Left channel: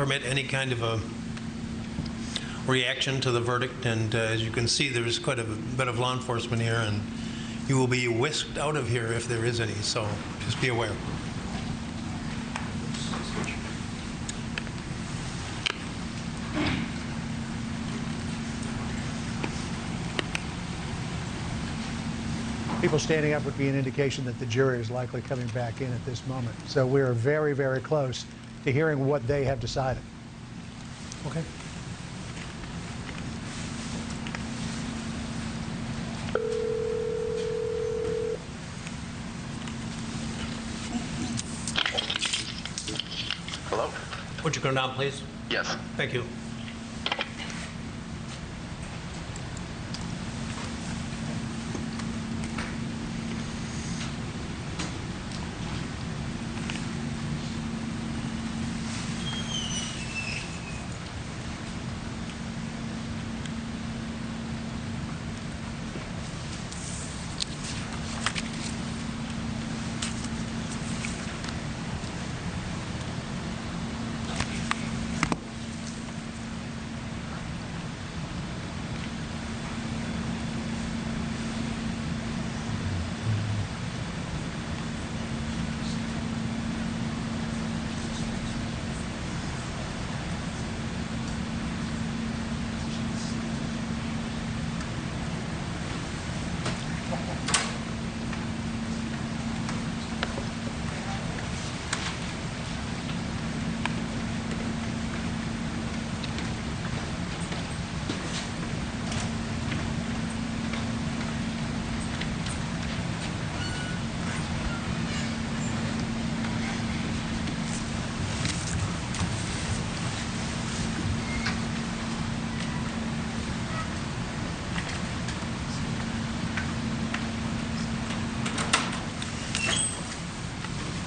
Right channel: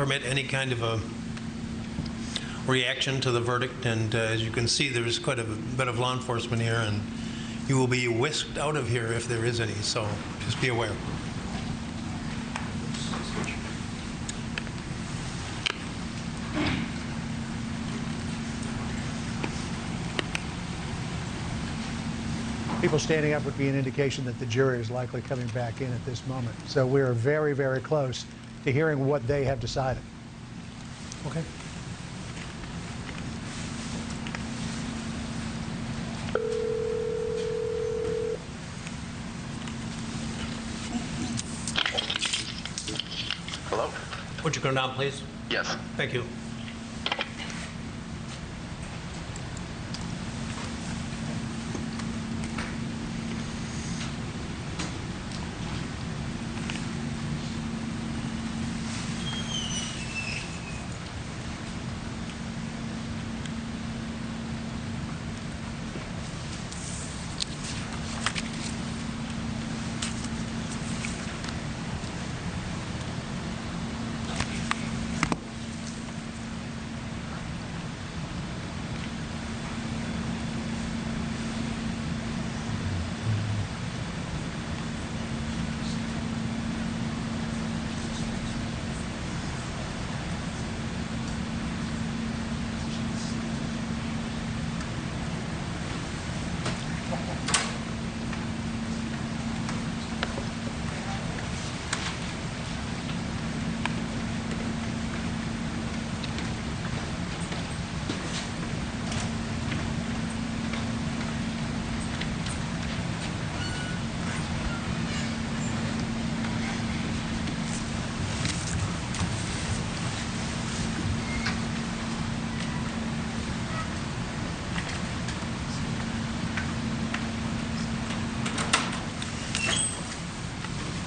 permit any kind of a reaction to the verdict, and as you can see, there's quite a bit of law enforcement here, and you will be whisked out of here if there is any, so just be aware. People standing up would be an indication that the jury is likely coming back in at this moment. So we are very, very close to hearing what they have decided. Okay. Hello? Would you come down, please? Yes. Thank you.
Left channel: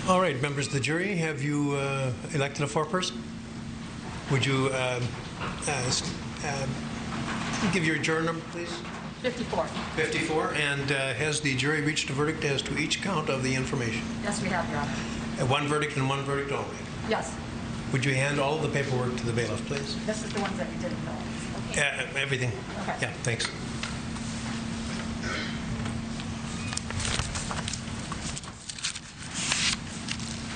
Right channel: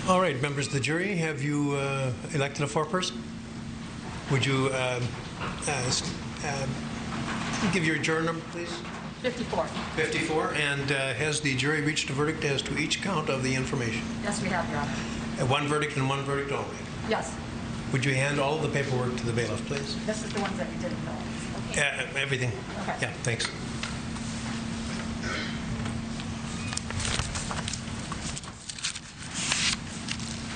All right, members of the jury, have you elected a foreperson? Would you give your juror number, please? 54. 54. And has the jury reached a verdict as to each count of the information? Yes, we have, Your Honor. One verdict and one verdict only. Yes. Would you hand all of the paperwork to the bailiff, please? This is the ones that you didn't know. Okay. Everything. Okay. Yeah, thanks.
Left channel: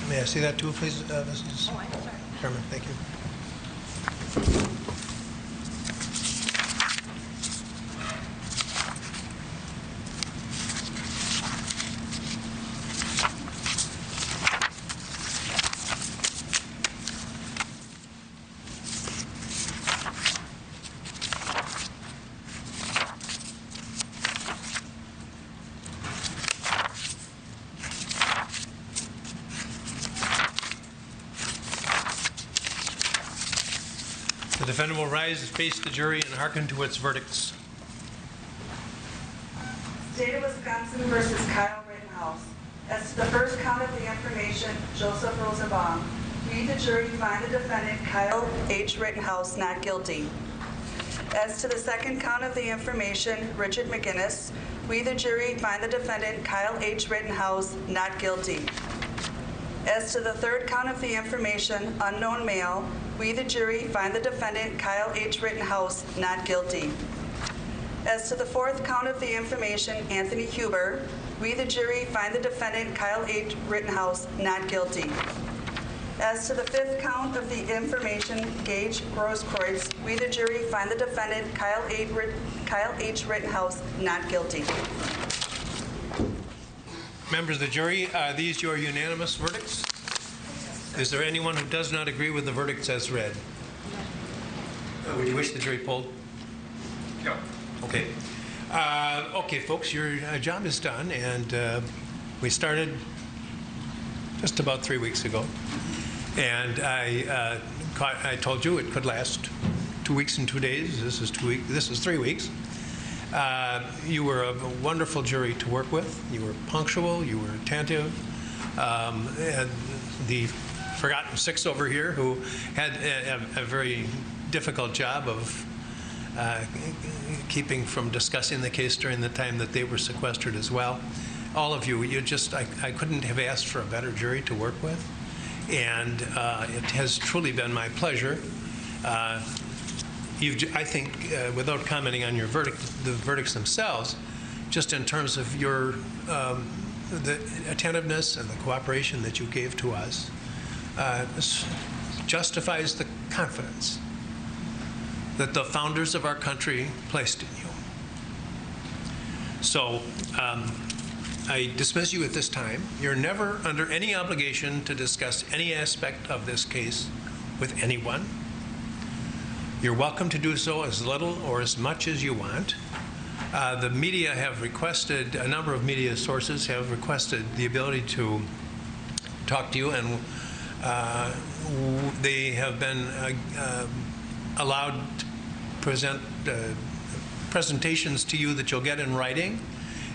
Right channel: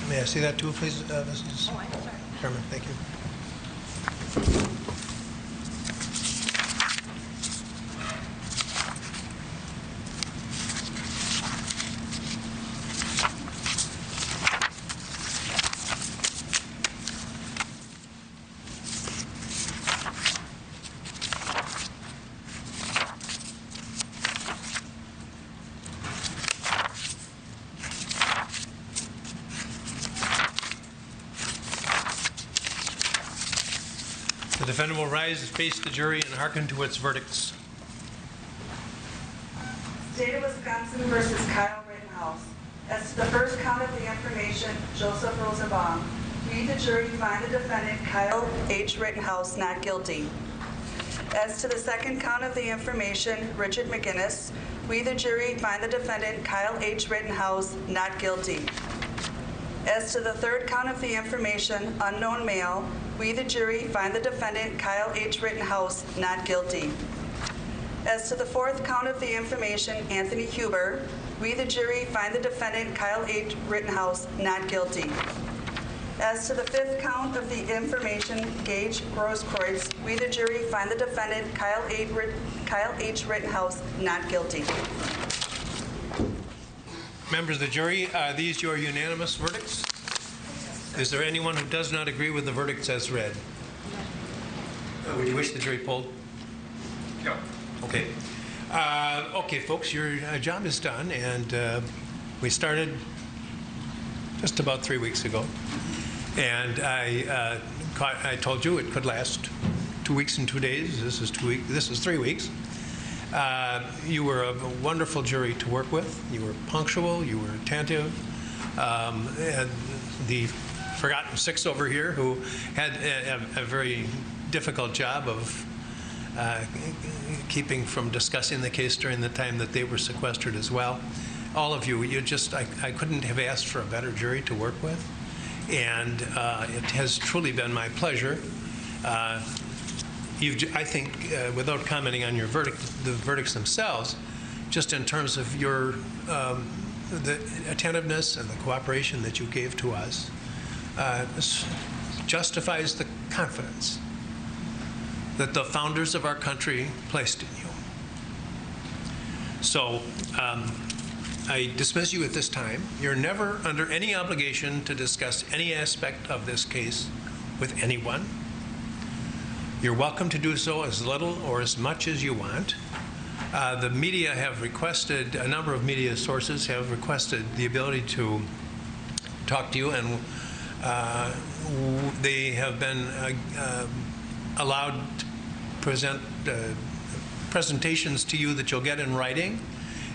May I see that too, please, Mrs. Oh, I'm sorry. Chairman? Thank you. The defendant will rise and face the jury and hearken to its verdicts. State of Wisconsin versus Kyle Rittenhouse. As to the first count of the information, Joseph Rosenbaum. We, the jury, find the defendant, Kyle H. Rittenhouse, not guilty. As to the second count of the information, Richard McGinnis. We, the jury, find the defendant, Kyle H. Rittenhouse, not guilty. As to the third count of the information, unknown male, we, the jury, find the defendant, Kyle H. Rittenhouse, not guilty. As to the fourth count of the information, Anthony Huber, we, the jury, find the defendant, Kyle H. Rittenhouse, not guilty. As to the fifth count of the information, Gaige Grosskreutz, we, the jury, find the defendant, Kyle H. Rittenhouse, not guilty. Members of the jury, are these your unanimous verdicts? Is there anyone who does not agree with the verdicts as read? Would you wish the jury polled? No. Okay. Okay, folks, your job is done, and we started just about 3 weeks ago. And I told you it could last 2 weeks and 2 days. This is 2 weeks. This is 3 weeks. You were a wonderful jury to work with. You were punctual. You were attentive. And the forgotten six over here who had a very difficult job of keeping from discussing the case during the time that they were sequestered as well. All of you, I couldn't have asked for a better jury to work with. And it has truly been my pleasure. I think, without commenting on your verdict, the verdicts themselves, just in terms of your the attentiveness and the cooperation that you gave to us, this justifies the confidence that the founders of our country placed in you. So I dismiss you at this time. You're never under any obligation to discuss any aspect of this case with anyone. You're welcome to do so as little or as much as you want. The media have requested, a number of media sources have requested the ability to talk to you, and they have been allowed to present presentations to you that you'll get in writing,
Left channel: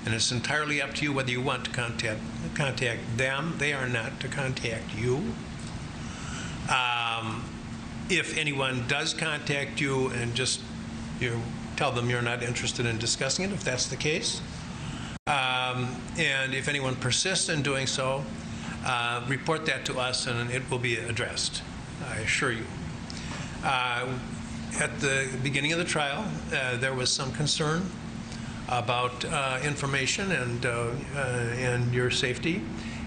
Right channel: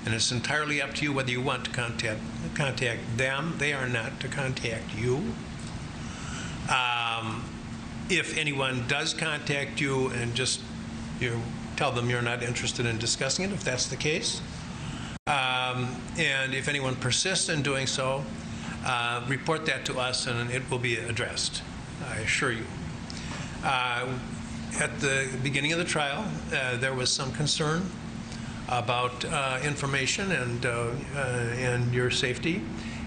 and it's entirely up to you whether you want to contact them. They are not to contact you. If anyone does contact you, and just tell them you're not interested in discussing it, if that's the case. And if anyone persists in doing so, report that to us and it will be addressed, I assure you. At the beginning of the trial, there was some concern about information and your safety,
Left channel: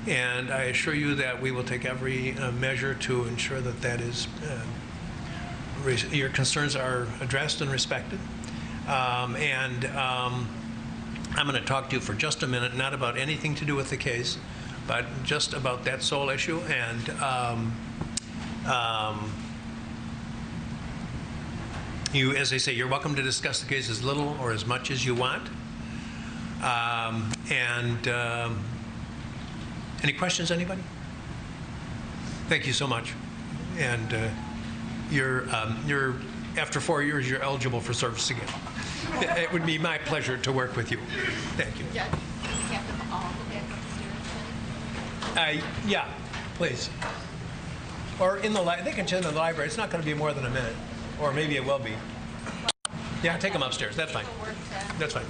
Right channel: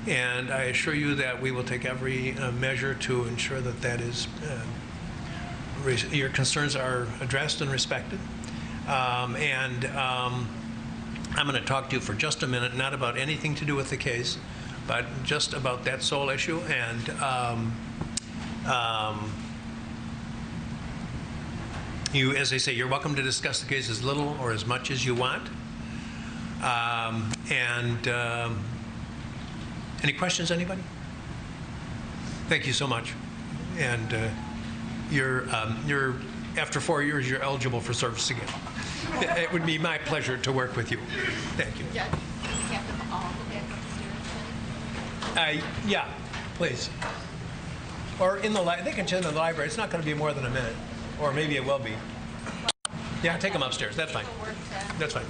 and I assure you that we will take every measure to ensure that that is your concerns are addressed and respected. I'm going to talk to you for just a minute, not about anything to do with the case, but just about that sole issue. And you, as I say, you're welcome to discuss the case as little or as much as you want. Any questions, anybody? Thank you so much. And you're after 4 years, you're eligible for service again. It would be my pleasure to work with you. Thank you. Judge, can we have them all go back upstairs, please? Yeah, please. Or in the they can attend in the library. It's not going to be more than a minute, or maybe it will be. Yeah, take them upstairs. That's fine. That's fine.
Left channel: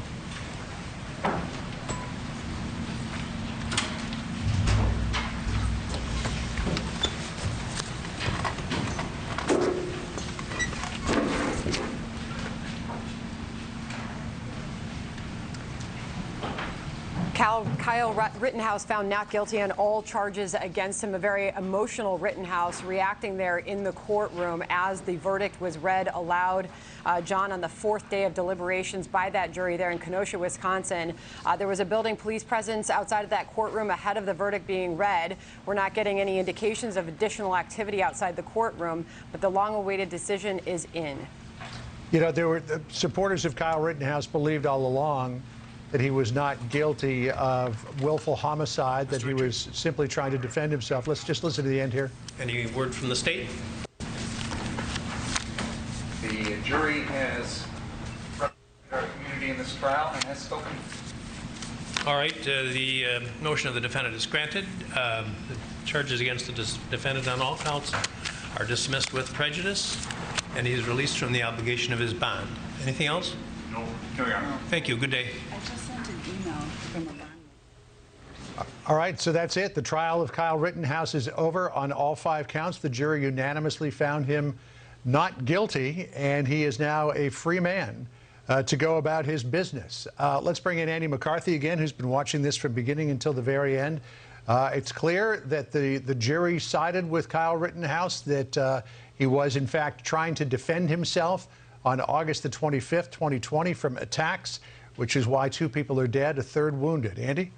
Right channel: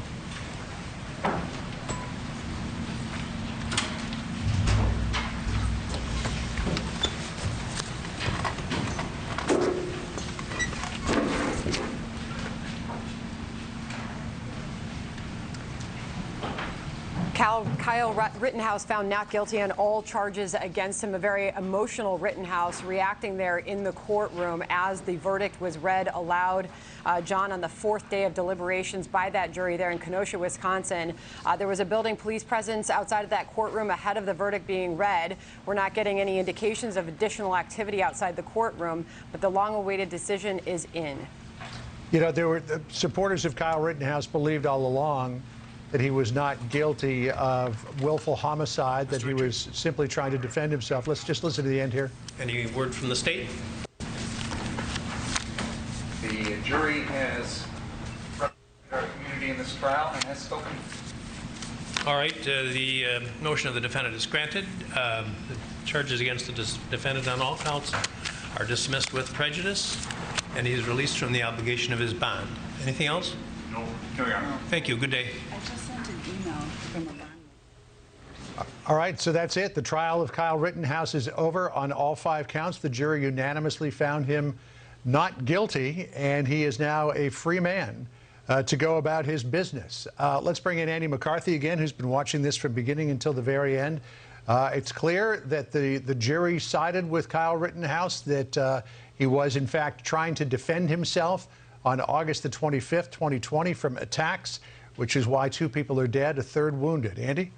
Kyle Rittenhouse found not guilty on all charges against him. A very emotional Rittenhouse reacting there in the courtroom as the verdict was read aloud, John, on the fourth day of deliberations by that jury there in Kenosha, Wisconsin. There was a building police presence outside of that courtroom ahead of the verdict being read. We're not getting any indications of additional activity outside the courtroom, but the long-awaited decision is in. You know, there were supporters of Kyle Rittenhouse believed all along that he was not guilty of willful homicide, that he was simply trying to defend himself. Let's just listen to the end here. Any word from the state? The jury has represented our community in this trial and has spoken. All right, the motion of the defendant is granted. The charges against the defendant on all counts are dismissed with prejudice, and he is released from the obligation of his bond. Anything else? No, Your Honor. Thank you. Good day. I just sent an email from a bond. All right, so that's it. The trial of Kyle Rittenhouse is over on all 5 counts. The jury unanimously found him not guilty, and he is now a free man to go about his business. Let's bring in Andy McCarthy again, who's been watching this from beginning until the very end. It's clear that the jury sided with Kyle Rittenhouse, that he was, in fact, trying to defend himself on August the 25th, 2020, from attacks, which is why 2 people are dead, a 3rd wounded. Andy?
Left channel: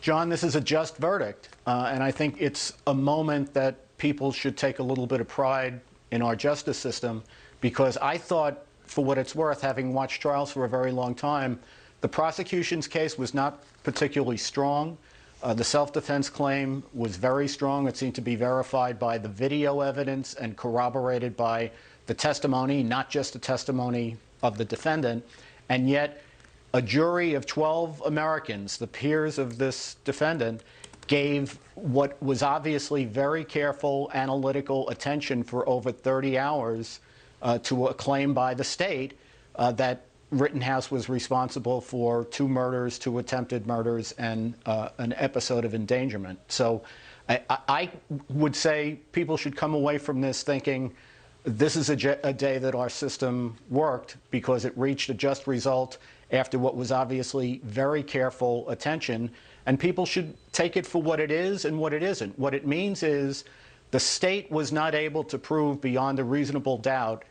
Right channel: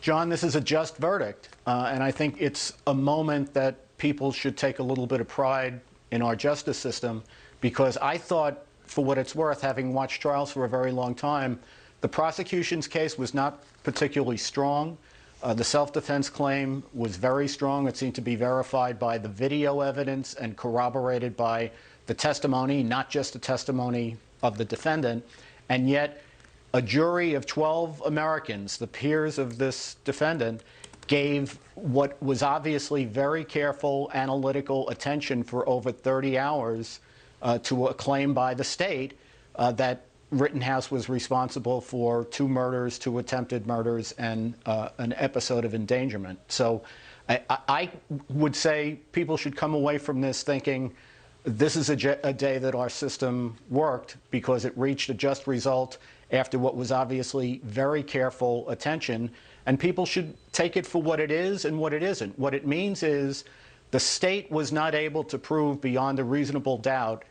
John, this is a just verdict, and I think it's a moment that people should take a little bit of pride in our justice system, because I thought, for what it's worth, having watched trials for a very long time, the prosecution's case was not particularly strong. The self-defense claim was very strong. It seemed to be verified by the video evidence and corroborated by the testimony, not just the testimony of the defendant. And yet, a jury of 12 Americans, the peers of this defendant, gave what was obviously very careful analytical attention for over 30 hours to a claim by the state that Rittenhouse was responsible for 2 murders, 2 attempted murders, and an episode of endangerment. So I would say people should come away from this thinking this is a day that our system worked because it reached a just result after what was obviously very careful attention, and people should take it for what it is and what it isn't. What it means is the state was not able to prove beyond a reasonable doubt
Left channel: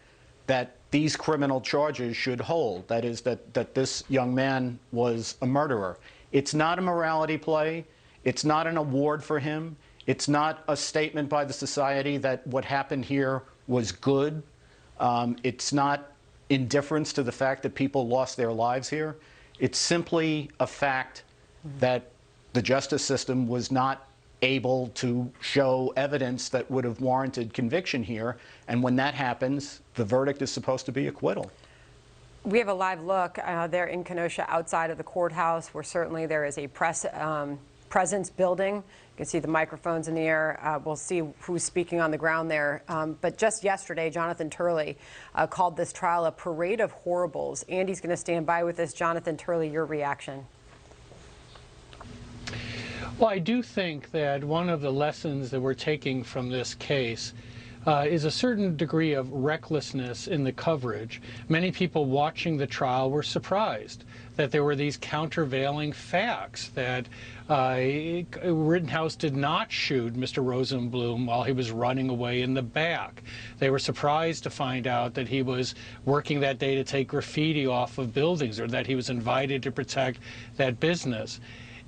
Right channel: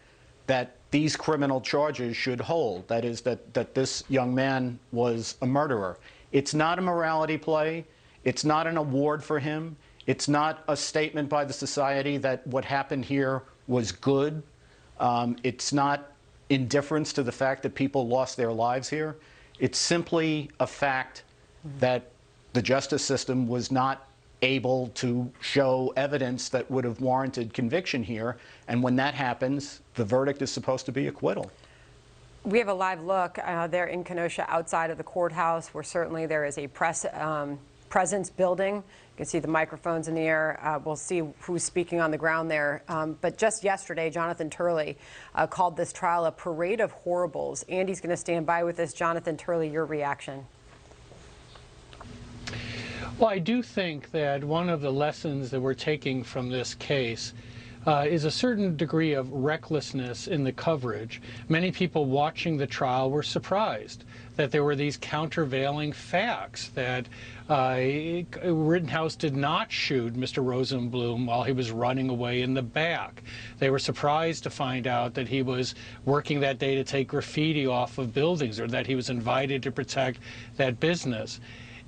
that these criminal charges should hold. That is, that this young man was a murderer. It's not a morality play. It's not an award for him. It's not a statement by the society that what happened here was good. It's not indifference to the fact that people lost their lives here. It's simply a fact that the justice system was not able to show evidence that would have warranted conviction here. And when that happens, the verdict is supposed to be acquittal. We have a live look there in Kenosha outside of the courthouse, where certainly there is a presence building. You can see the microphones in the air. We'll see who's speaking on the ground there. But just yesterday, Jonathan Turley called this trial a parade of horribles. Andy's going to stand by with us. Jonathan Turley, your reaction? Well, I do think that one of the lessons that we're taking from this case is a certain degree of recklessness in the coverage. Many people watching the trial were surprised that there were these countervailing facts, that Rittenhouse did not shoot Mr. Rosenbaum while he was running away in the back. They were surprised to find out that he was working that day to take graffiti off of buildings, or that he was invited to protect that business.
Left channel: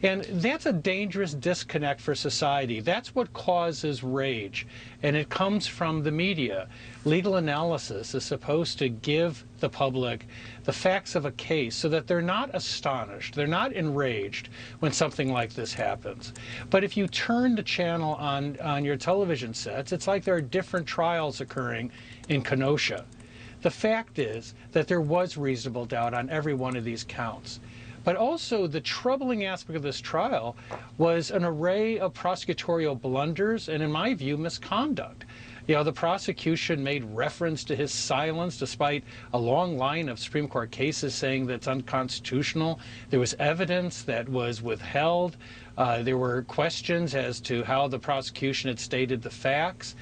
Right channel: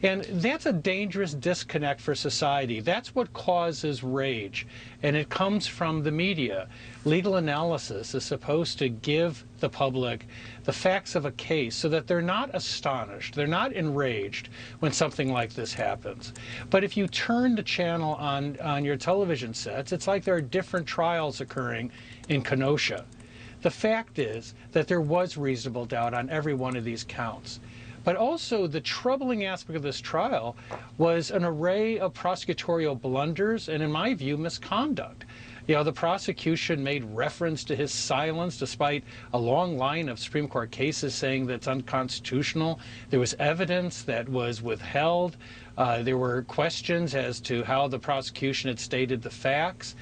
And that's a dangerous disconnect for society. That's what causes rage. And it comes from the media. Legal analysis is supposed to give the public the facts of a case so that they're not astonished, they're not enraged when something like this happens. But if you turn the channel on your television sets, it's like there are different trials occurring in Kenosha. The fact is that there was reasonable doubt on every one of these counts. But also, the troubling aspect of this trial was an array of prosecutorial blunders and, in my view, misconduct. You know, the prosecution made reference to his silence despite a long line of Supreme Court cases saying that's unconstitutional. There was evidence that was withheld. There were questions as to how the prosecution had stated the facts.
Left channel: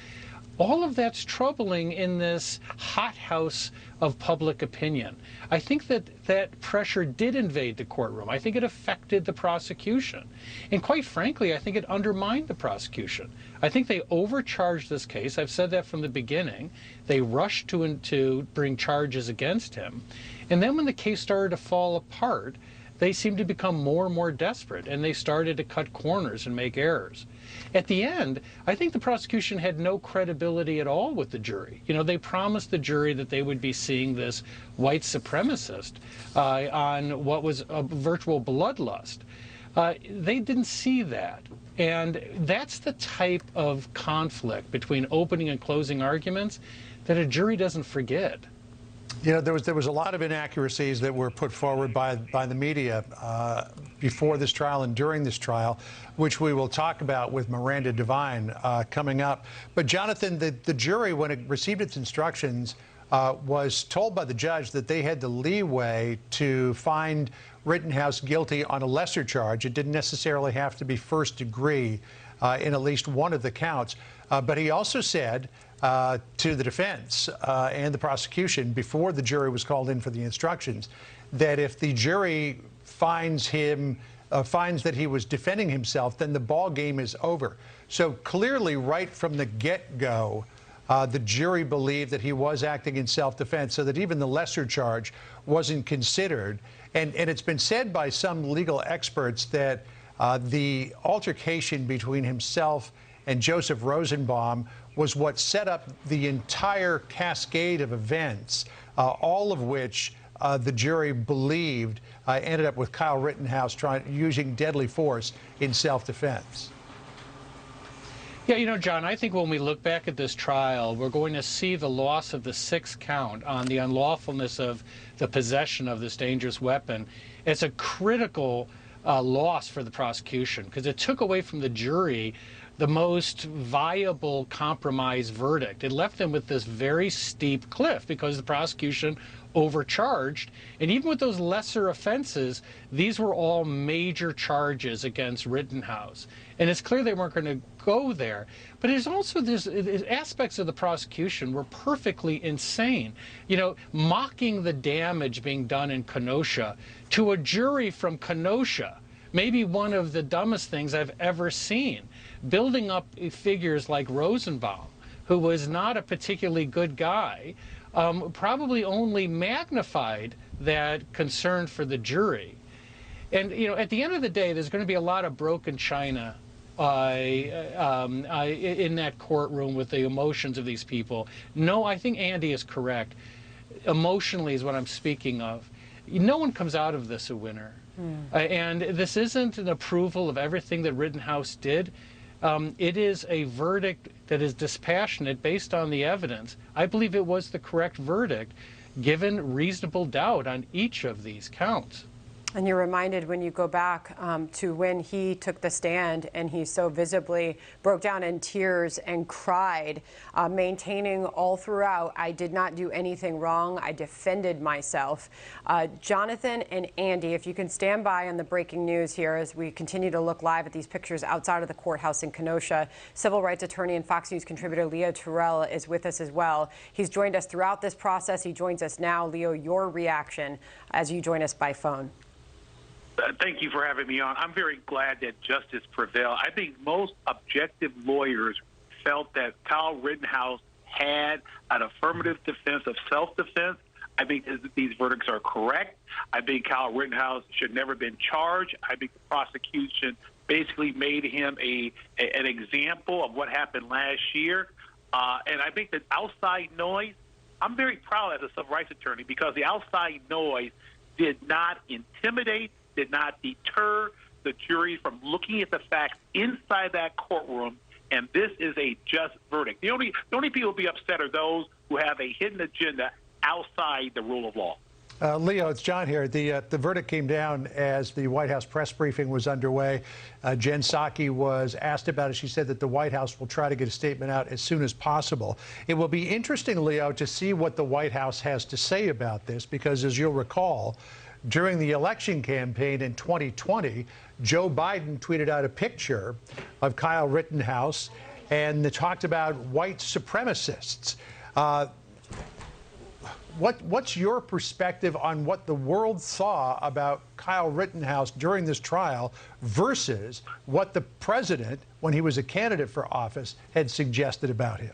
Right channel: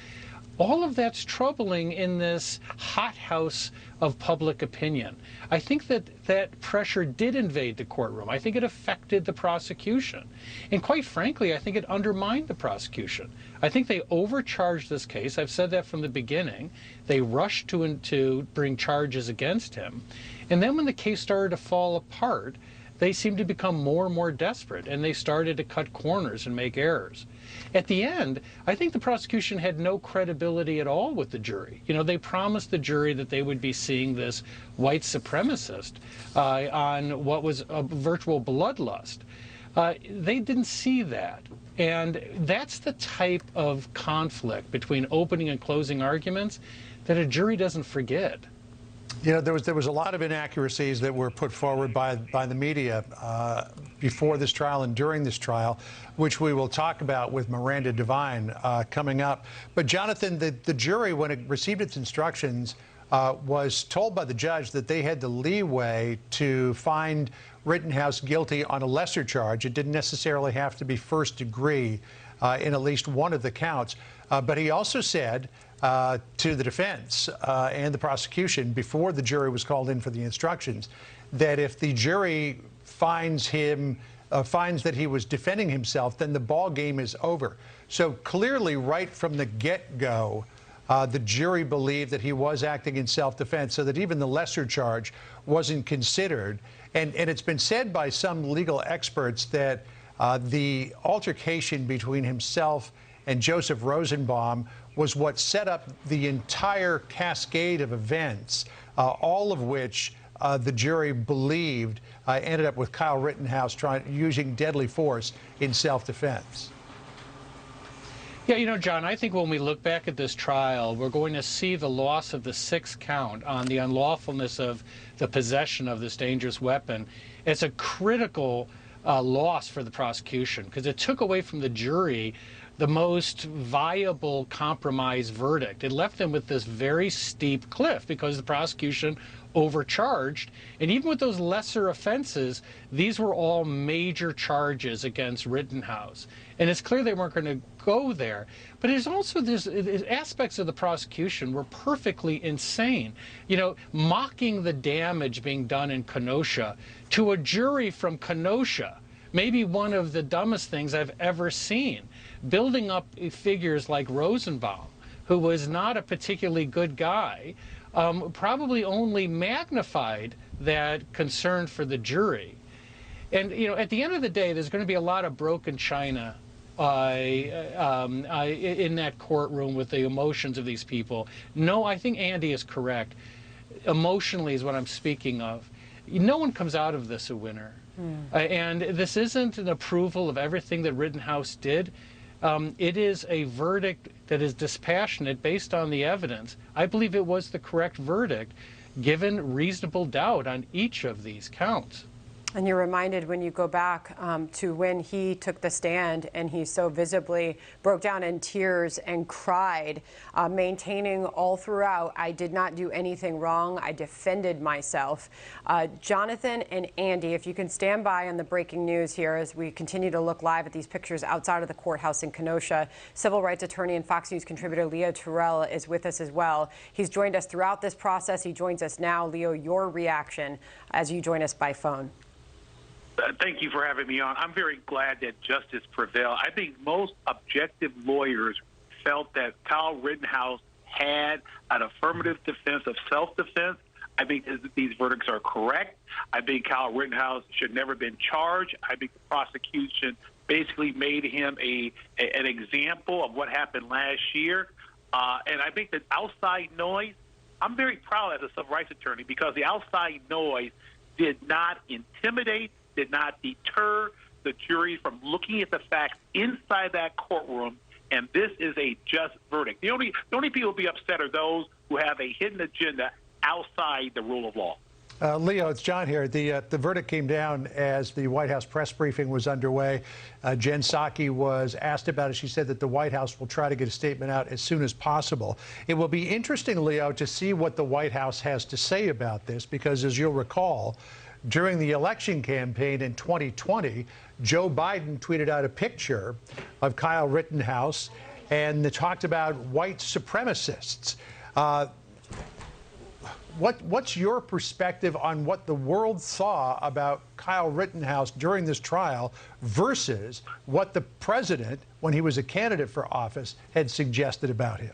All of that's troubling in this hothouse of public opinion. I think that pressure did invade the courtroom. I think it affected the prosecution. And quite frankly, I think it undermined the prosecution. I think they overcharged this case. I've said that from the beginning. They rushed to bring charges against him. And then when the case started to fall apart, they seemed to become more and more desperate, and they started to cut corners and make errors. At the end, I think the prosecution had no credibility at all with the jury. You know, they promised the jury that they would be seeing this white supremacist on what was a virtual bloodlust. They didn't see that. And that's the type of conflict between opening and closing arguments that a jury doesn't forget. You know, there was a lot of inaccuracies that were put forward by the media before this trial and during this trial, which we will talk about with Miranda Devine coming up. But Jonathan, the jury, when it received its instructions, was told by the judge that they had the leeway to find Rittenhouse guilty on a lesser charge. It didn't necessarily have to be first degree in at least one of the counts. But he also said to the defense and the prosecution before the jury was called in for the instructions that if the jury finds that he was defending himself, then the ball game is over. So clearly, right from the get-go, the jury believed that he was acting in self-defense, so that even the lesser charge wasn't considered. And it's been said by some legal experts that the altercation between himself and Joseph Rosenbaum was what set up the entire cascade of events, all of which the jury believed ended up with Kyle Rittenhouse using deadly force in self-defense. Yeah, you know, John, I think when we look back at this trial, we're going to see the loss of the sixth count on the unlawfulness of the possession of this dangerous weapon. It's a critical loss for the prosecution because it took away from the jury the most viable compromise verdict. It left them with this very steep cliff because the prosecution overcharged. And even with those lesser offenses, these were all major charges against Rittenhouse. And it's clear they weren't going to go there. But there's also there's aspects of the prosecution were perfectly insane. You know, mocking the damage being done in Kenosha to a jury from Kenosha, maybe one of the dumbest things I've ever seen. Building up figures like Rosenbaum, who was not a particularly good guy, probably only magnified that concern for the jury. And, you know, at the end of the day, there's going to be a lot of broken china in that courtroom with the emotions of these people. No, I think Andy is correct. Emotionally is what I'm speaking of. No one comes out of this a winner. And this isn't an approval of everything that Rittenhouse did. It is a verdict that is dispassionate based on the evidence. I believe it was the correct verdict, given reasonable doubt on each of these counts. And you're reminded when you go back to when he took the stand and he so visibly broke down in tears and cried, maintaining all throughout, I did not do anything wrong. I defended myself. Jonathan and Andy, if you can stand by on the breaking news here as we continue to look live at these pictures outside of the courthouse in Kenosha. Civil rights attorney and Fox News contributor Leo Terrell is with us as well. He's joined us throughout this process. He joins us now. Leo, your reaction as you join us by phone. Thank you for having me on. I'm very glad that justice prevailed. I think most objective lawyers felt that Kyle Rittenhouse had an affirmative defense of self-defense. I think these verdicts are correct. I think Kyle Rittenhouse should never have been charged. I think the prosecution basically made him an example of what happened last year. And I think that outside noise, I'm very proud as a civil rights attorney because the outside noise did not intimidate, did not deter the jury from looking at the facts inside that courtroom, and this is a just verdict. The only people who will be upset are those who have a hidden agenda outside the rule of law. Leo, it's John here. The verdict came down as the White House press briefing was underway. Jen Psaki was asked about it. She said that the White House will try to get a statement out as soon as possible. It will be interesting, Leo, to see what the White House has to say about this, because as you'll recall, during the election campaign in 2020, Joe Biden tweeted out a picture of Kyle Rittenhouse and they talked about white supremacists. What's your perspective on what the world saw about Kyle Rittenhouse during this trial versus what the president, when he was a candidate for office, had suggested about him?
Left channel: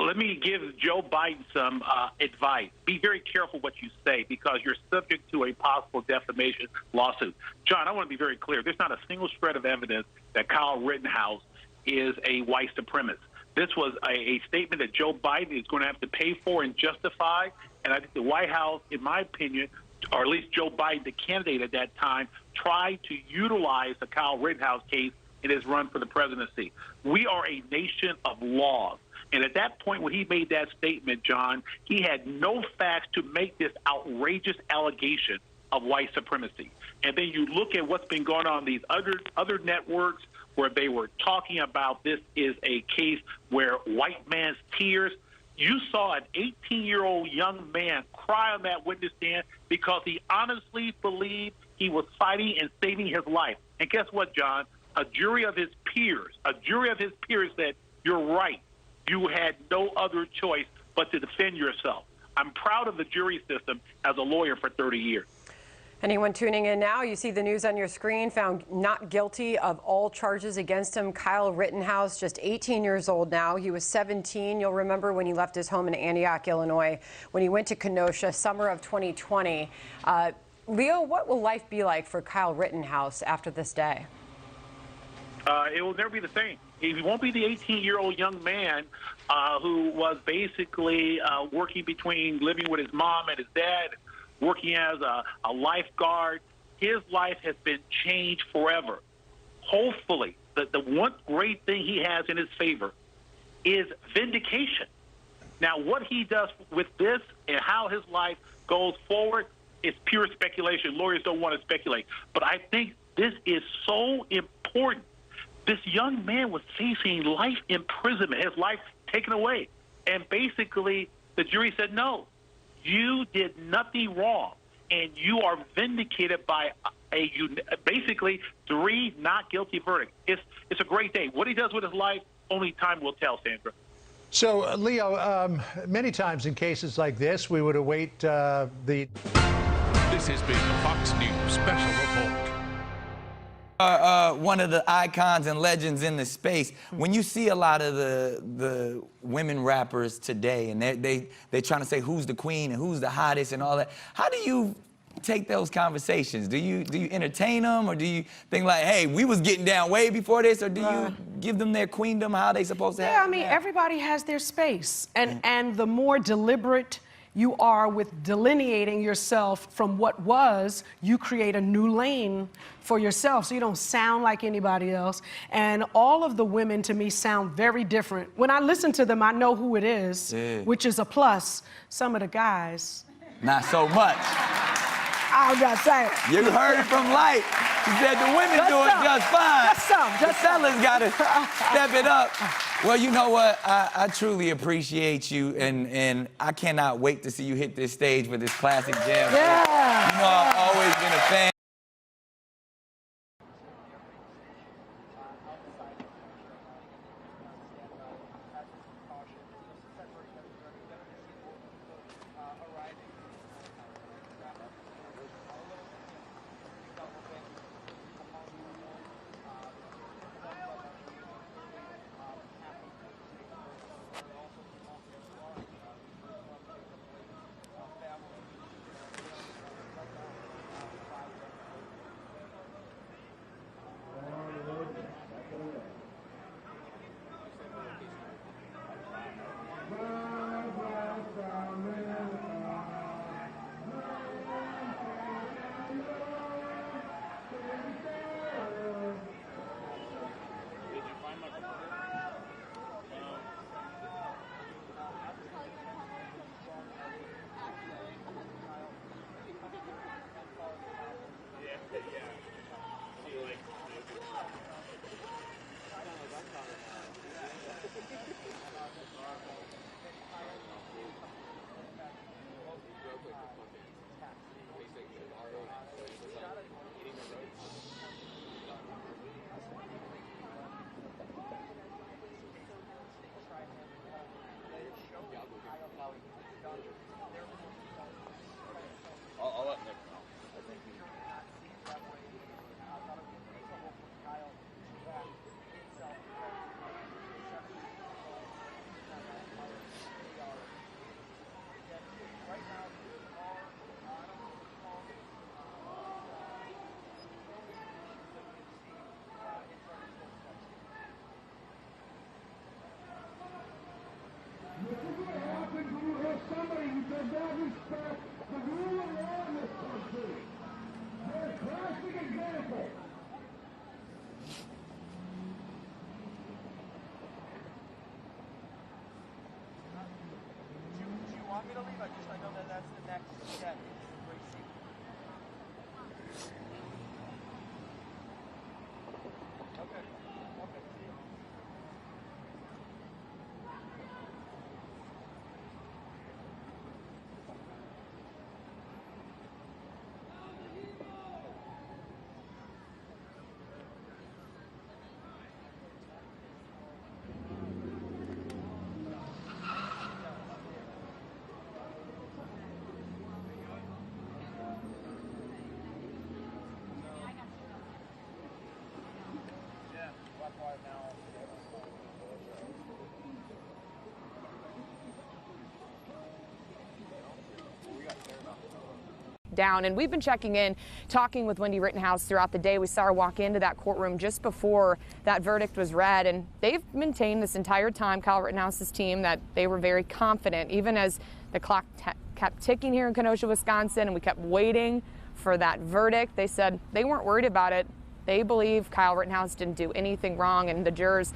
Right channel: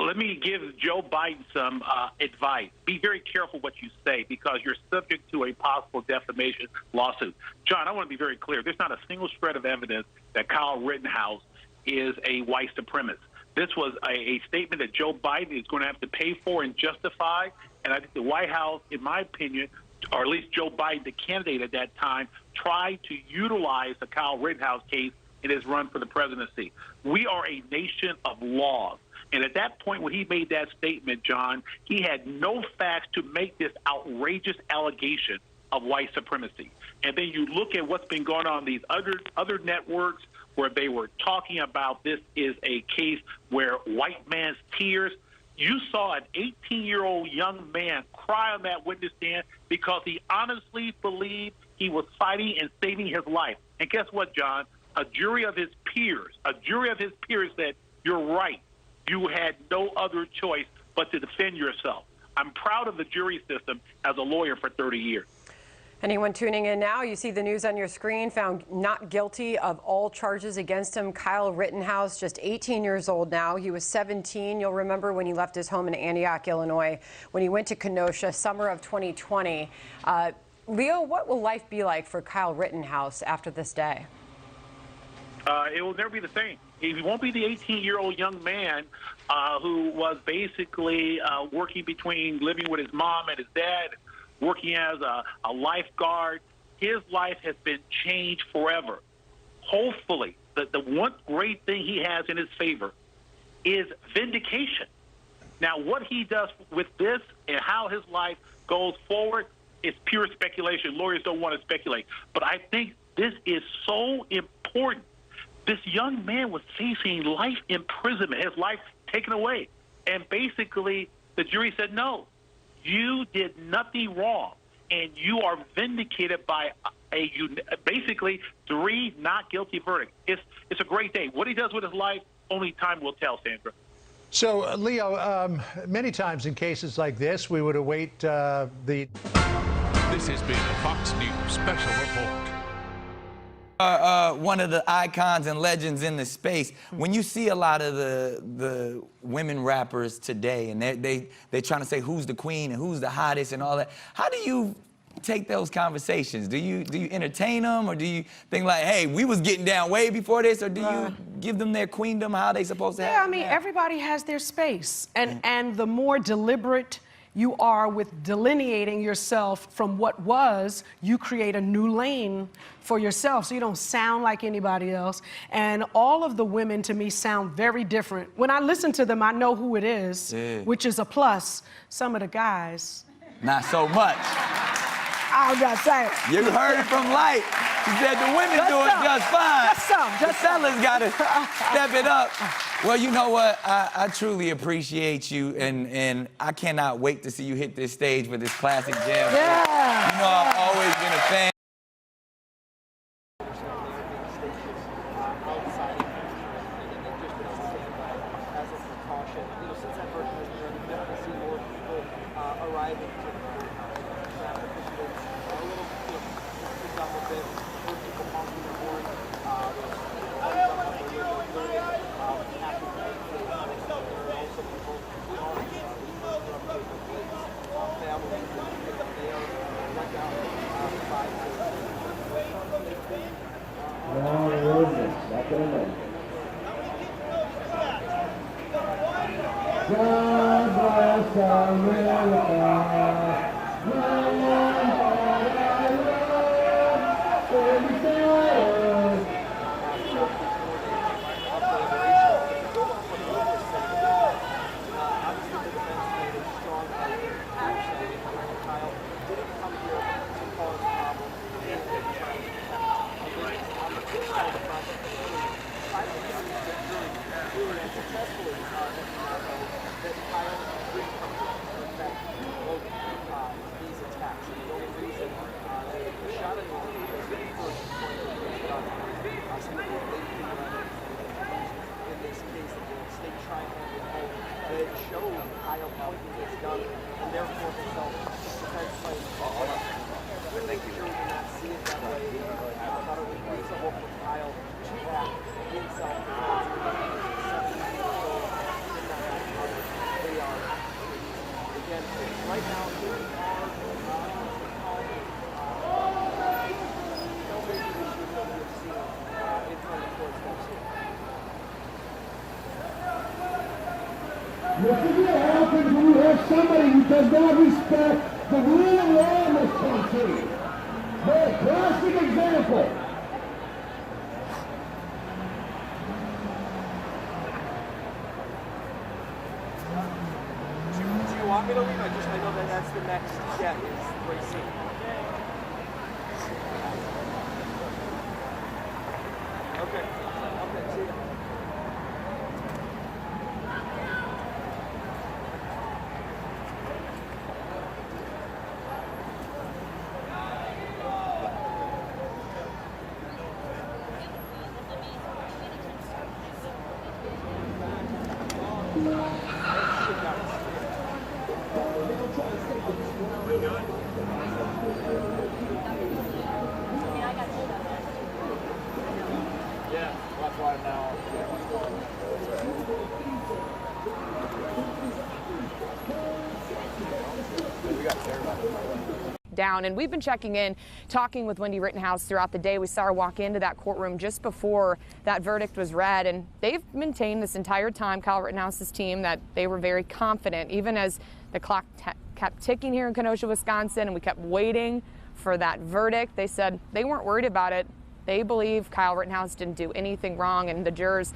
Let me give Joe Biden some advice. Be very careful what you say because you're subject to a possible defamation lawsuit. John, I want to be very clear. There's not a single shred of evidence that Kyle Rittenhouse is a white supremacist. This was a statement that Joe Biden is going to have to pay for and justify. And I think the White House, in my opinion, or at least Joe Biden, the candidate at that time, tried to utilize the Kyle Rittenhouse case in his run for the presidency. We are a nation of laws. And at that point when he made that statement, John, he had no facts to make this outrageous allegation of white supremacy. And then you look at what's been going on these other networks where they were talking about this is a case where white man's tears. You saw an 18-year-old young man cry on that witness stand because he honestly believed he was fighting and saving his life. And guess what, John? A jury of his peers said, you're right. You had no other choice but to defend yourself. I'm proud of the jury system as a lawyer for 30 years. Anyone tuning in now, you see the news on your screen, found not guilty of all charges against him. Kyle Rittenhouse, just 18 years old now. He was 17. You'll remember when he left his home in Antioch, Illinois, when he went to Kenosha, summer of 2020. Leo, what will life be like for Kyle Rittenhouse after this day? It will never be the same. He won't be the 18-year-old young man who was basically working between living with his mom and his dad, working as a lifeguard. His life has been changed forever. Hopefully, the one great thing he has in his favor is vindication. Now, what he does with this and how his life goes forward is pure speculation. Lawyers don't want to speculate. But I think this is so important. This young man was facing life imprisonment, his life taken away. And basically, the jury said, no, you did nothing wrong, and you are vindicated by basically 3 not guilty verdicts. It's a great day. What he does with his life, only time will tell, Sandra. So, Leo, many times in cases like this, we would await the... This has been a Fox News special report. One of the icons and legends in the space. When you see a lot of the women rappers today, and they're trying to say who's the queen and who's the hottest and all that, how do you take those conversations? Do you entertain them, or do you think like, hey, we was getting down way before this, or do you give them their queendom, how they supposed to have? Yeah, I mean, everybody has their space, and the more deliberate you are with delineating yourself from what was, you create a new lane for yourself so you don't sound like anybody else. And all of the women, to me, sound very different. When I listen to them, I know who it is, which is a plus. Some of the guys, not so much. I'm not saying. You heard it from Light. She said the women do it just fine. The fellas got to step it up. Well, you know what? I truly appreciate you, and I cannot wait to see you hit this stage with this classic jam. Yeah. You know, I've always been a fan. God bless America. How can you have somebody who does not respect the rule of law in this country? They're a classic example. Do you want me to leave? I know that that's the next step is Gracie. Okay. Okay, see you. Down. And we've been checking in, talking with Wendy Rittenhouse throughout the day. We saw her walk into that courtroom just before that verdict was read, and they've maintained this entire time, Kyle Rittenhouse's team, that they were very confident, even as the clock kept ticking here in Kenosha, Wisconsin, and we kept waiting for that verdict. They said they weren't worried about it. They believe Kyle Rittenhouse didn't do anything wrong, and the jurors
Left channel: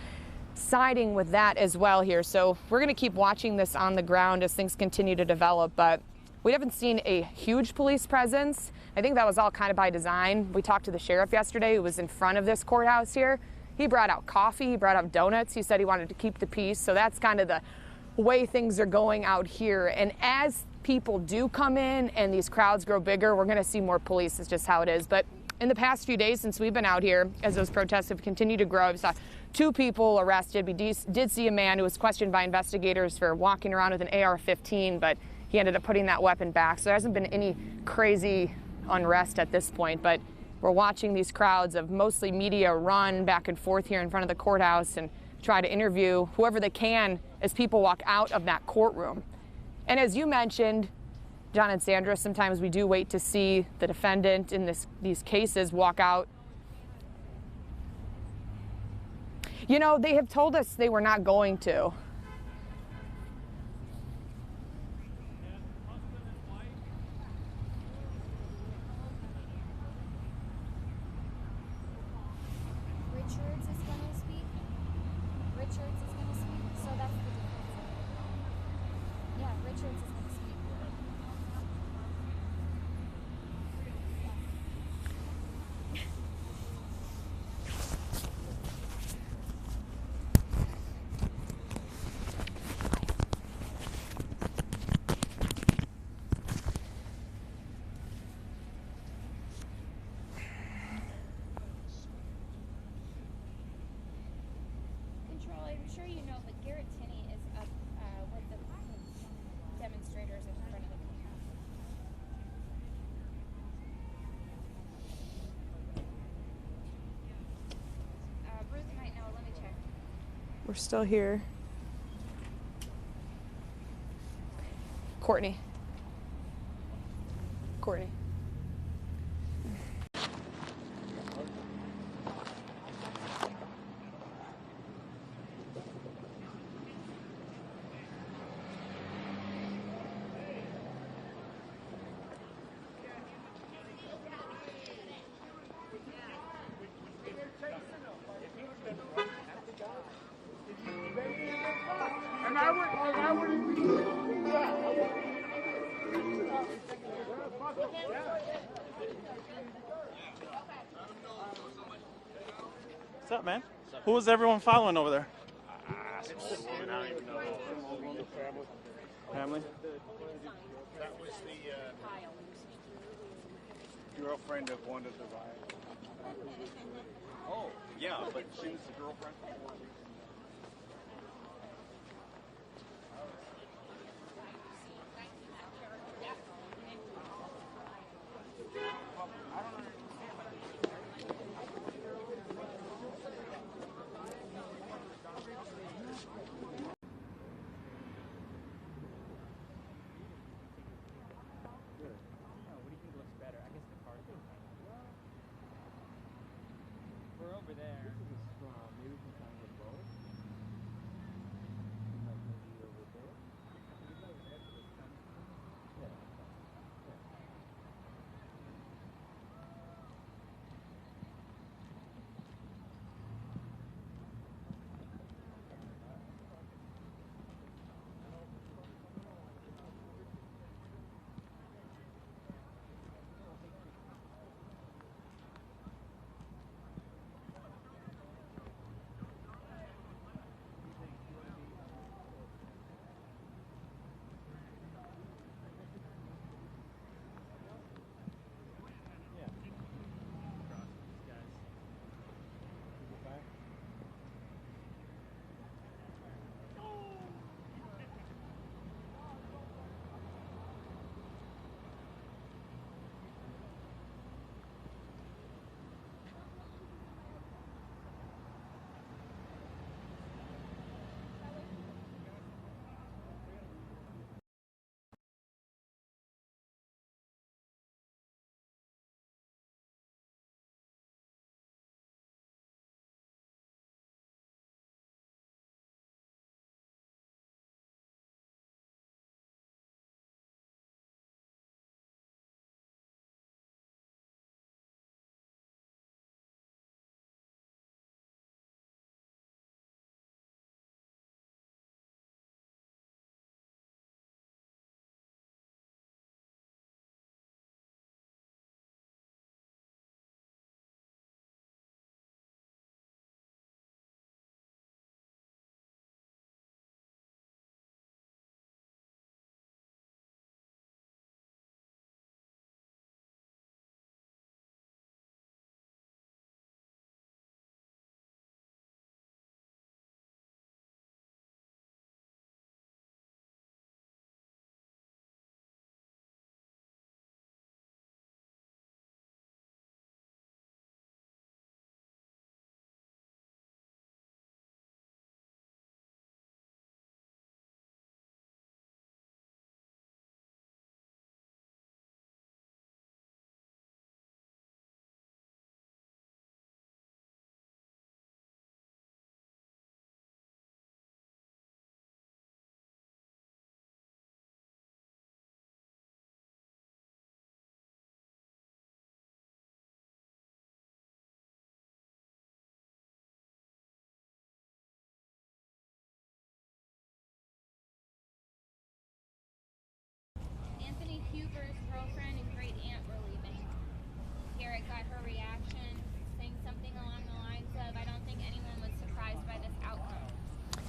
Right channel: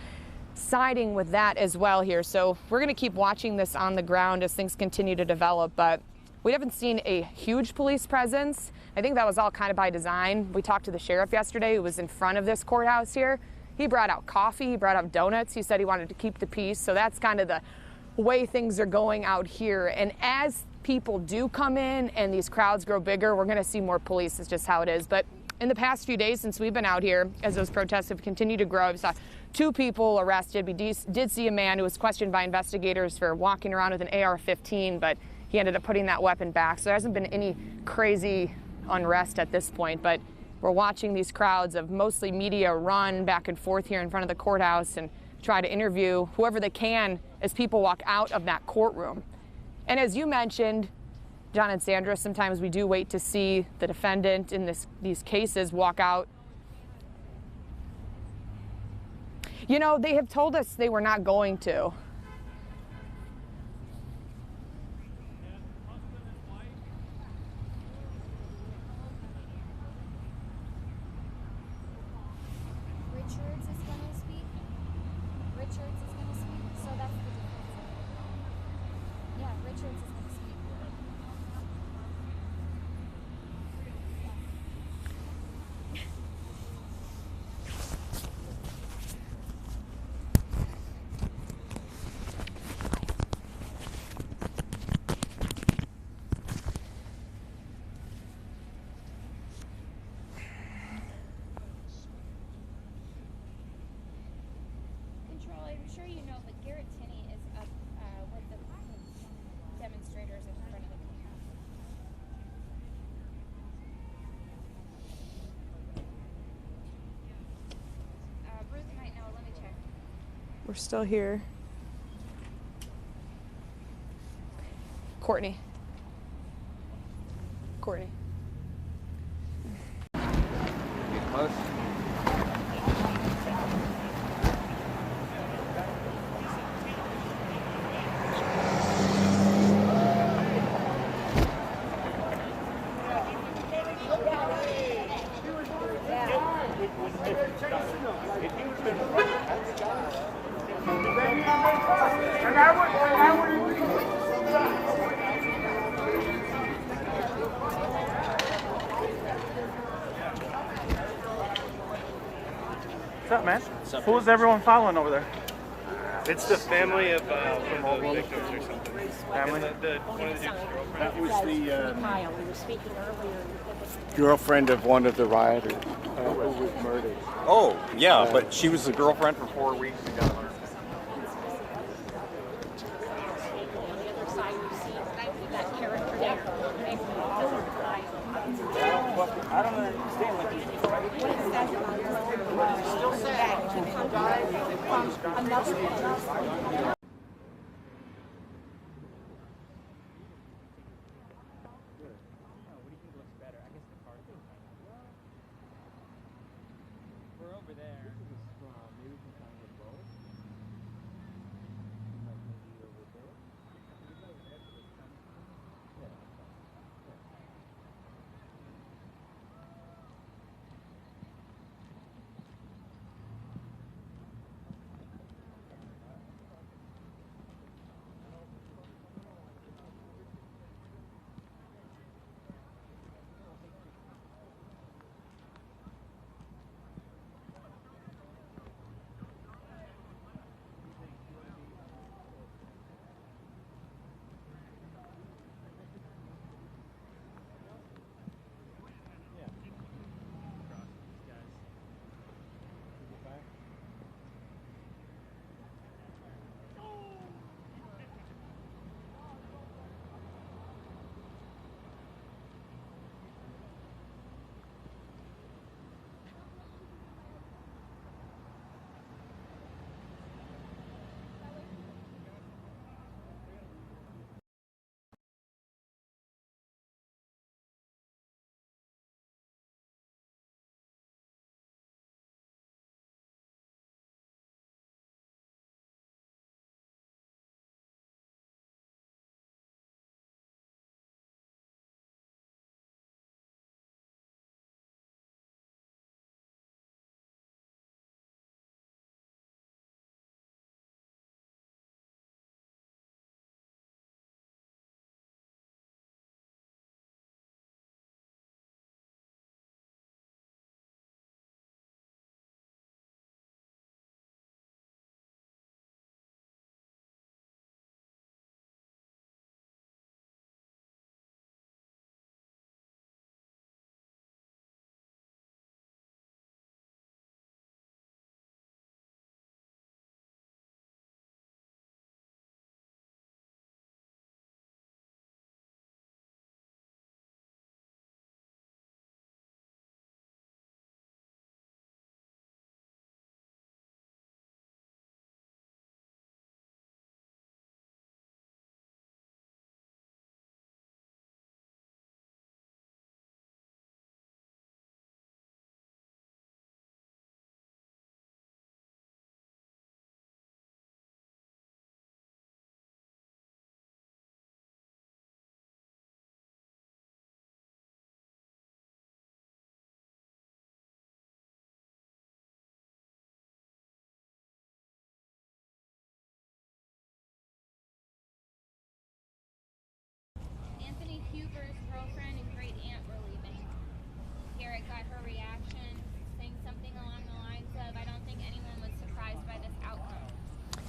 siding with that as well here. So we're going to keep watching this on the ground as things continue to develop, but we haven't seen a huge police presence. I think that was all kind of by design. We talked to the sheriff yesterday who was in front of this courthouse here. He brought out coffee, he brought out donuts. He said he wanted to keep the peace. So that's kind of the way things are going out here. And as people do come in and these crowds grow bigger, we're going to see more police. It's just how it is. But in the past few days since we've been out here, as those protests have continued to grow, we saw 2 people arrested. We did see a man who was questioned by investigators for walking around with an AR-15, but he ended up putting that weapon back. So there hasn't been any crazy unrest at this point, but we're watching these crowds of mostly media run back and forth here in front of the courthouse and try to interview whoever they can as people walk out of that courtroom. And as you mentioned, John and Sandra, sometimes we do wait to see the defendant in these cases walk out. You know, they have told us they were not going to. Richards is going to speak. Richards is going to speak. So that's the difference. Yeah, Richards is going to speak. Control, I'm sure you know, but Garrett Tinney is up with the demonstrators in front of the courthouse. Ruth might know. Let me check. We're still here. Courtney. Courtney. What's up, man? Who is everyone following over there? It's the family of one of the victims or something. Family? One of the dude's girlfriend. That was the girlfriend of one of the rioters who was murdered. Oh, yeah, but she was the girlfriend for 4 weeks ago. I don't understand what he's still sad. We're over there. Maybe we can find a boat. Like maybe over there.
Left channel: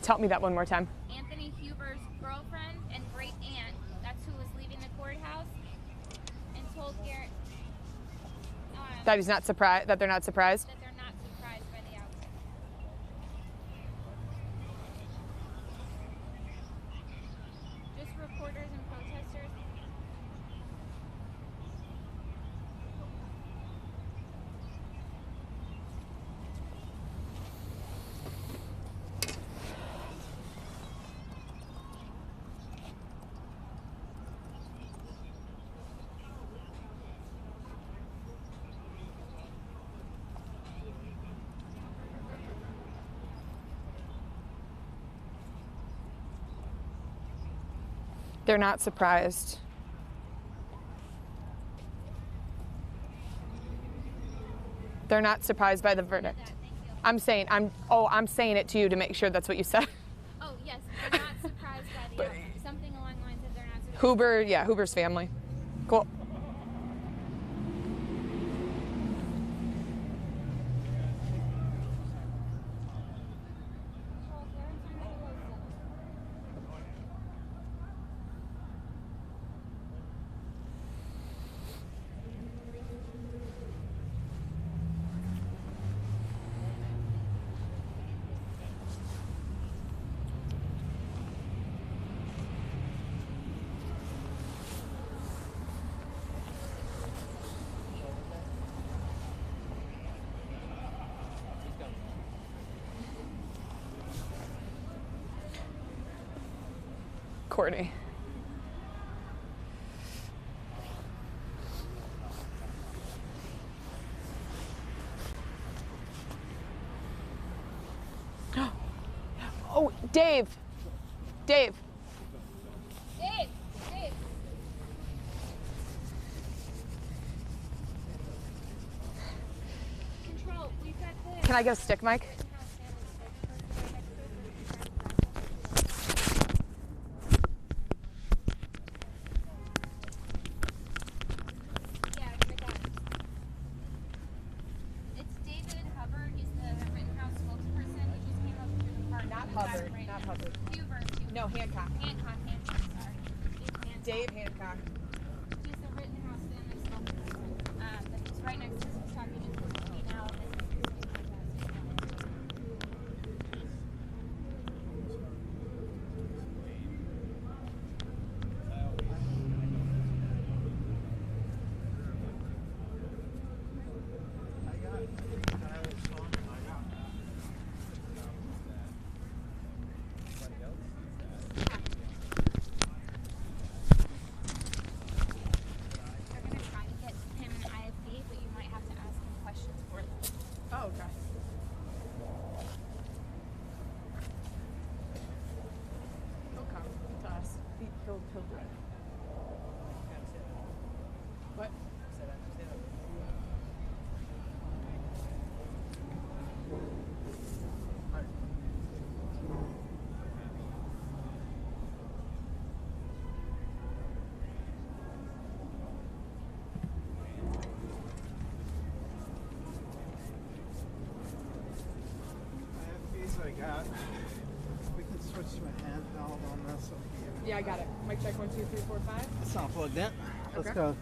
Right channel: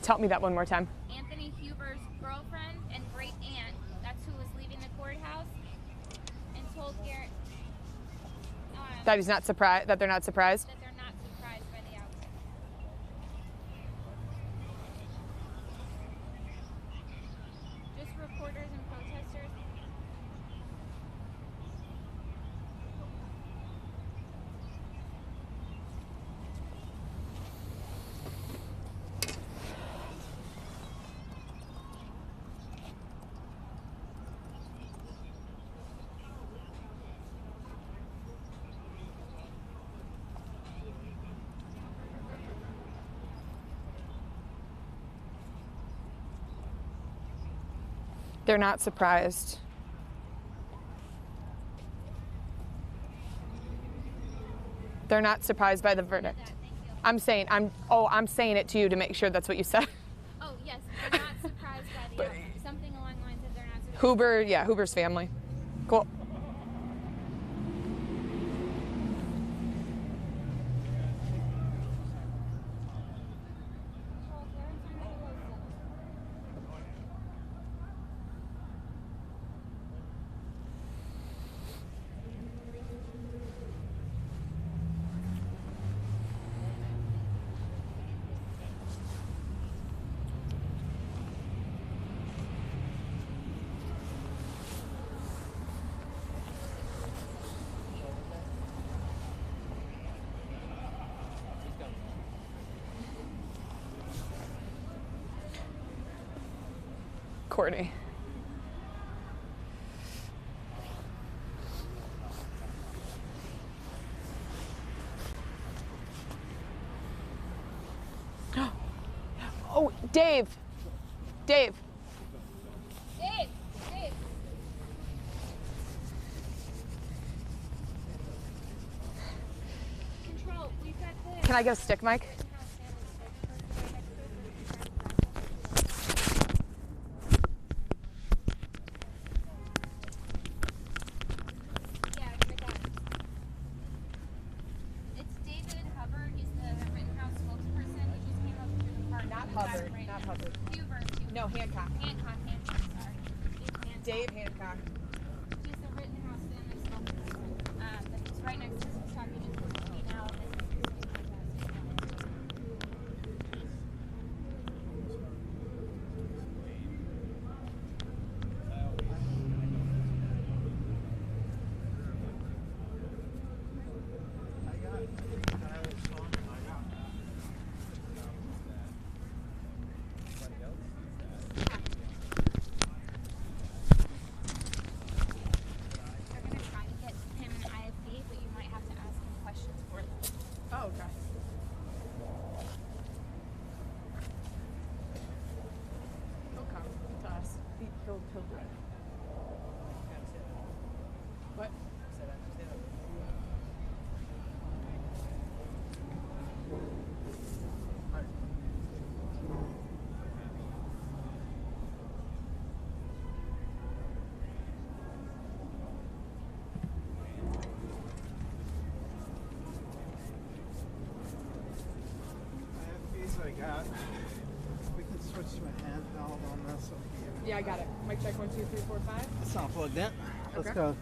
Tell me that one more time. Anthony Huber's girlfriend and great aunt, that's who was leaving the courthouse, and told Garrett That he's not surprised. That they're not surprised. that they're not surprised by the outcome. Just reporters and protesters. They're not surprised. They're not surprised by the verdict. I'm saying it to you to make sure that's what you said. Oh, yes, they're not surprised by the outcome. Something along the lines of they're not surprised. Huber, yeah, Huber's family. Cool. Courtney. Oh, Dave. Dave. Dave! Dave! Control, we've got this. Can I get a stick mic? It's David Hubbard. He's the Rittenhouse spokesperson. He just came up through the park. Not Hubbard, not Hubbard. Huber. No, Hancock. Hancock, sorry. Dave Hancock. He's the Rittenhouse family spokesperson. But he's right next to us. He's talking to me now. Oh, okay. He'll come to us. He'll do it. What? I got. We can switch to a handheld on this up here. Yeah, I got it. Mic check 1, 2, 3, 4, 5. It's not plugged in. Let's Okay. go.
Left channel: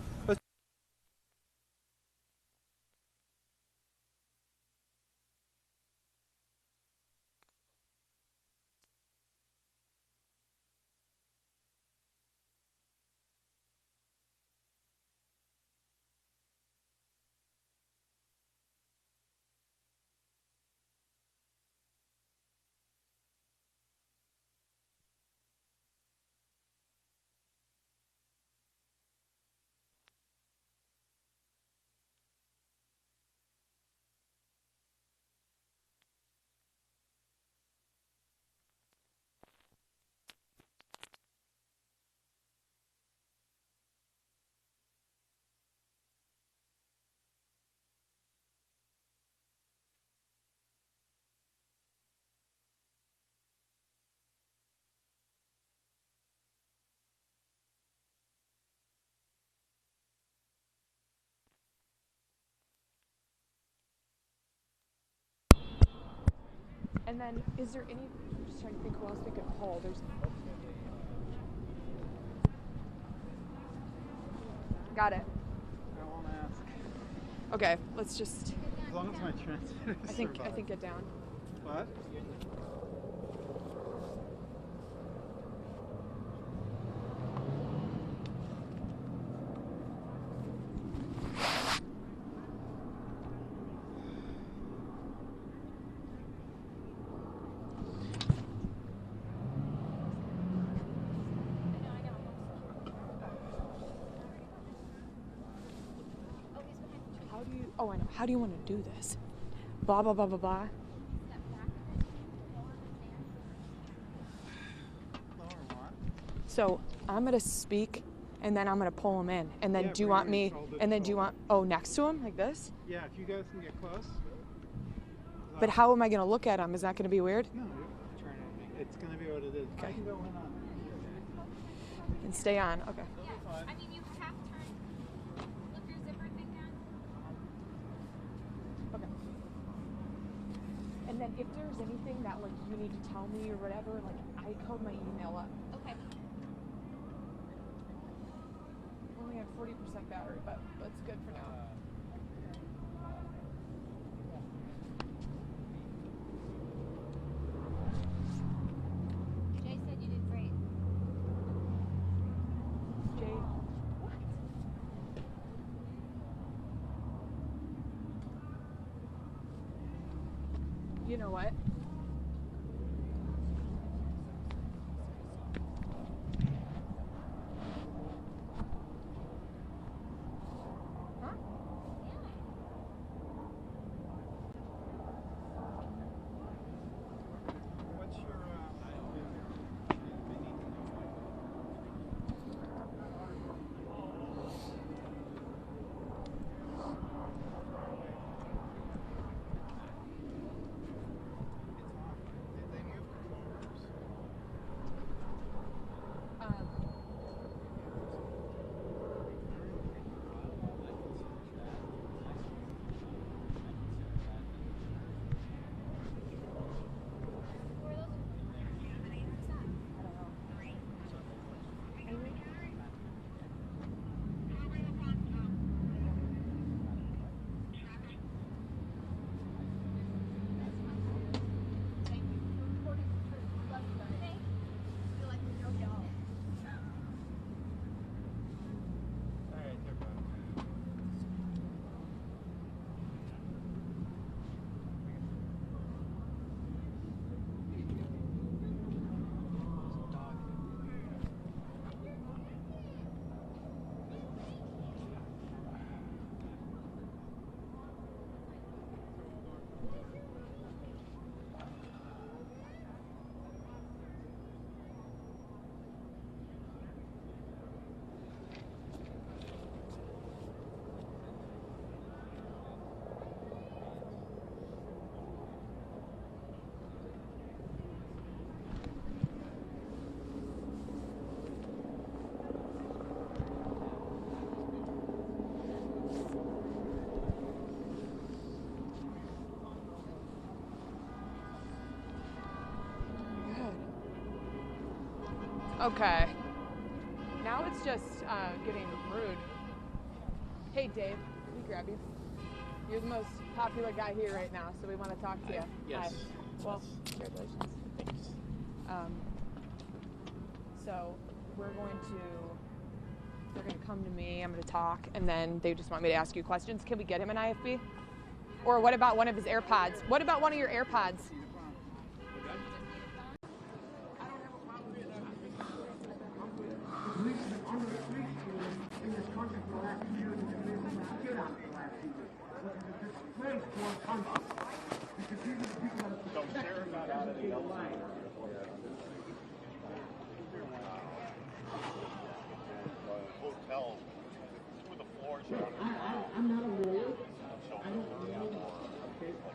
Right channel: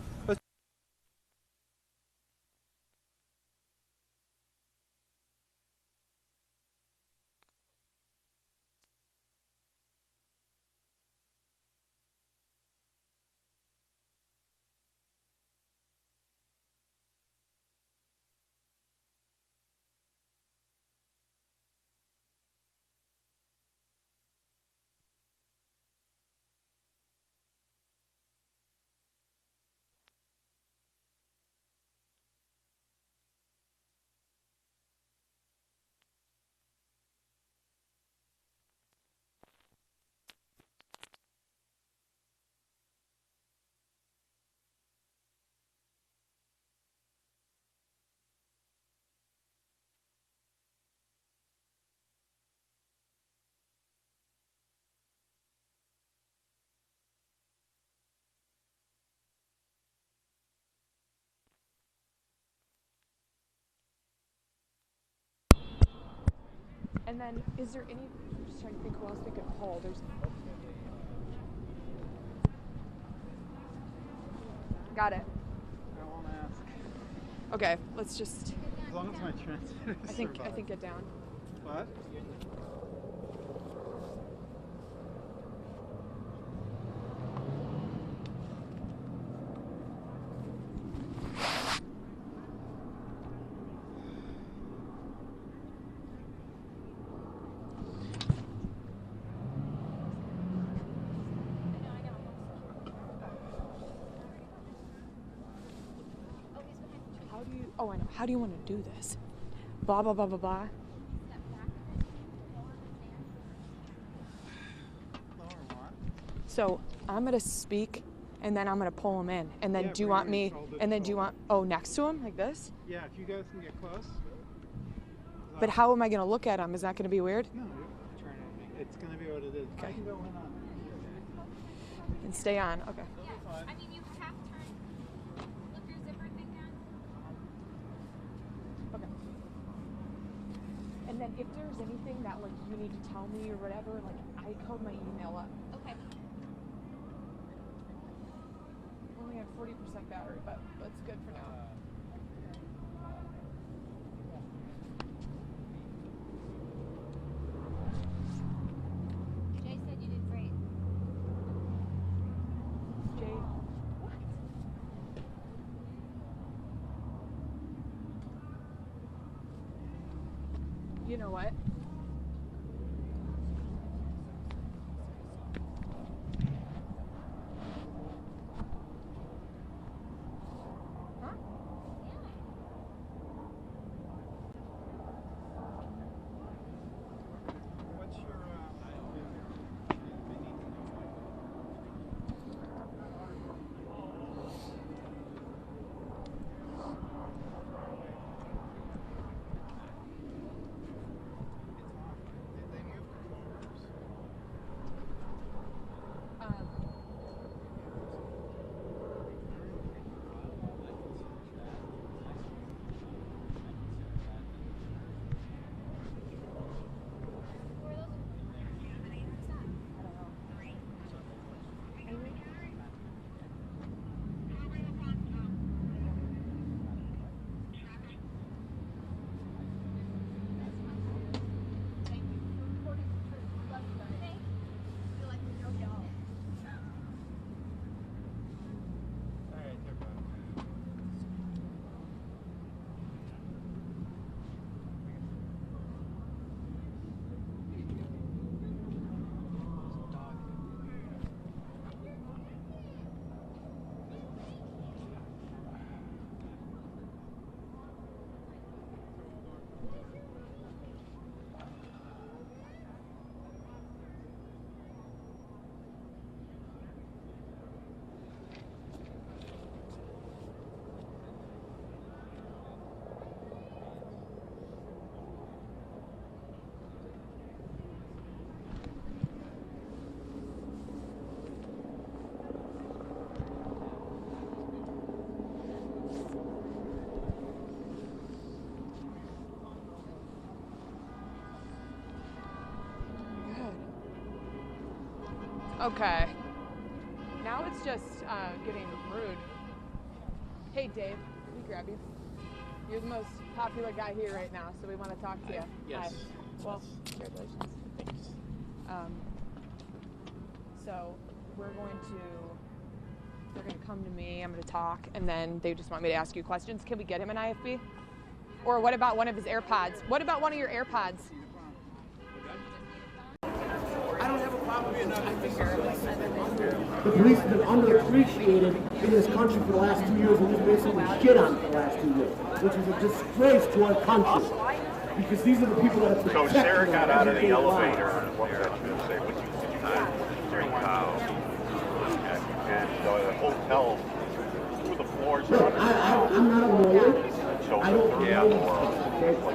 And then, is there any trying to think who else we could pull. Got it. I won't ask. Okay, let's just. As long as my translator I think get down. What? Oh, I know. How do you want to do this? Blah, blah, blah, blah, blah. So I'm going to speak, and then I'm going to pull him in. And then do you want me, and then do you want, oh, next to him, like this? Yeah, if you guys can get close. But how am I going to look at him? Is that going to be weird? No, you're trying to make it's going to be what it is. Okay. I can go in on. And stay on, okay. I mean, you have turned. Look your zipper thing down. Okay. And then if there's anything that like you need to tell me or whatever, like I code my email up. Okay. Only have 40% battery, but that's good for now. Jay said you did great. Jay, what? You know what? Huh? What's your Okay. Now it's just getting rude. Hey, Dave, let me grab you. You're the most popular guy here right now, so we want to talk to you. Yes. Hi. Well, congratulations. Thanks. So they're going to come to me, I'm going to talk, and then they just want me to ask you questions. Can we get him an IFB? Or what about one of his AirPods? What about one of your AirPods? The police have been underappreciated in this country for the last 2 years, and we've basically shit on for the last 2 years, which is a disgrace to our country. Because these are the people that have protected us. So Sarah got out of the elevator. What was I going to say? What and the hotel, two of the floors. Look, I'm not a lawyer. So I don't know.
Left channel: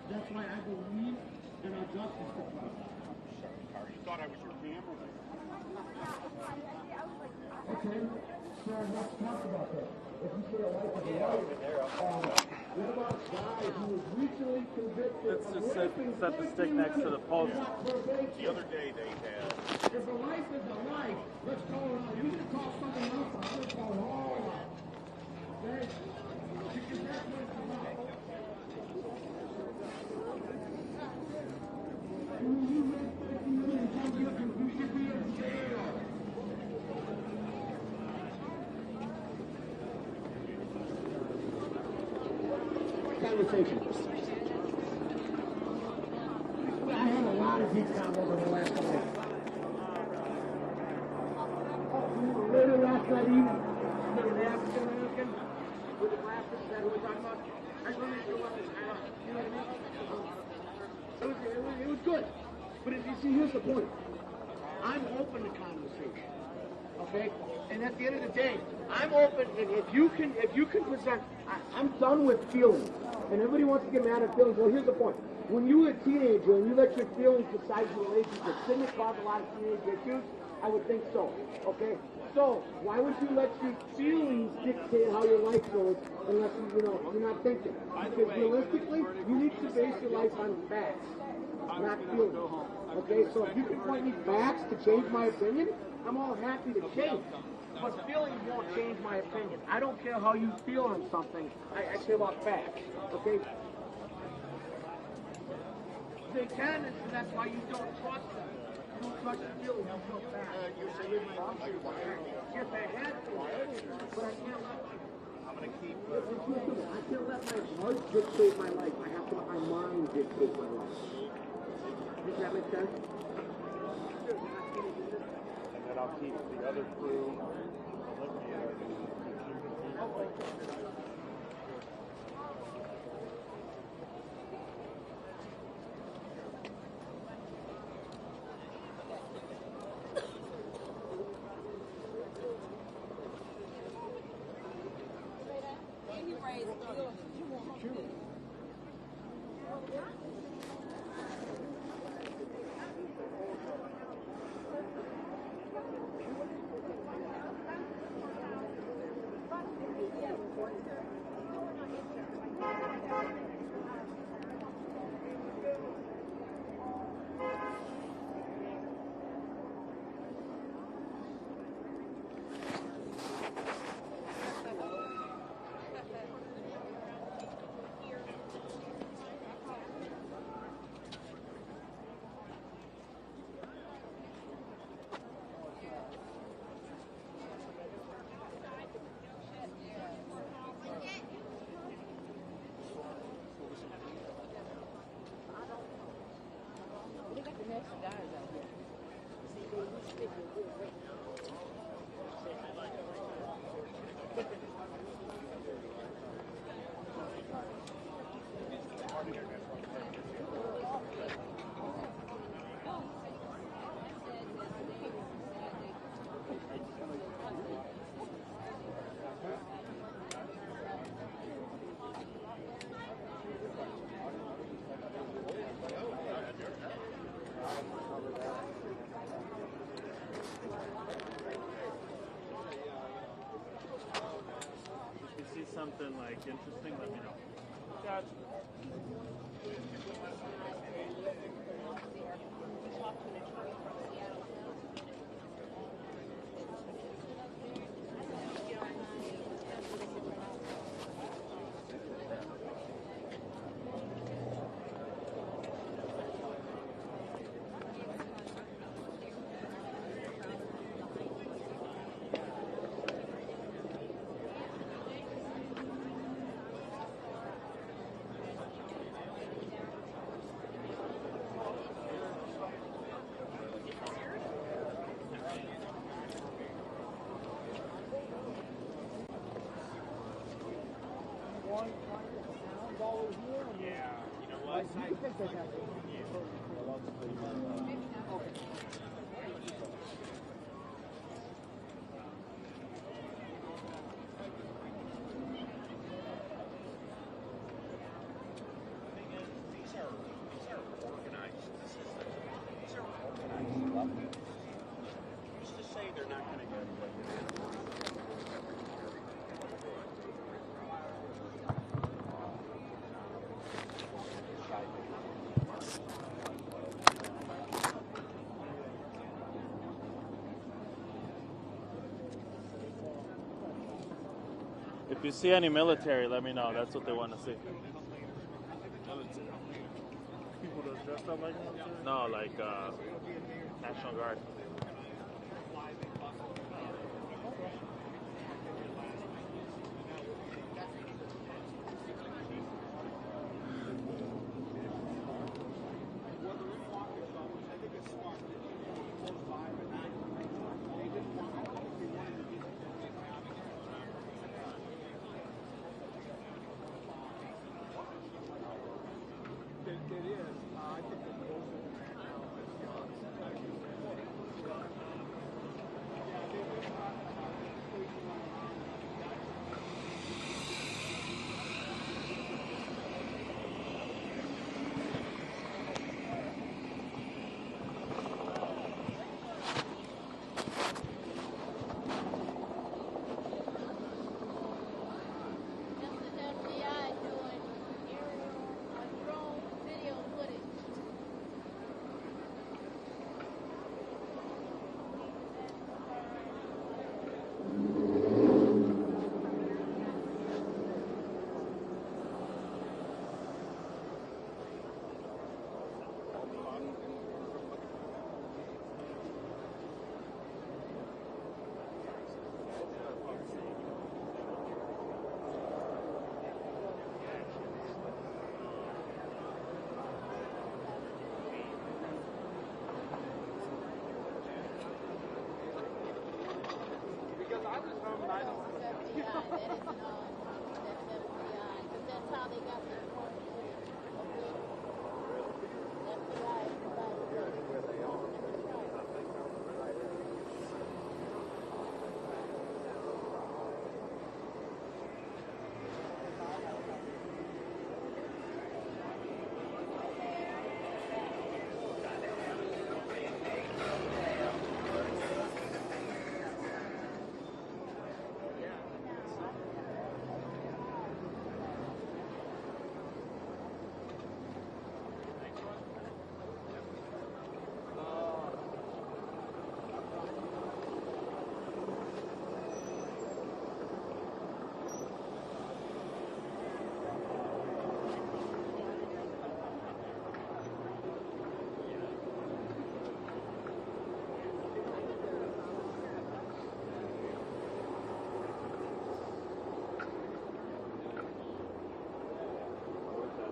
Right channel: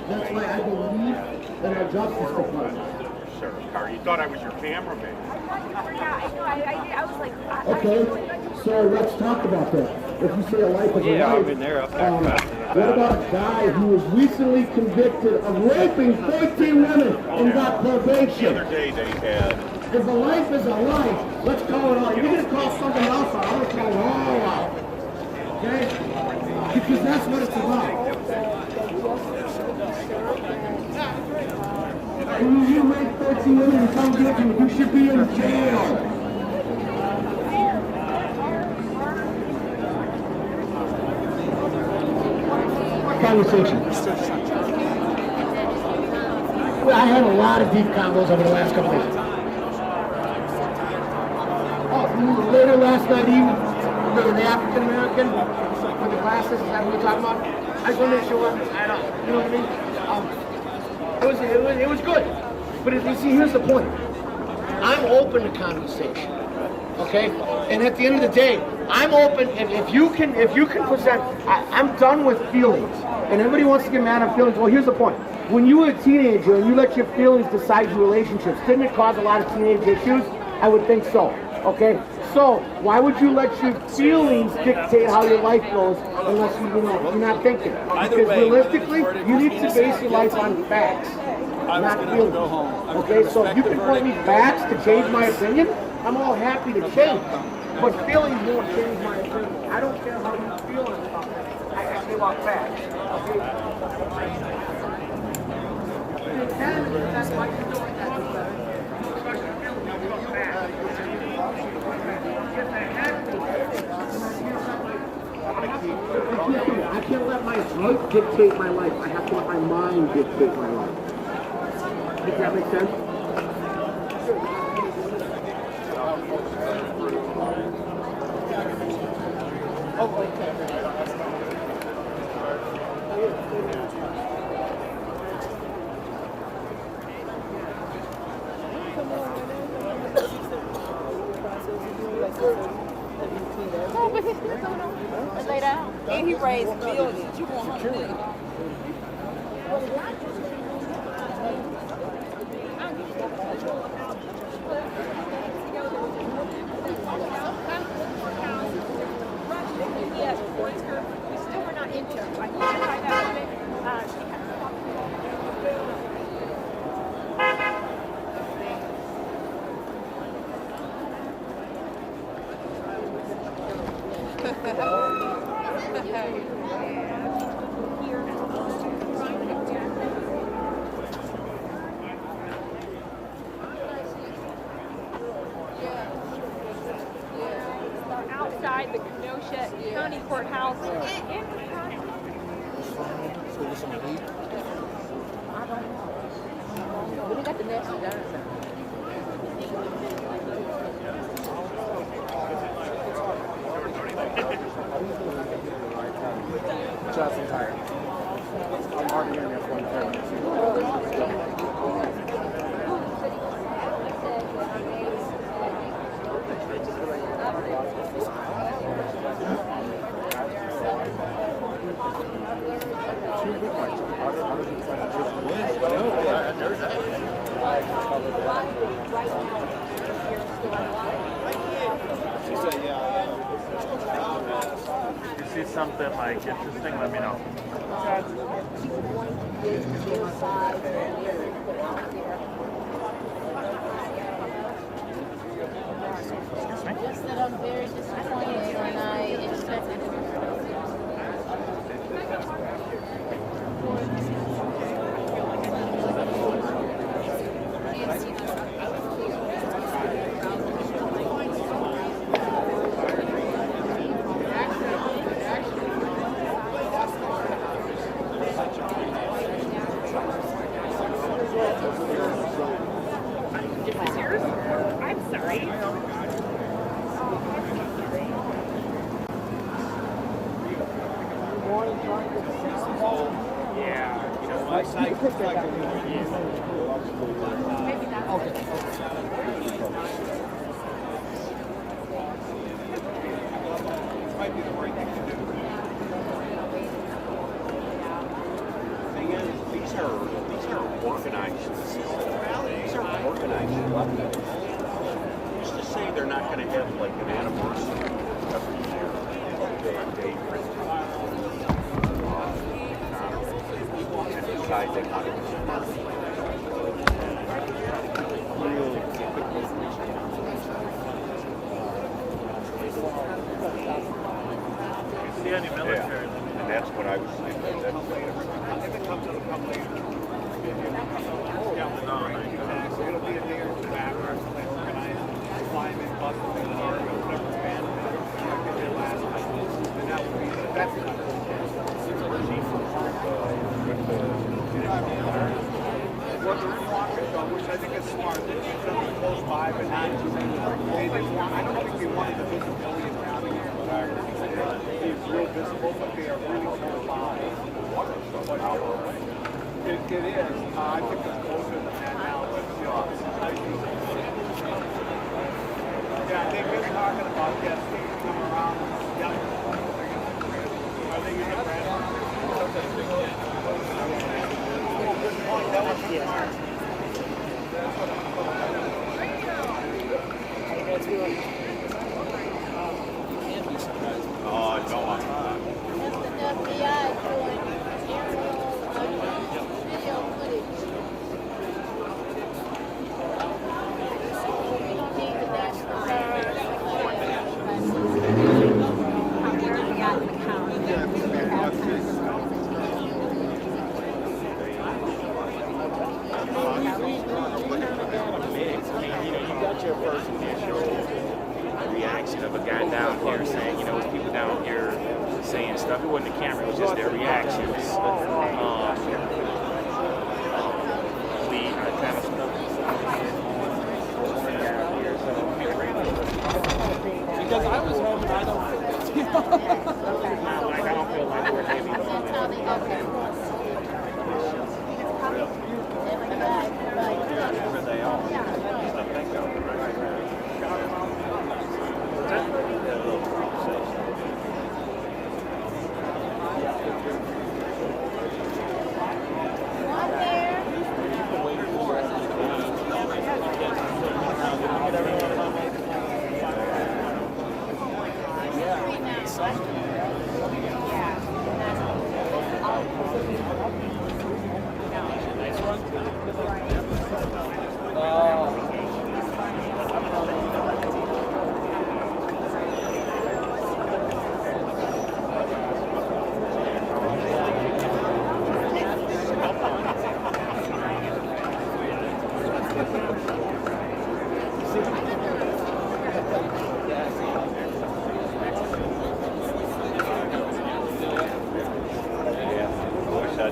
That's why I believe in our justice department. Sir, you thought I was your cameraman. I was like, Okay, so let's talk about that. If you say a life is a life, I've been there. I've talked about it. What about a guy who was recently convicted of raping 13 women and got probation? The other day they had. If a life is a life, let's call it all. You're going to call something else out, I'm going to call it all out. Okay? Because that's what it's about. When you rape 13 women and come guilty, you should be in jail. Conversation. Well, I had a lot of deep combos over the last couple of days. Oh, later last night even, with an African American with the glasses, is that what we're talking about? I just want to make sure, I don't, you know what I mean? It was good. But if you see, here's the point. I'm open to conversation. Okay? And at the end of the day, I'm open, and if you can present, I'm done with feelings. And everybody wants to get mad at feelings. Well, here's the point. When you were a teenager and you let your feelings decide your relationships, didn't it cause a lot of teenage issues? I would think so. Okay? So, why would you let your feelings dictate how your life goes unless you're not thinking? Because realistically, you need to base your life on facts, not feelings. Okay? So if you can point me facts to change my opinion, I'm all happy to change. But feelings won't change my opinion. I don't care how you feel on something. I care about facts. Okay? That's why you're doing that. I can't let my heart dictate my life. I have to let my mind dictate my life. Does that make sense? And he raised billions. You want him? Yes, we still were not into it. Like, find out of it. Outside the Kenosha County Courthouse in Wisconsin. I don't know. We got the next one done. Johnson tired. I'm hard hearing that one If you see something like interesting, let me know. Just that I'm very disappointed and I expected it. I'm sorry. Just to say they're not going to have like an anniversary every year. If you see any military, let me know. That's what I was thinking. Which I think is smart. They keep them close by, but not too many. They didn't want, I don't think they wanted the visibility of having it. It's real visible, but they are really close by. It is. I think it's closer than that now. But yeah, they've been talking about yes, they come around. Yep. Are they using red? Oh, good point. That was smart. Oh, no, I'm not. Your first initial reaction of a guy down here saying, you know, people down here saying stuff. It wasn't the camera, it was just their reactions. Kind of stuff. Because I was home and I don't feel like we're heavy. Where they are. I think they're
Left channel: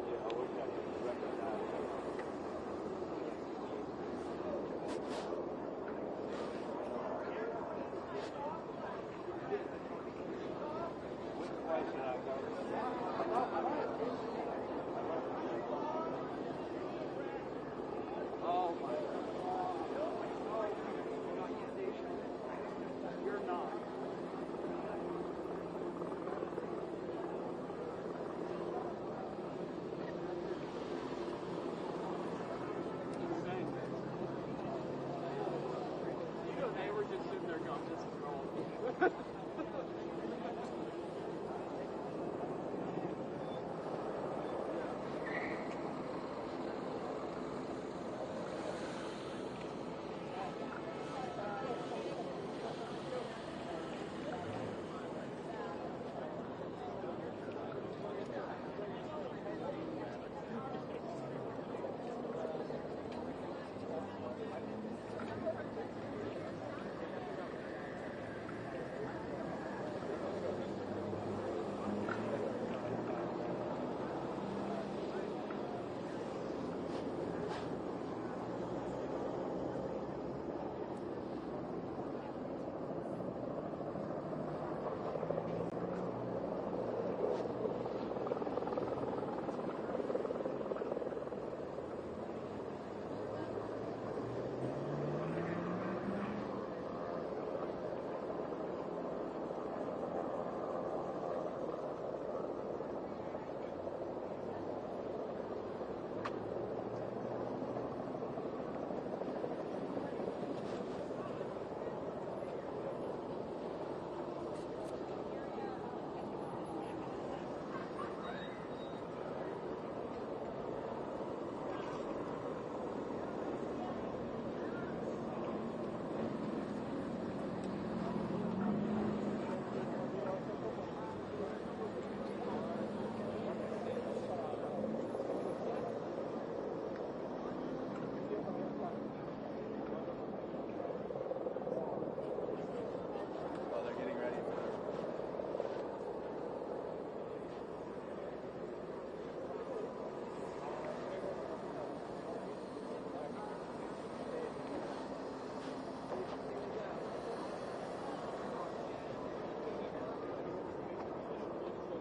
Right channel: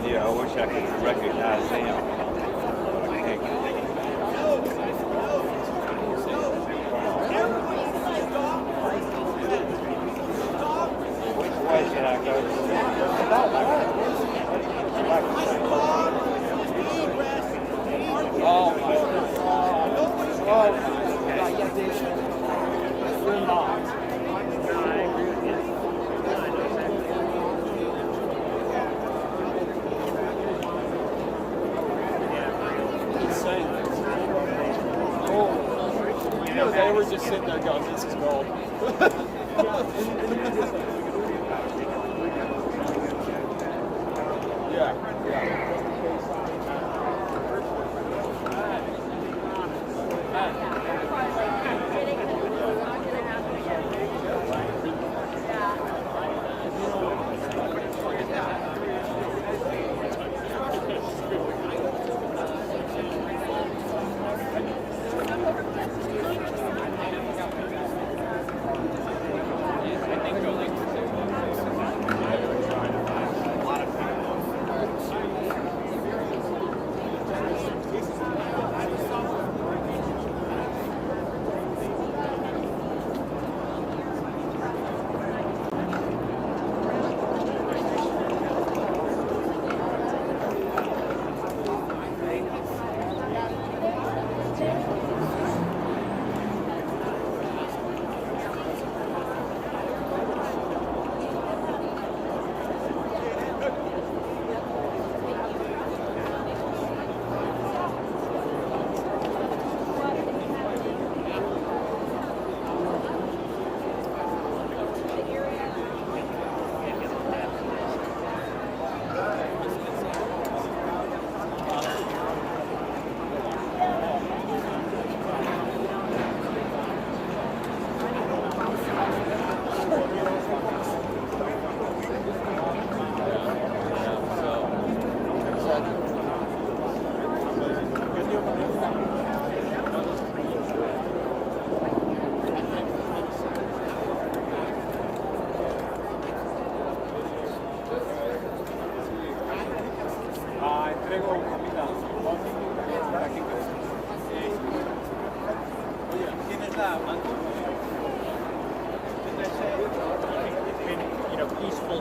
I wish I could recognize them. Which way should I go? They were just sitting there going, this is gold. Yeah.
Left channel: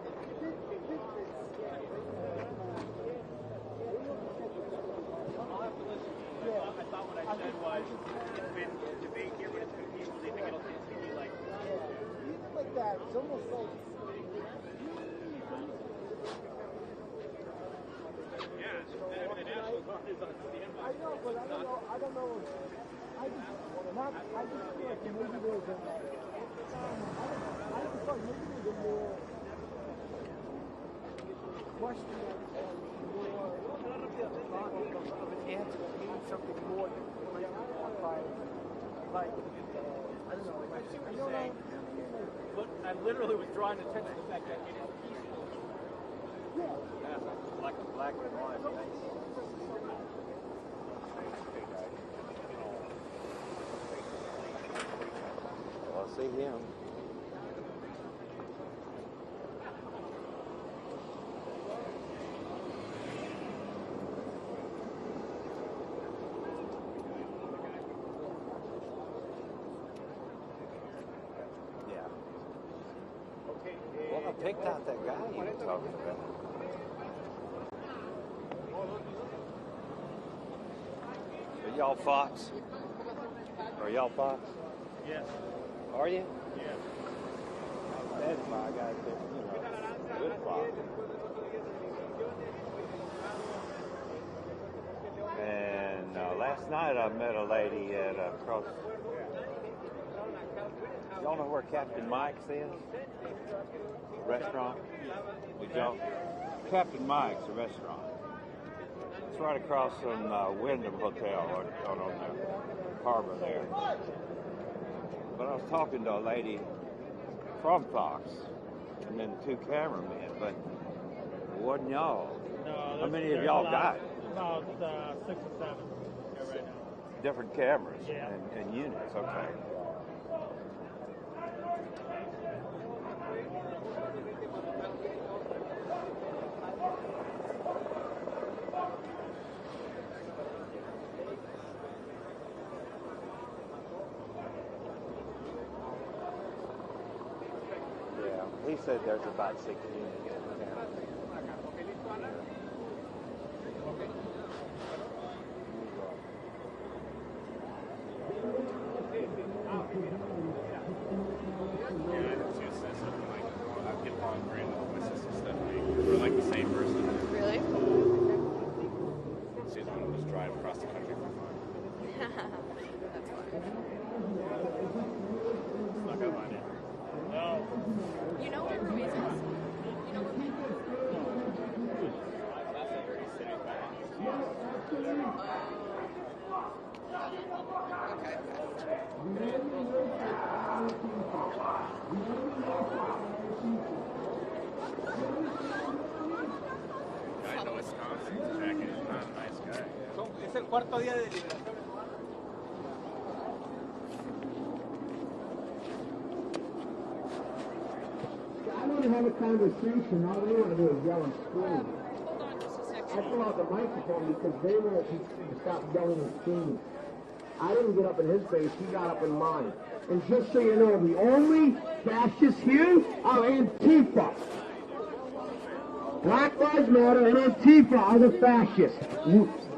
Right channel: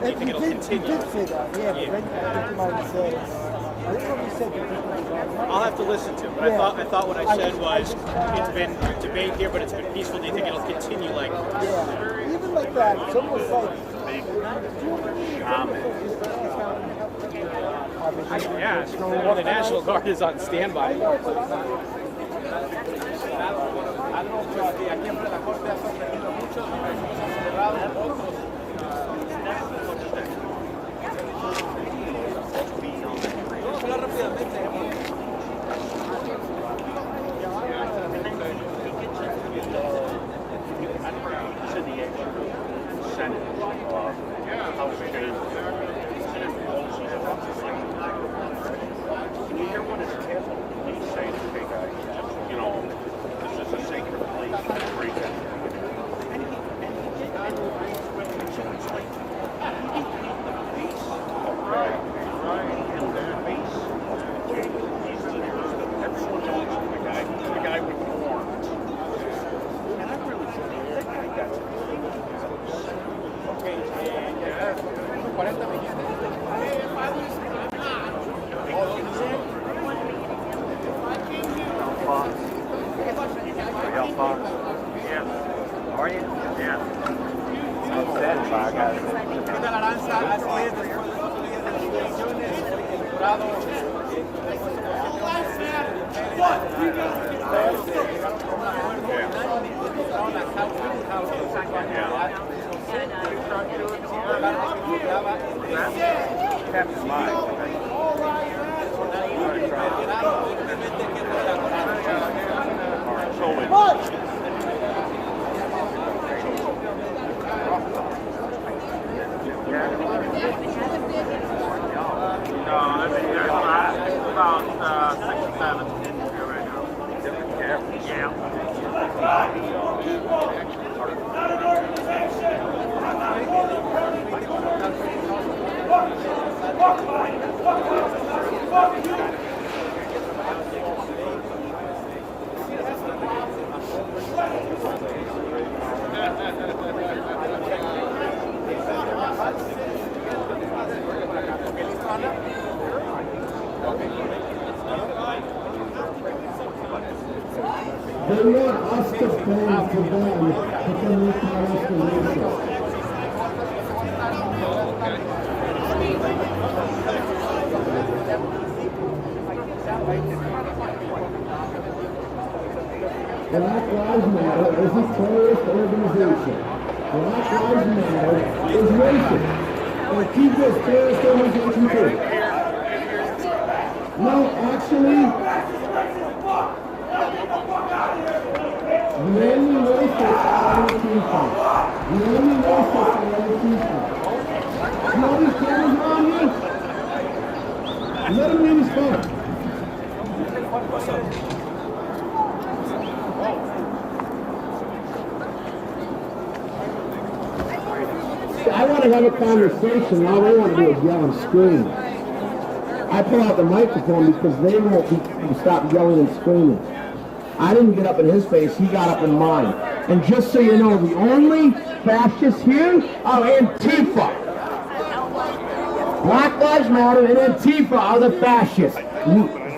peaceful? Do you think it'll continue? He did say that, yeah, but then he came out and said, I don't know if he said that. I'll have to listen to it, but Yeah. I thought what I said was it's been debate here, but it's been peaceful. Do you think it'll continue like this? Yeah, even like that, it's almost like. Yeah, the National Guard is on standby. Captain Mike. About 6 or 7 right now. Different cameras? Yeah. They want us to bend to them, but then we call us the nation. Black Lives Matter is a terrorist organization. Black Lives Matter is racist. And keep this terrorist organization too. No, actually, the only racists are Antifa. The only racists are Antifa. See all these cameras around here? Let him read his phone. I want to have a conversation. All they want to do is yell and scream. I pull out the microphone because they won't stop yelling and screaming. I didn't get up in his face, he got up in mine. And just so you know, the only fascists here are Antifa. Black Lives Matter and Antifa are the fascists.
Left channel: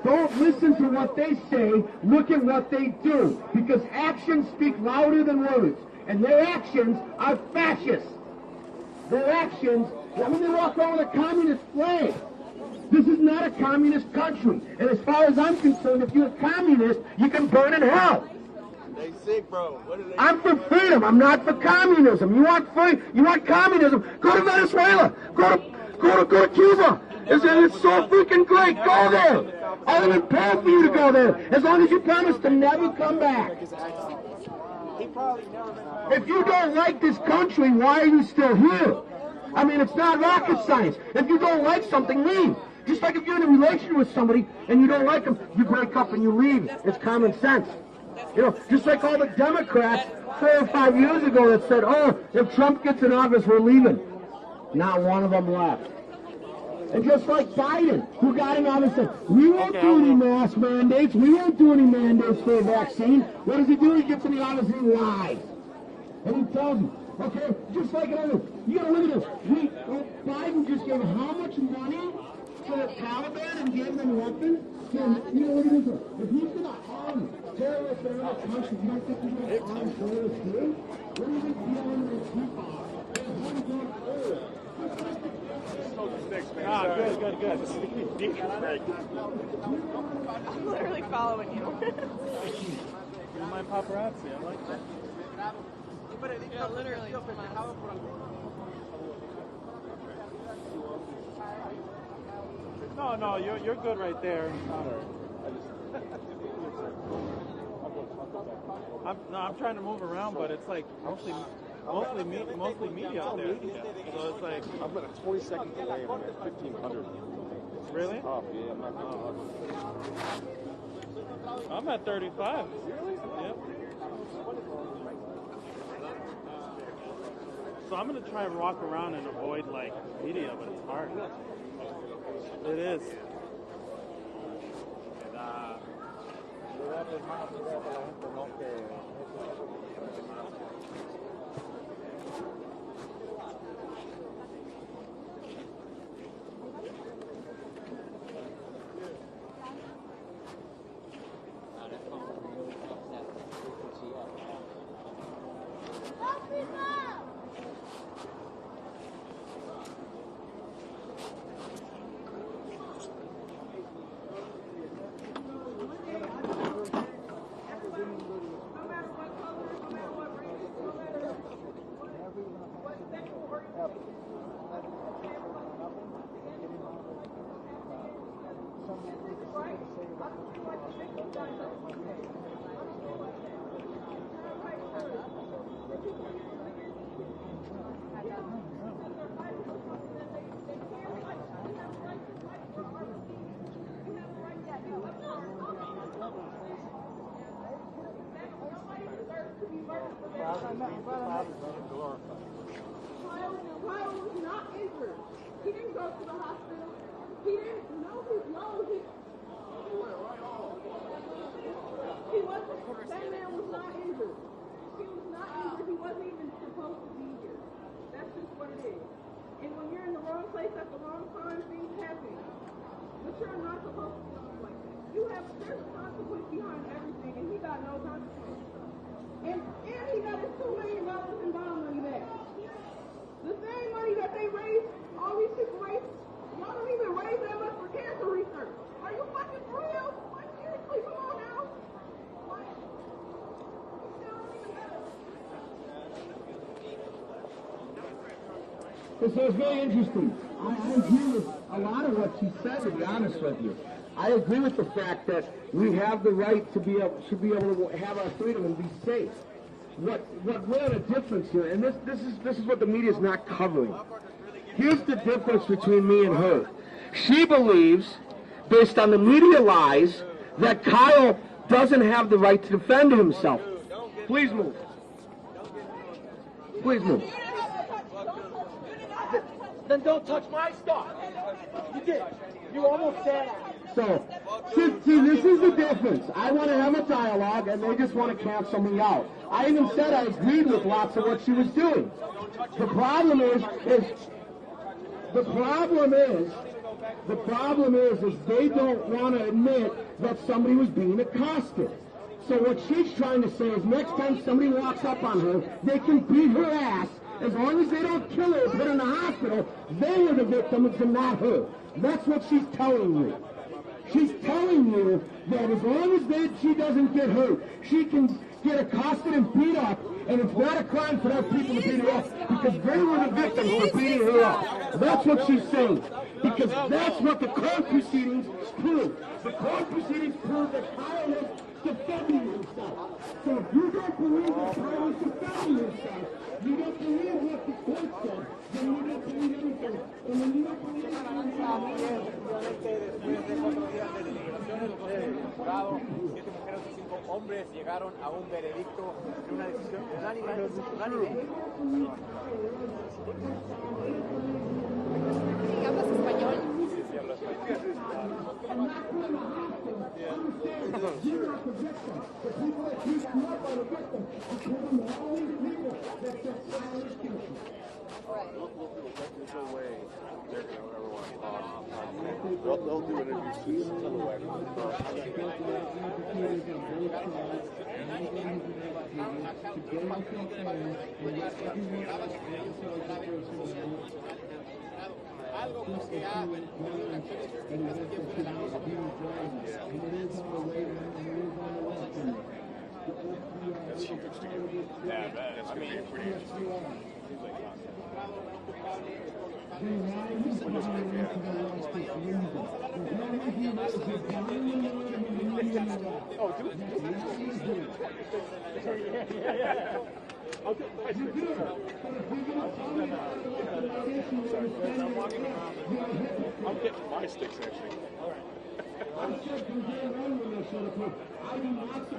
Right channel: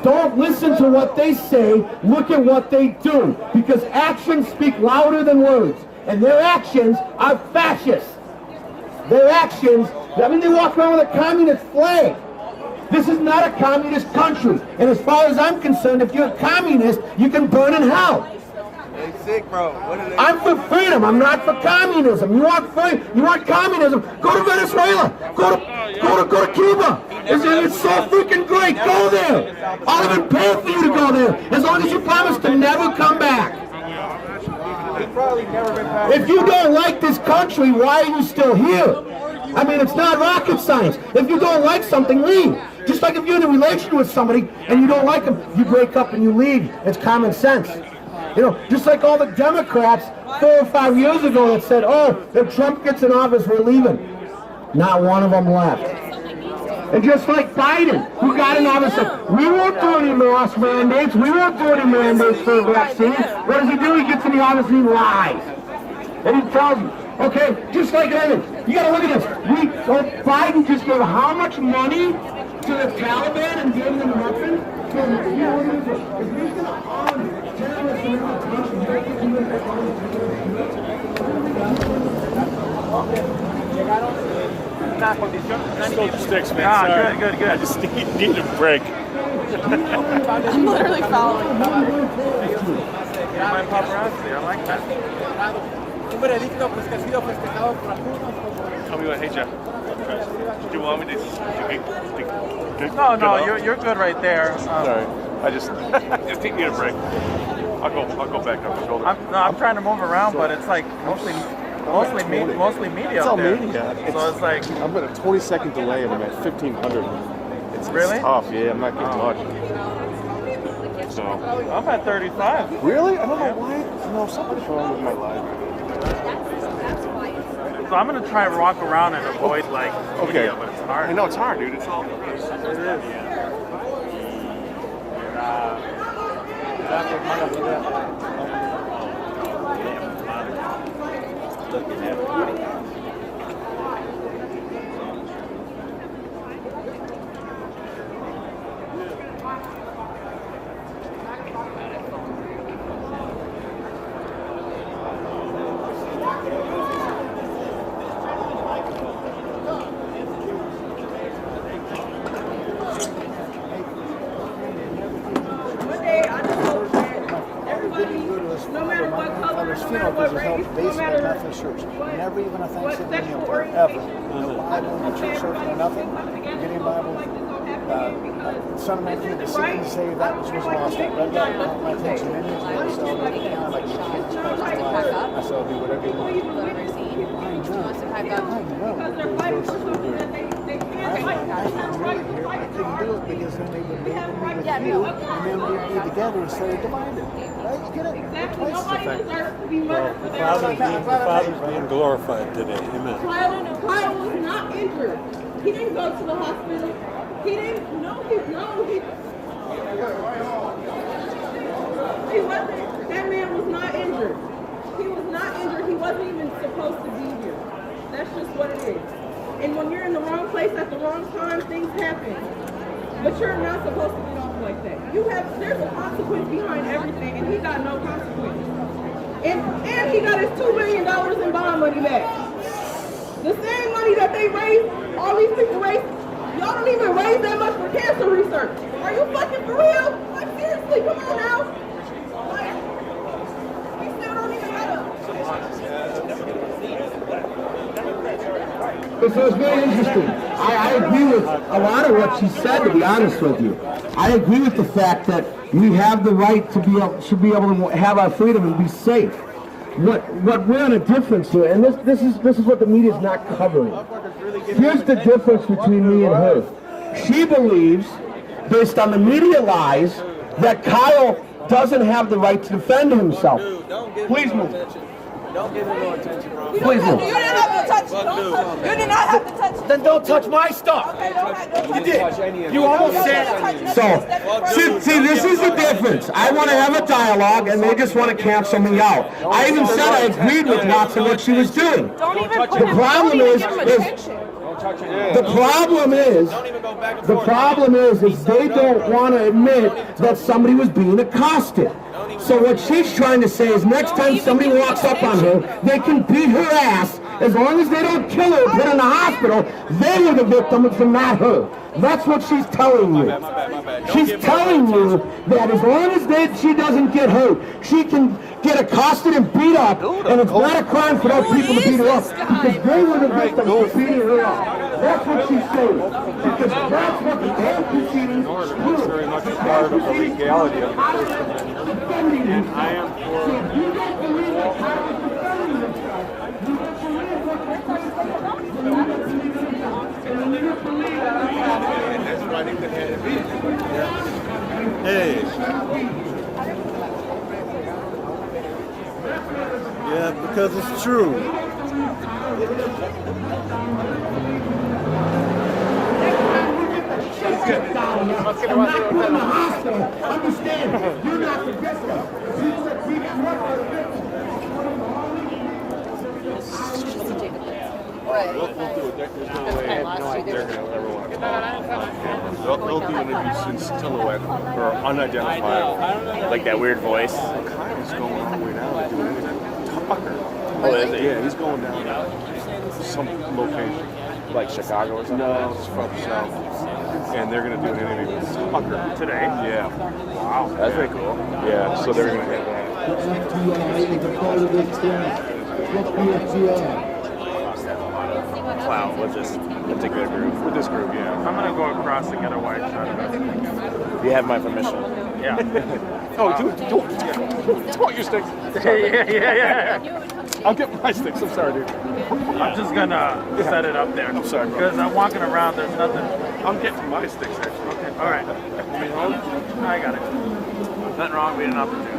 Don't listen to what they say, look at what they do. Because actions speak louder than words. And their actions are fascist. Their actions, I mean, they walk around with a communist flag. This is not a communist country. And as far as I'm concerned, if you're a communist, you can burn in hell. Sick, bro. I'm for freedom. I'm not for communism. You want communism? Go to Venezuela. Go to Cuba. It's so freaking great. Go there. I'll even pay for you to go there, as long as you promise to never come back. If you don't like this country, why are you still here? I mean, it's not rocket science. If you don't like something, leave. Just like if you're in a relation with somebody and you don't like them, you break up and you leave. It's common sense. You know, just like all the Democrats 4 or 5 years ago that said, oh, if Trump gets in office, we're leaving. Not one of them left. And just like Biden, who got in office, said, we won't do any mask mandates. We won't do any mandates for the vaccine. What does he do? He gets in the office and he lies. And he tells you, Okay, just like anything. You gotta look at this. Biden just gave how much money to the Taliban and gave them weapons? If he's gonna arm terrorists in other countries, you don't think he's gonna Still sticks, man. Sorry. Good. I just need a break. I'm literally following. My paparazzi, I like that. Tell me what, hey Jeff. Do you want me to No, you're good right there. Sorry. I just take me a break. I'll go back up. I'm trying to move around, but it's like mostly media It's out all there. media. So it's like I'm at a 20-second delay and I'm at 1,500. It's tough. Yeah, I'm not getting much. So I'm at 35. Really? I don't know why. No, something's wrong with my life. So I'm gonna try and walk around and avoid like media, but it's hard. I know it's hard, dude. It's all. It is. No matter what color, no matter what race, no matter never even a Thanksgiving meal there, ever. No Bible, no church service, no nothing. Getting a Bible. Son of Man came to seek and to save that which was lost. I read that, caught my attention. Many years ago, so I like you can't expect my life. I said, I'll do whatever you want. I know what those verses are doing. I'm really here, but I couldn't do it because then they would label me with you, and then we'd be together instead of divided. Right? You get it? Twice as effective. Well, the Father's being glorified today. Amen. Kyle was not injured. He didn't go to the hospital. He didn't. He wasn't. That man was not injured. He was not injured. He wasn't even supposed to be here. That's just what it is. And when you're in the wrong place at the wrong time, things happen. But you're not supposed to get off like that. There's a consequence behind everything, and he got no consequence. And he got his $2 million in bond money back. The same money that they raised, all these people raised, y'all don't even raise that much for cancer research. Are you fucking for real? Like, seriously, come on now. Like, we still don't even have So it's very interesting. I agree with a lot of what she said, to be honest with you. I agree with the fact that we have the right to should be able to have our freedom and be safe. What we're in a difference here, and this is what the media is not covering. Here's the difference between me and her. She believes, based on the media lies, that Kyle doesn't have the right to defend himself. Please move. Please move. You didn't have to touch it. You did not have to touch it. Then don't touch my stuff. You did. You almost said. So, see, this is the difference. I want to have a dialogue, and they just want to cancel me out. I even said I agreed with lots of what she was doing. The problem is they don't want to admit that somebody was being accosted. So what she's trying to say is next time somebody walks up on her, they can beat her ass. As long as they don't kill her or put her in the hospital, they were the victims and not her. That's what she's telling you. She's telling you that as long as she doesn't get hurt, she can get accosted and beat up, and it's not a crime for those people to beat her up, because they were the victims for beating her up. That's what she's saying, because that's what the court proceedings do. Very much a part of the legality of the First Amendment. And I am for... So if you don't believe that Kyle is defending himself, you don't believe what the court said, then you don't believe himself. Then you don't believe that. That's why they could have it. Hey. Yeah, because it's true. I'm not putting in the hospital. Understand, you're not the victim. You got more victims. We'll do it. There's no way they're going to ever want to talk on camera. They'll do interviews in silhouette or unidentifiable. Like that weird voice. Kyle's going all the way down to do an interview. Tucker. Oh, is he? Yeah, he's going down to some location. Like Chicago or something? No, it's from the south. And they're going to do an interview with Tucker. Today? Yeah. Wow. That's pretty cool. Yeah, so they're going to have Wow, with this particular group. With this group, yeah. I'm gonna go across and get a white shot of it. You have my permission. Yeah. Oh, do want your sticks. yeah. I'll get my sticks. I'm sorry, dude. I'm just gonna set it up there. I'm sorry, bro. Because I'm walking around, there's nothing. I'm getting my sticks, actually. Okay, all right. You mean hold? I got it. Nothing wrong with being an opportunity.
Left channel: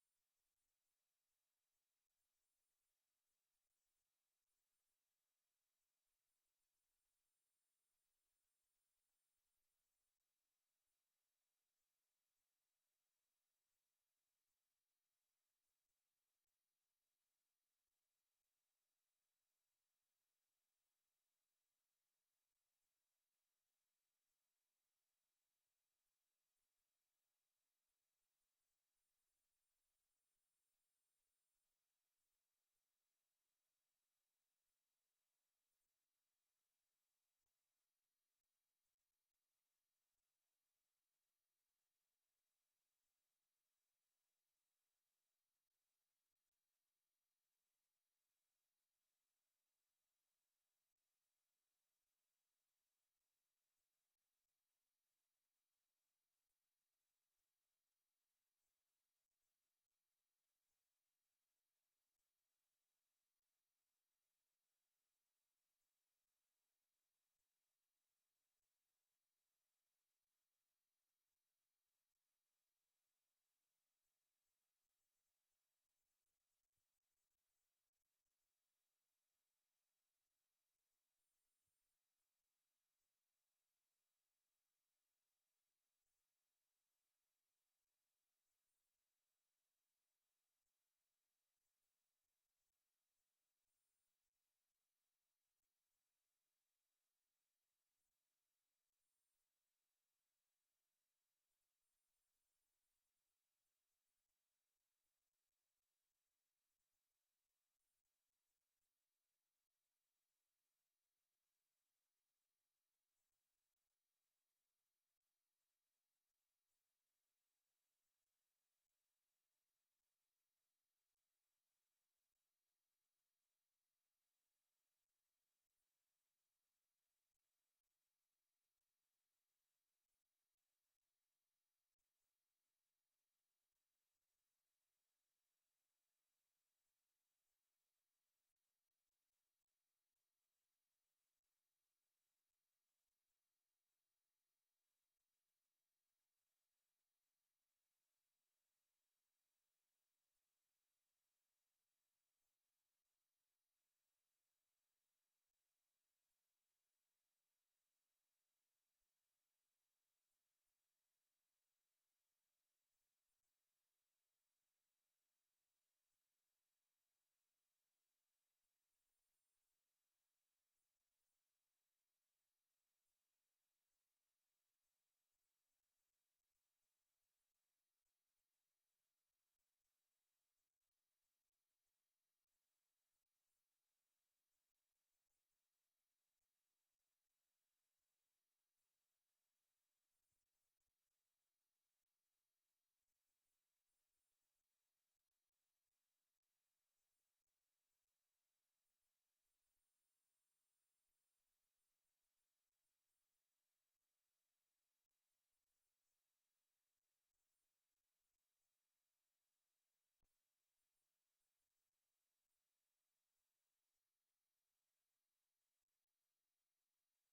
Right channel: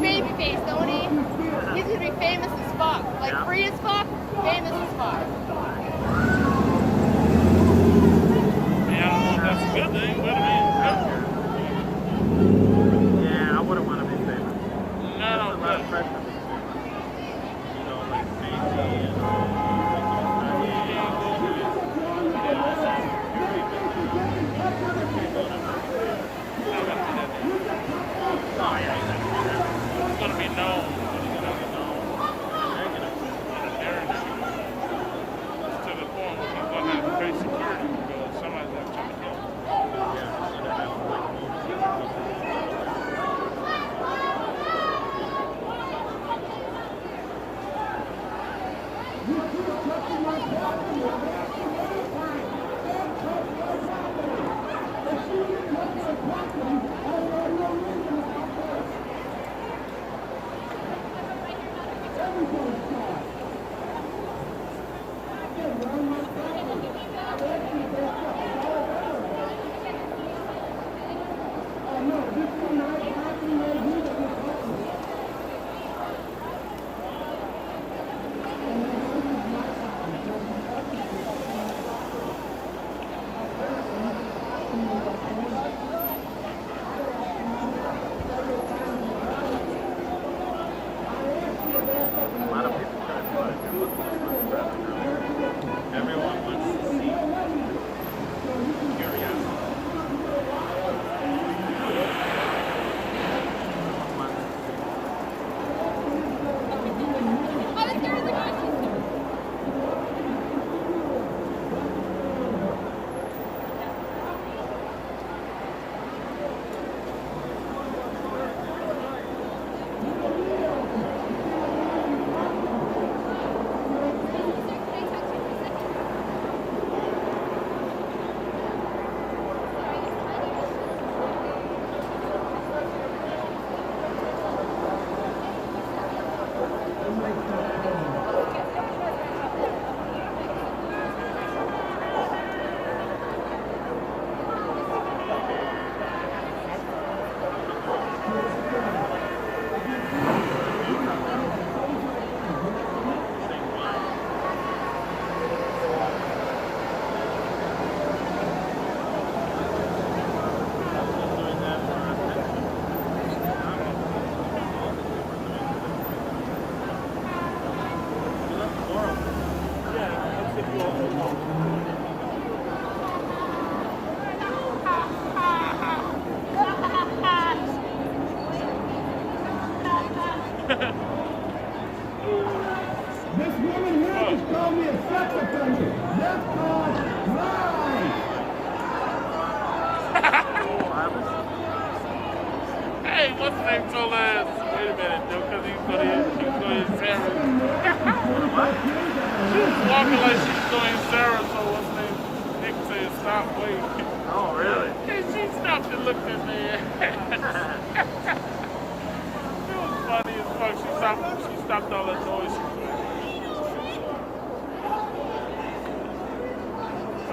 real baby face, don't he? He's gonna be famous as fuck. Like free as fuck, famous as fuck. Yeah, I don't know if that's a good thing, but I mean, yeah, I wouldn't want to be famous. No, a lot of pressure. You know, like safety and it's gonna be known. To the point where he's gonna have to face security because somebody's gonna try to kill him. This woman here just called me a sex offender. That's called lie. Hey, what's the name told us? Wait a minute, though, because he's going to hit Sarah. She was walking like she was going to hit Sarah, so what's the name? Nick said, stop, wait. Oh, really? And she stopped and looked at me. It was funny as fuck. She stopped all that noise she was doing.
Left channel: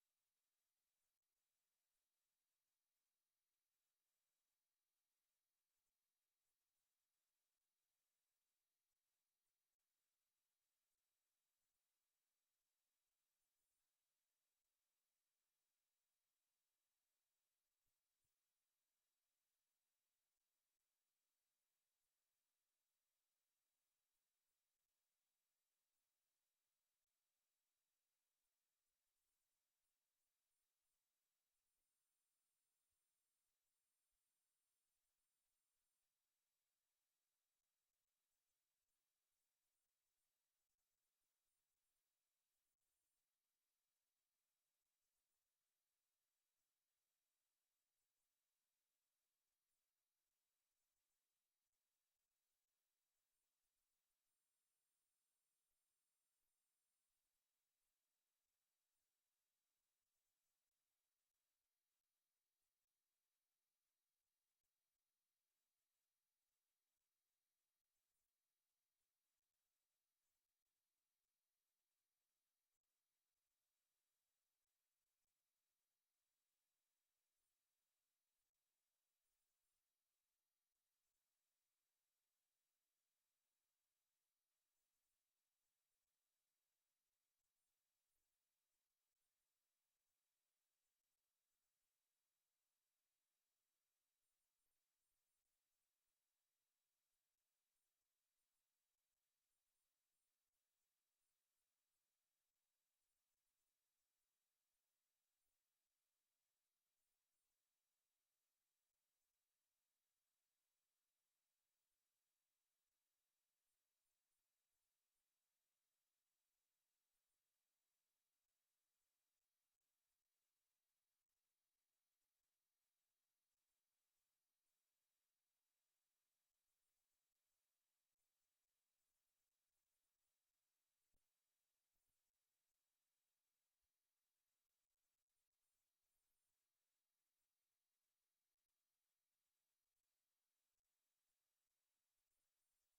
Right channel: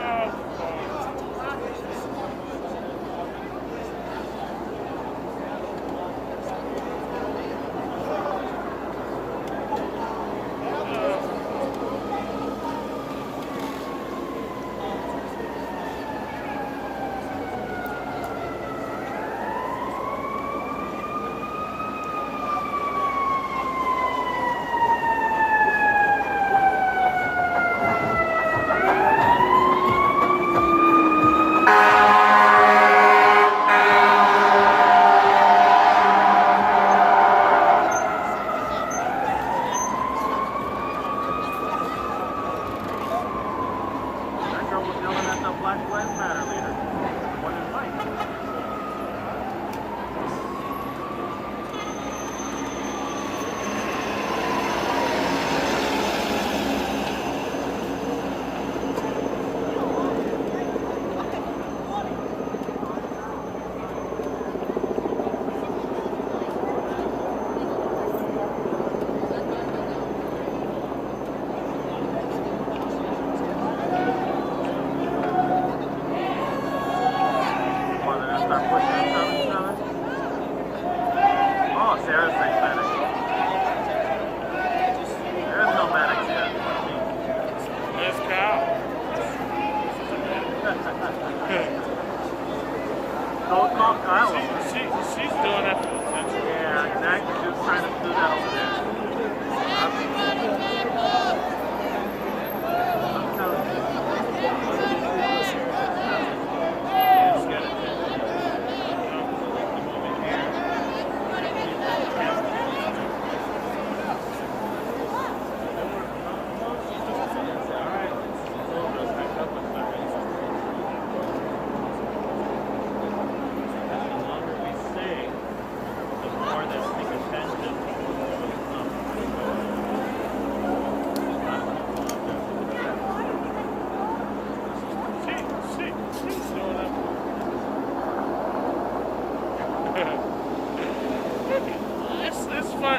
Oh,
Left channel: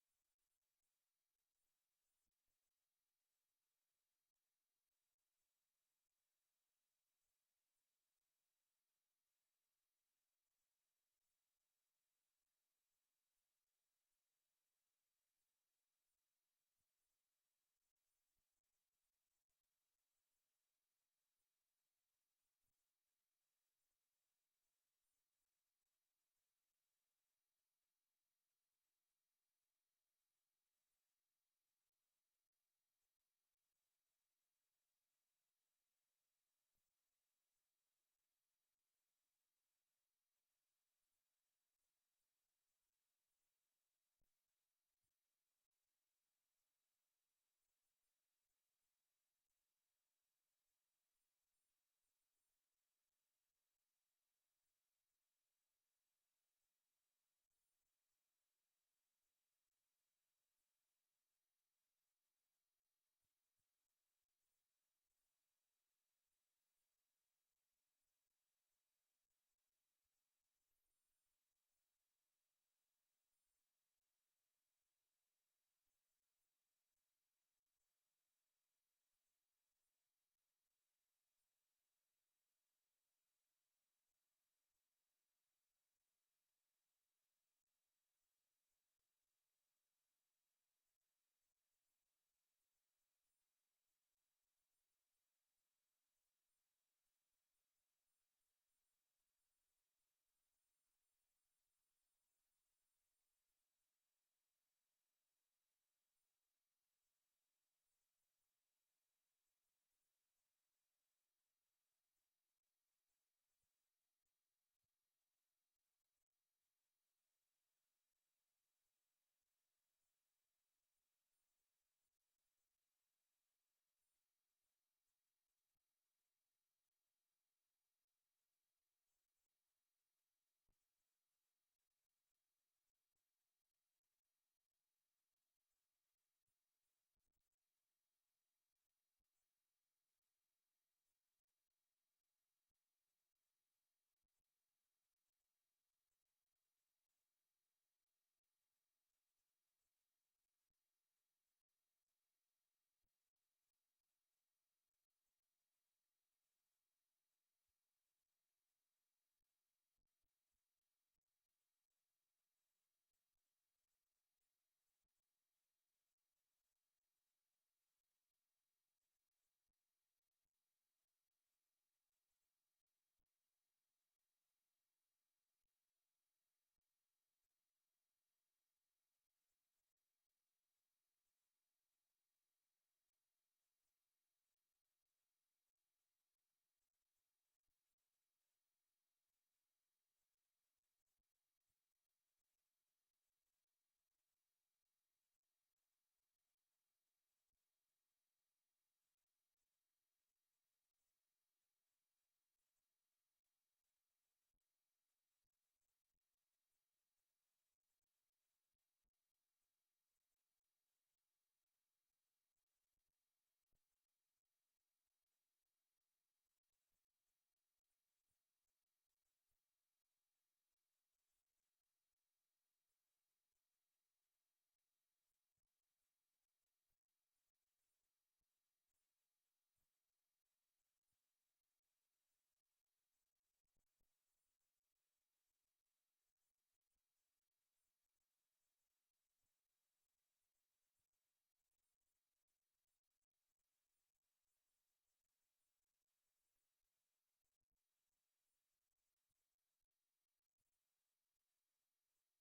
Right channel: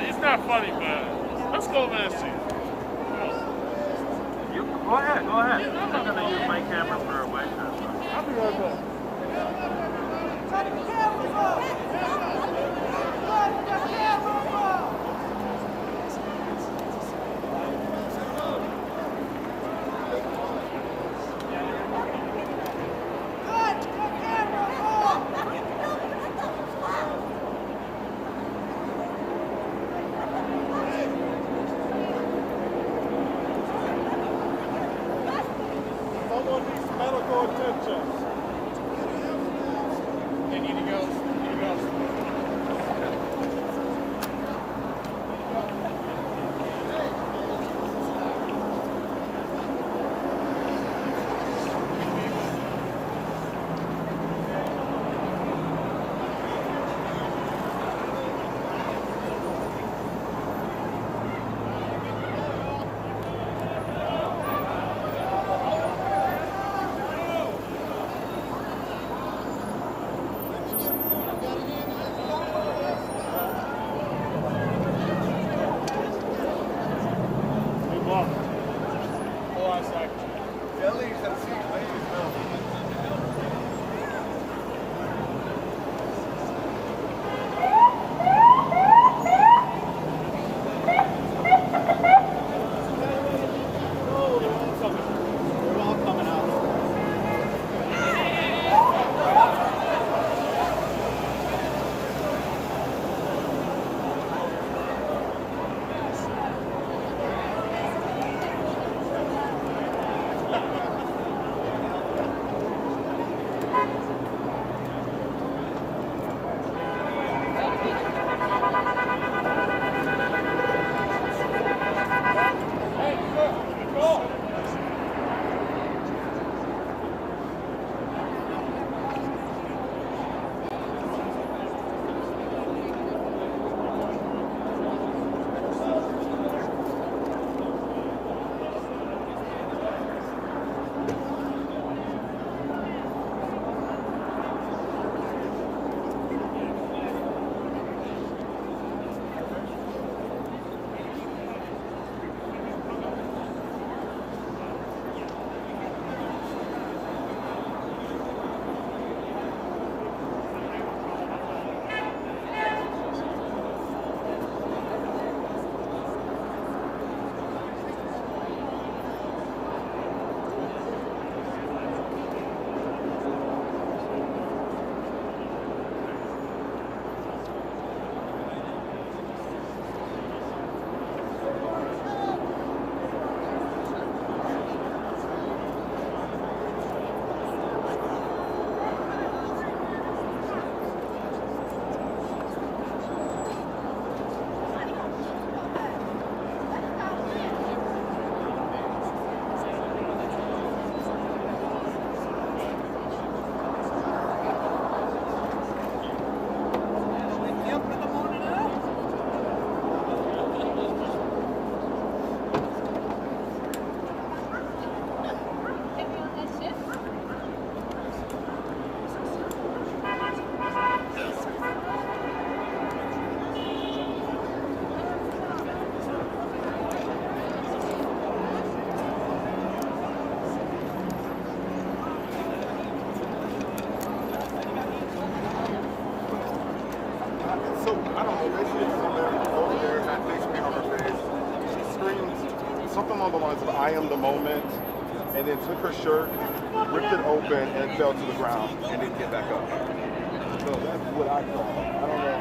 It's not funny, but let's go over there and see. You go ahead. I'm not gonna use my camera for a while. I'll be right back. Someone needs medical attention. They need to go. something along the lines of "I am the moment," and then took her shirt, ripped it open, and fell to the ground, and didn't get back up. So that's what I saw. I don't know.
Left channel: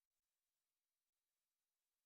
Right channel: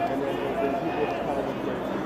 And then people just kind of went crazy.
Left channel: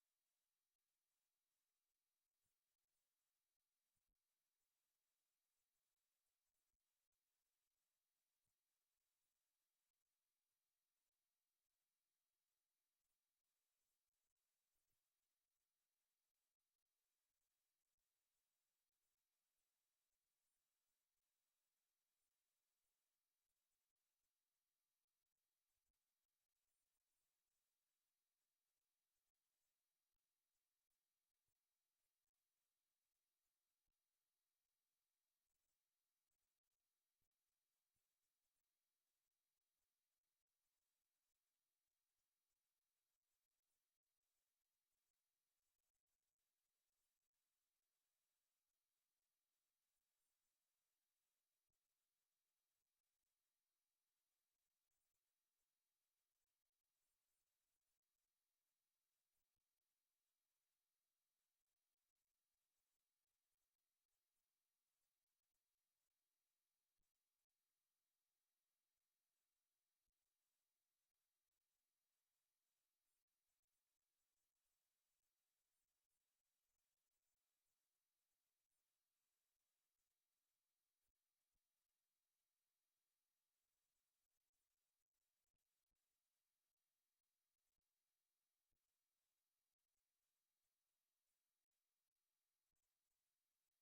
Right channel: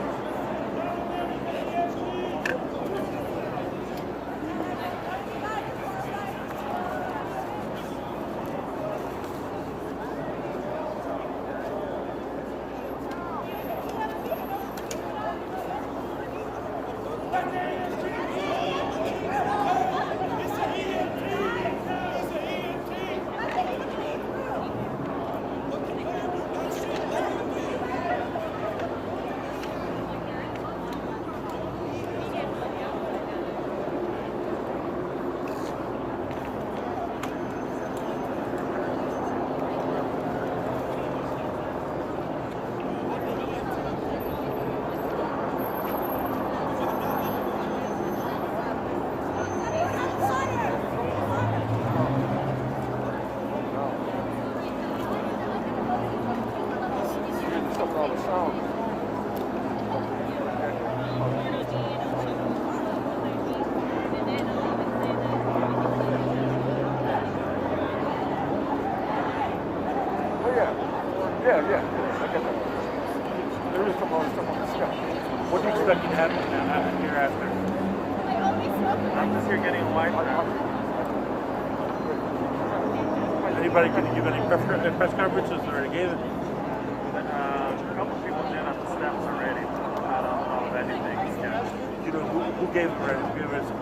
Yeah. I get that. There is some other stuff on the shelf. What do you expect to happen now hereafter? I'm just here getting a line. Anybody can give any press conferences or gave it? A couple of people did on the steps already. I don't know of anything. Yeah. You know who gave it already? Who gave it some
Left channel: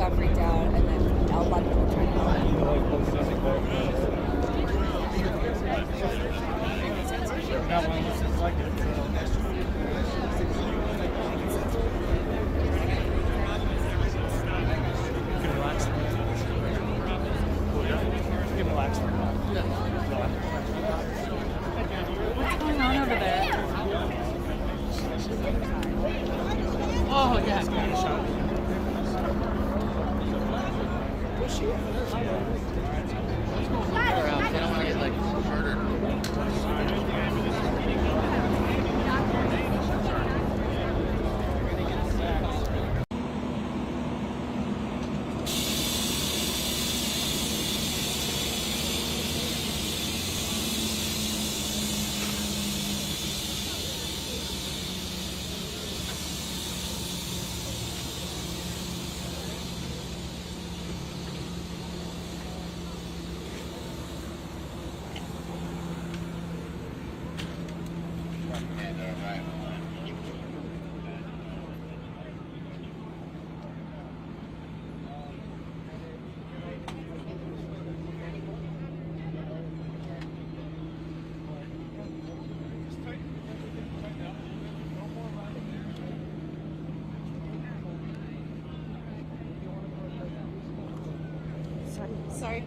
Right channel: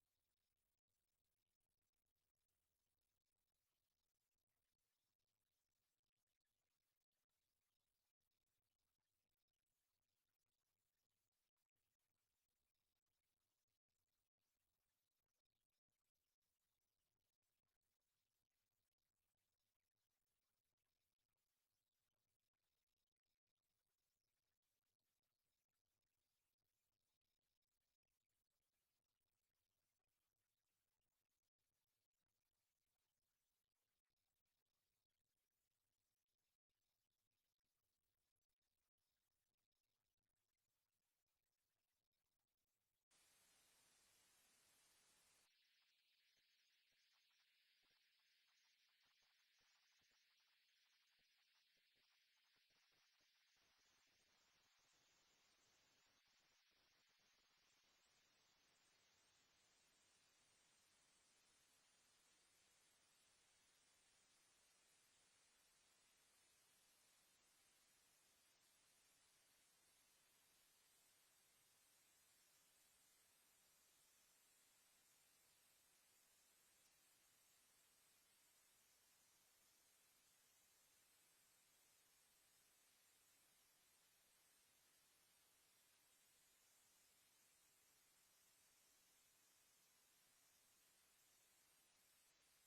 got freaked out, and then a lot of people turned out. What's going on over there? Oh, yeah. They don't want to get like murdered. Sorry.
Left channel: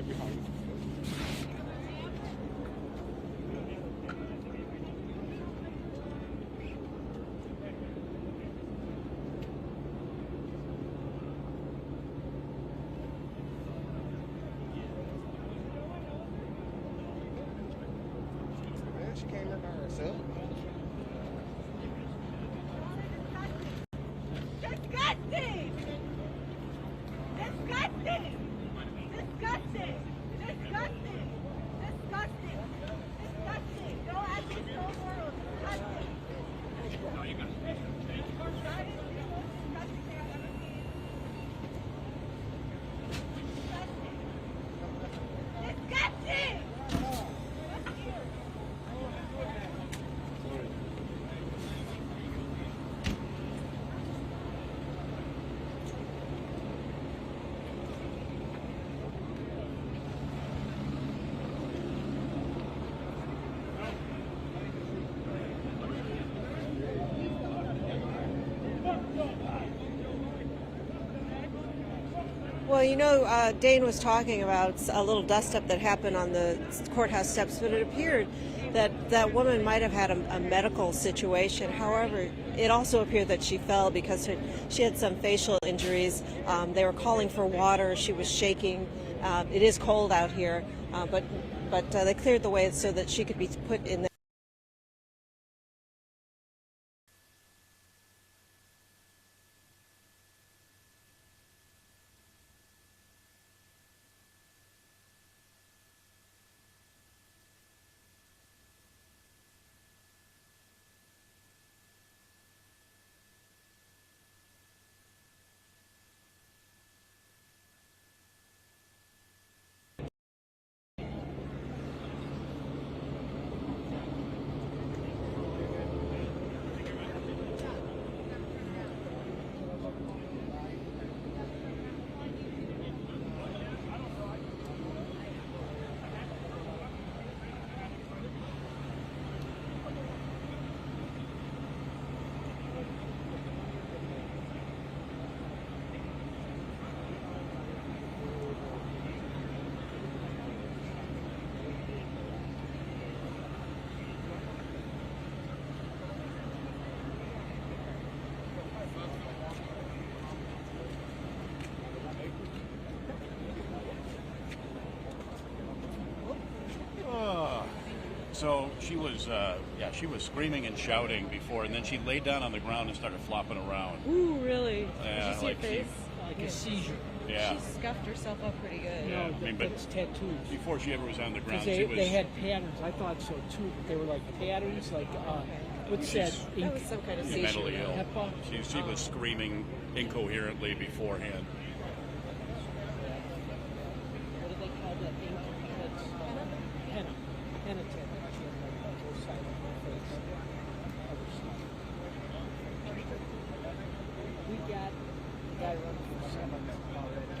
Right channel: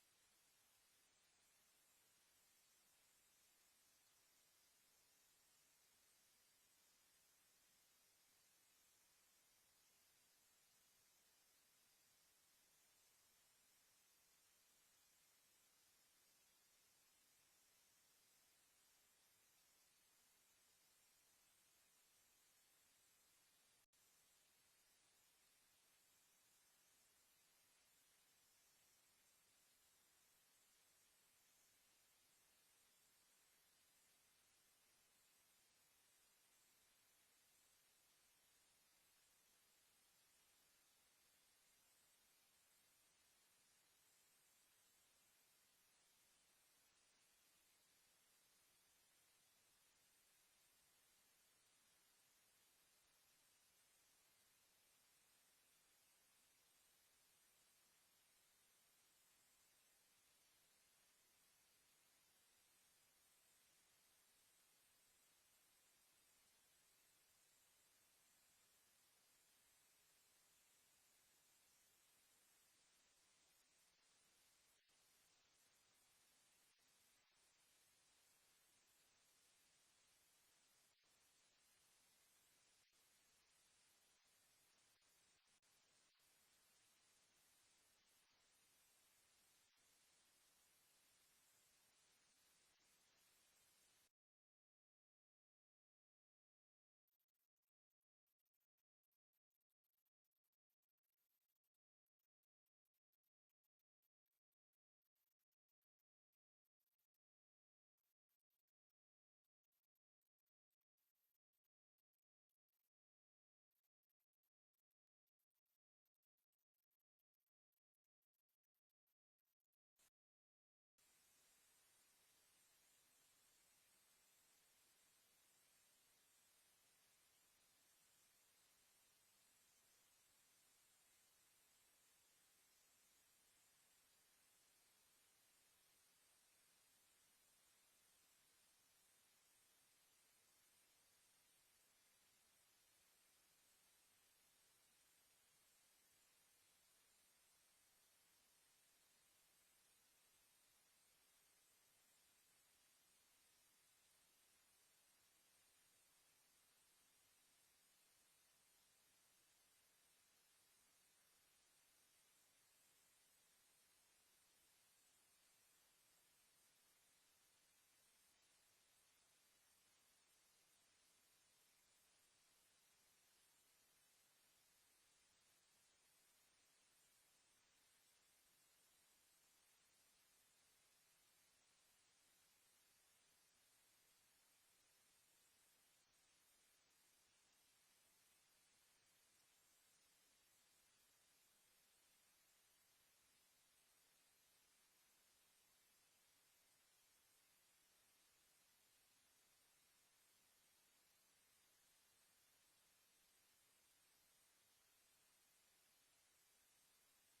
right behind you. She came in by herself. Disgusting! Disgusting! Disgusting! Disgusting! Disgusting! Disgusting! Go at this whole world. Disgusting! No, you got it. Disgusting! Well, you know, Dane was talking about a little dust-up that happened on the courthouse steps, but it appeared that that woman might have had a medical situation. However, it also appeared that she fell because she had some facial injuries. They were calling for water. She was shaking. It is cold out here, but they cleared the way so that she could be put in the So she was, she was screaming and shouting before, and then she laid down on the ground and started flopping around. Ooh, really? Yeah, Did you see like her face? Like a seizure. Yeah. She scuffed herself up pretty good. Yeah, No, I mean, but it's tattoos. before she ever was on the ground, They, she was. they had patterns. I thought so too, but they were like patterns, like what's that? That was some kind of seizure. mentally ill. HEPA? She was screaming incoherently beforehand. What do they call that ink? That's henna. Henna tattoo. She had like both sides of her face. Other side. We got the guy running for Senate.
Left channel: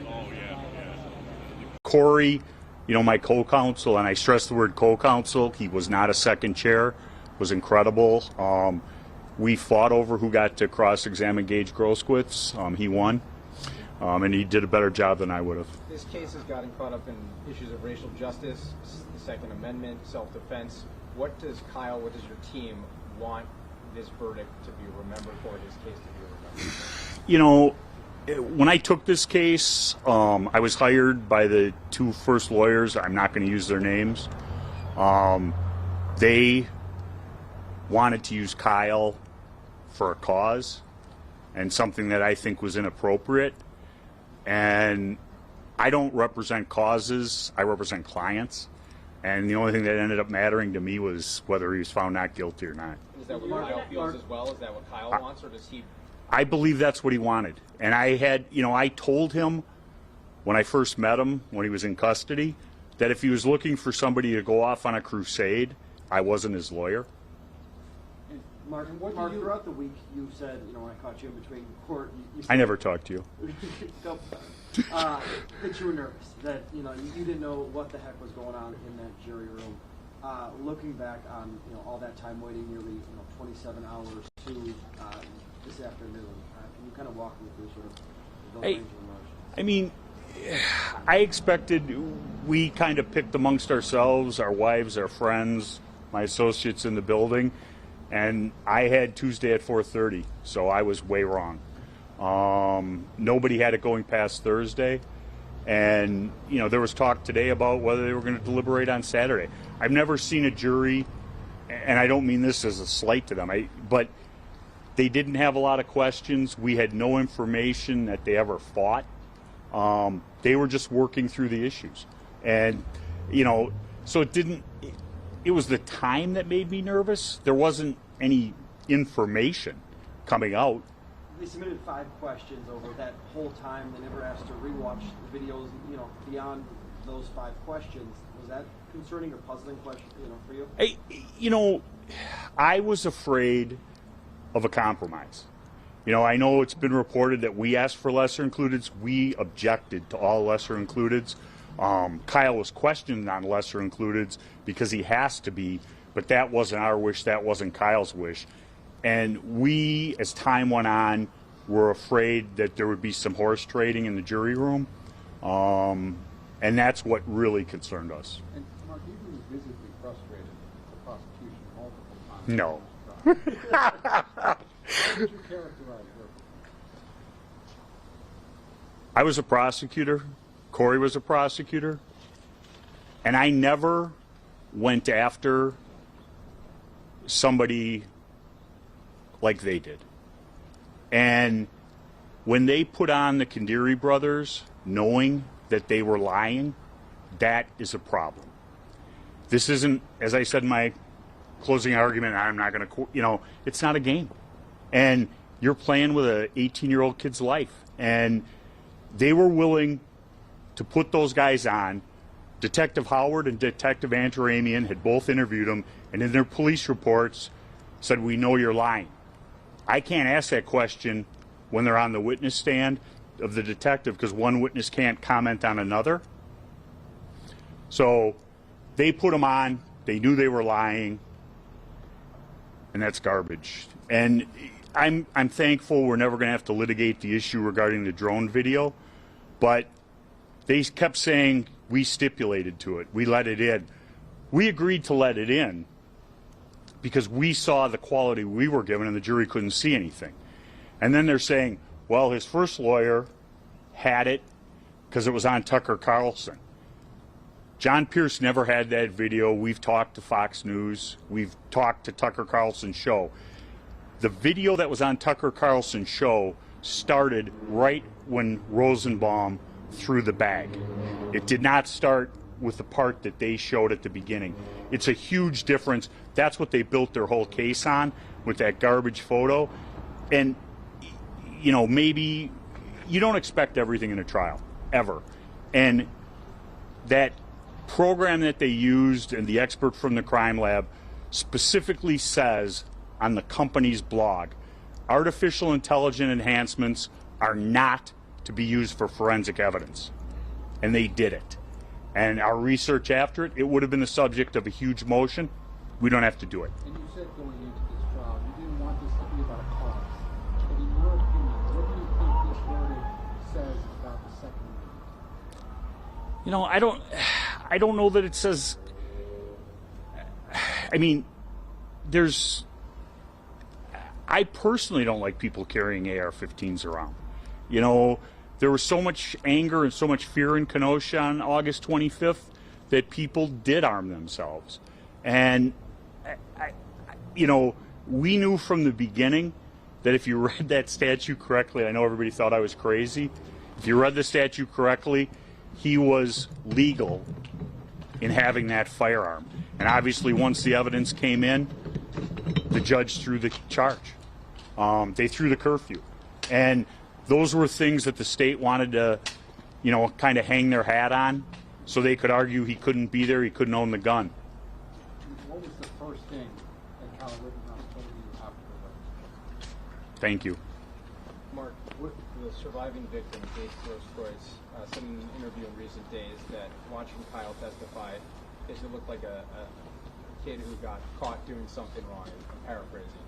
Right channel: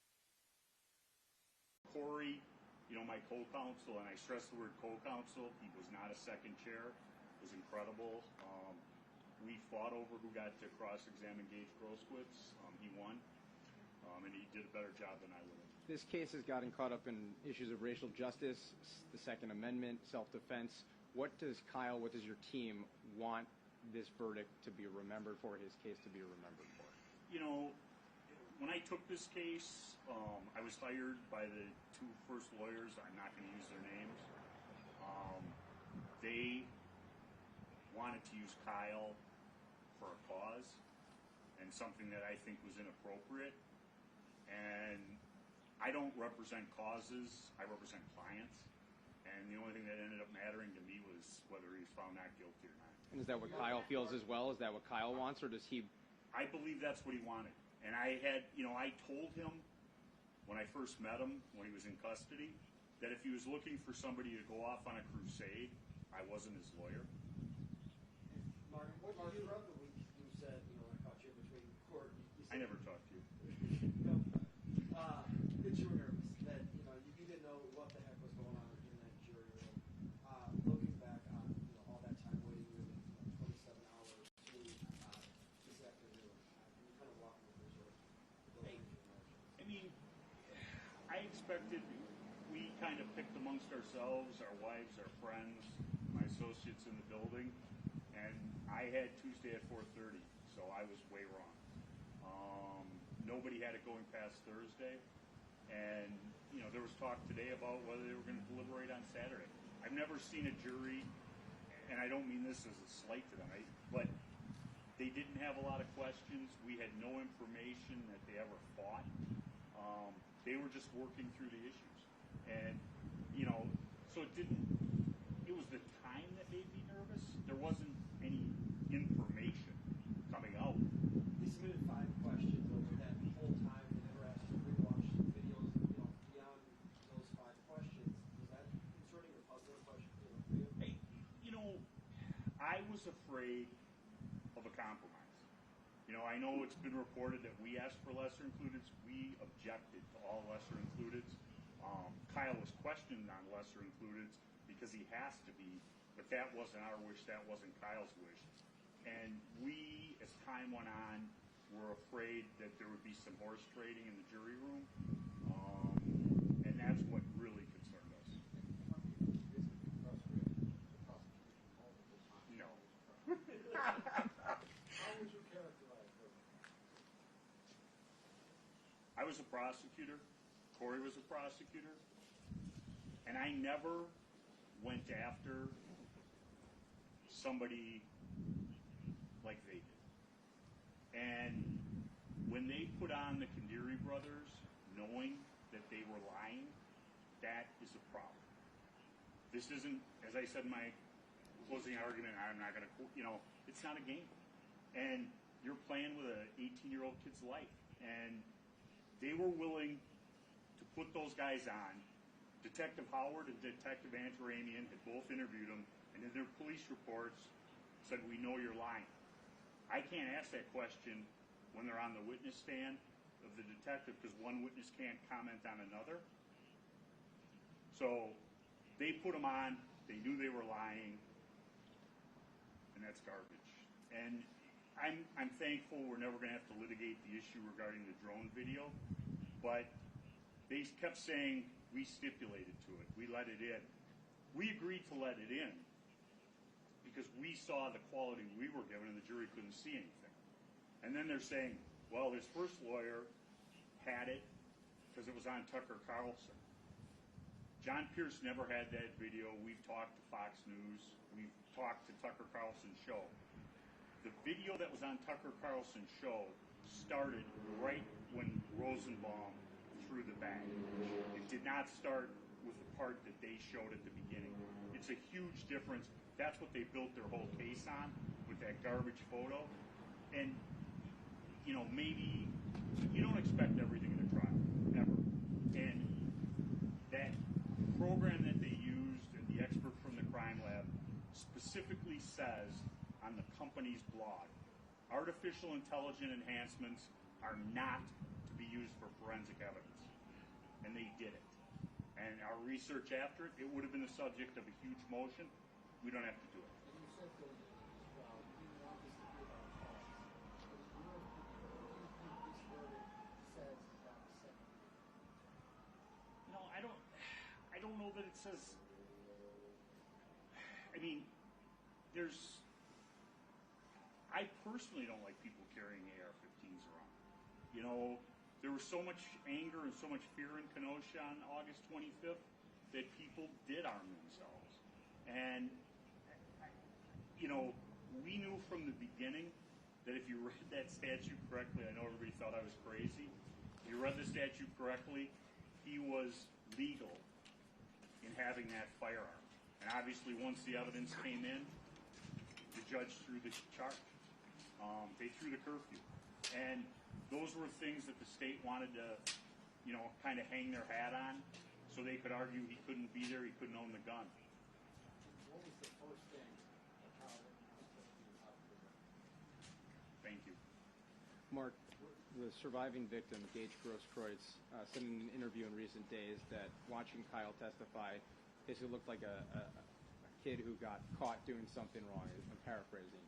Oh, yeah. Corey, you know, my co-counsel, and I stress the word co-counsel, he was not a second chair, was incredible. We fought over who got to cross-examine Gaige Grosskreutz. He won, and he did a better job than I would have. This case has gotten caught up in issues of racial justice, the Second Amendment, self-defense. What does your team want this verdict to be remembered for, this case to be remembered for? You know, when I took this case, I was hired by the two first lawyers. I'm not going to use their names. They wanted to use Kyle for a cause and something that I think was inappropriate. And I don't represent causes, I represent clients. And the only thing that ended up mattering to me was whether he was found not guilty or not. Is that what Kyle feels as well? Is that what Kyle wants, or does he? I believe that's what he wanted. And I had, you know, I told him when I first met him, when he was in custody, that if he was looking for somebody to go off on a crusade, I wasn't his lawyer. Martin, throughout the week, you said, you know, when I caught you in between court, you I never talked to you. That you were nervous, that, you know, you didn't know what the heck was going on in that jury room. Looking back on, you know, all that time waiting, nearly, you know, 27 hours to this afternoon, can you kind of walk me through sort of those range of emotions? I mean, I expected, we kind of picked amongst ourselves, our wives, our friends, my associates in the building, and I had Tuesday at 4:30, so I was way wrong. Nobody had it going past Thursday, and there was talk today about whether they were going to deliberate on Saturday. I've never seen a jury, and I don't mean this as a slight to them, but they didn't have a lot of questions. We had no information that they ever fought. They were just working through the issues. And, so it was the time that made me nervous. There wasn't any information coming out. They submitted 5 questions over that whole time. They never asked to rewatch the videos, beyond those 5 questions. Was that concerning or puzzling question, for you? I was afraid of a compromise. I know it's been reported that we asked for lesser includeds. We objected to all lesser includeds. Kyle was questioned on lesser includeds because he has to be, but that wasn't our wish, that wasn't Kyle's wish. And we, as time went on, were afraid that there would be some horse trading in the jury room. And that's what really concerned us. And Mark, you've been visibly frustrated with the prosecution multiple times. No. How would you characterize her? I was a prosecutor. Corey was a prosecutor. And I never went after somebody like they did. And when they put on the Kandiri brothers, knowing that they were lying, that is a problem. This isn't, as I said in my closing argument, I'm not going to, it's not a game. And you're playing with an 18-year-old kid's life. And they were willing to put those guys on. Detective Howard and Detective Antaramian had both interviewed them, and in their police reports said, "We know you're lying." I can't ask that question when they're on the witness stand of the detective because one witness can't comment on another. So they put them on. They knew they were lying, and that's garbage. And I'm thankful we're never going to have to litigate the issue regarding the drone video, but they kept saying we stipulated to it. We let it in. We agreed to let it in because we saw the quality we were given and the jury couldn't see anything. And then they're saying, well, his first lawyer had it because it was on Tucker Carlson. John Pierce never had that video. We've talked to Fox News. We've talked to Tucker Carlson's show. The video that was on Tucker Carlson's show started right when Rosenbaum threw the bag. It did not start with the part that they showed at the beginning. It's a huge difference. That's what they built their whole case on, with that garbage photo. And, maybe you don't expect everything in a trial, ever. And that program that they used and the expert from the crime lab specifically says on the company's blog, artificial intelligence enhancements are not to be used for forensic evidence. And they did it. And our research after it, it would have been the subject of a huge motion. We don't have to do it. And you said going into this trial, you didn't want this to be about a cause. But in your opinion, what do you think this verdict says about the Second Amendment? I don't know that it says, I personally don't like people carrying AR-15s around. There was so much anger and so much fear in Kenosha on August 25th that people did arm themselves. And, we knew from the beginning that if you read that statute correctly, I know everybody thought I was crazy. If you read the statute correctly, he was legal in having that firearm. And obviously, once the evidence came in, the judge threw the charge. They threw the curfew. And those were things that the state wanted to, kind of hang their hat on so they could argue he couldn't be there, he couldn't own the gun. What was the first thing that Kyle Rittenhouse told you after the verdict? Thank you. Mark, with the surviving victim, Gaige Grosskreutz, said in an interview in recent days that watching Kyle testify, it looked like a kid who got caught doing something wrong. I'm paraphrasing.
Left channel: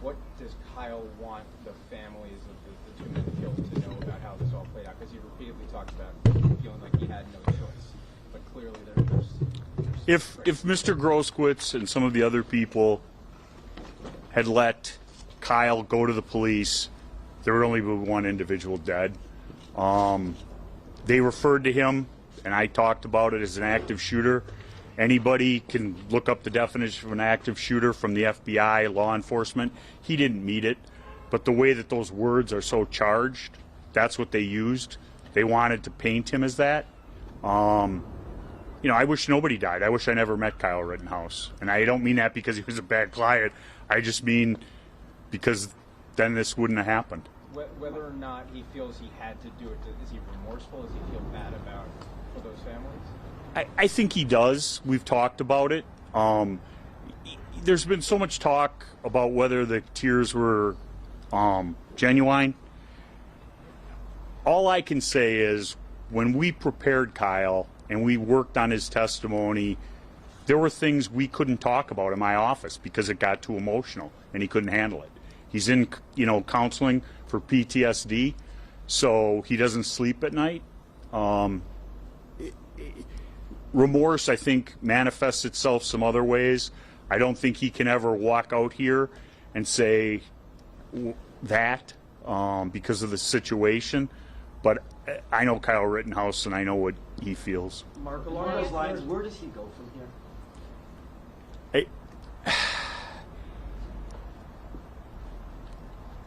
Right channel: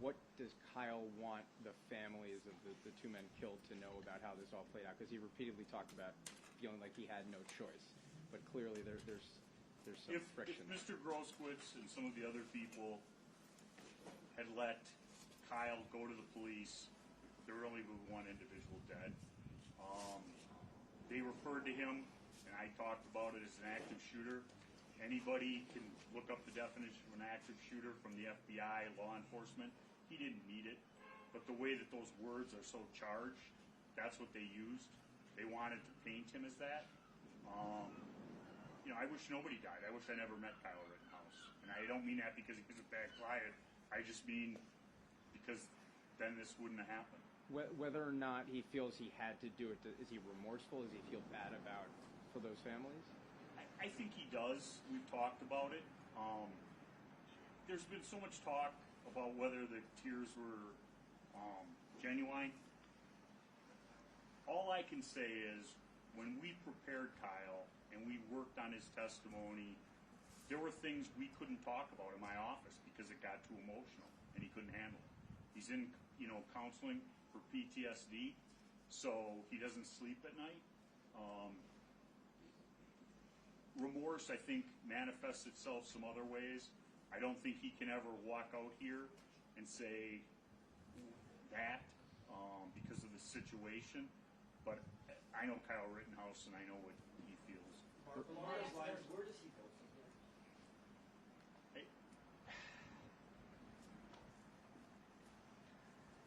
what does Kyle want the families of the two men killed to know about how this all played out? Because he repeatedly talked about feeling like he had no choice, but clearly there's if Mr. Grosskreutz and some of the other people had let Kyle go to the police, there would only be one individual dead. They referred to him, and I talked about it, as an active shooter. Anybody can look up the definition of an active shooter from the FBI, law enforcement. He didn't meet it, but the way that those words are so charged, that's what they used. They wanted to paint him as that. You know, I wish nobody died. I wish I never met Kyle Rittenhouse. And I don't mean that because he was a bad client. I just mean because then this wouldn't have happened. Whether or not he feels he had to do it, is he remorseful? Does he feel bad about for those families? I think he does. We've talked about it. There's been so much talk about whether the tears were genuine. All I can say is when we prepared Kyle and we worked on his testimony, there were things we couldn't talk about in my office because it got too emotional and he couldn't handle it. He's in, counseling for PTSD, so he doesn't sleep at night. Remorse, I think, manifests itself some other ways. I don't think he can ever walk out here and say that because of the situation. But I know Kyle Rittenhouse, and I know what he feels. Mark, along those lines, where does he go from here?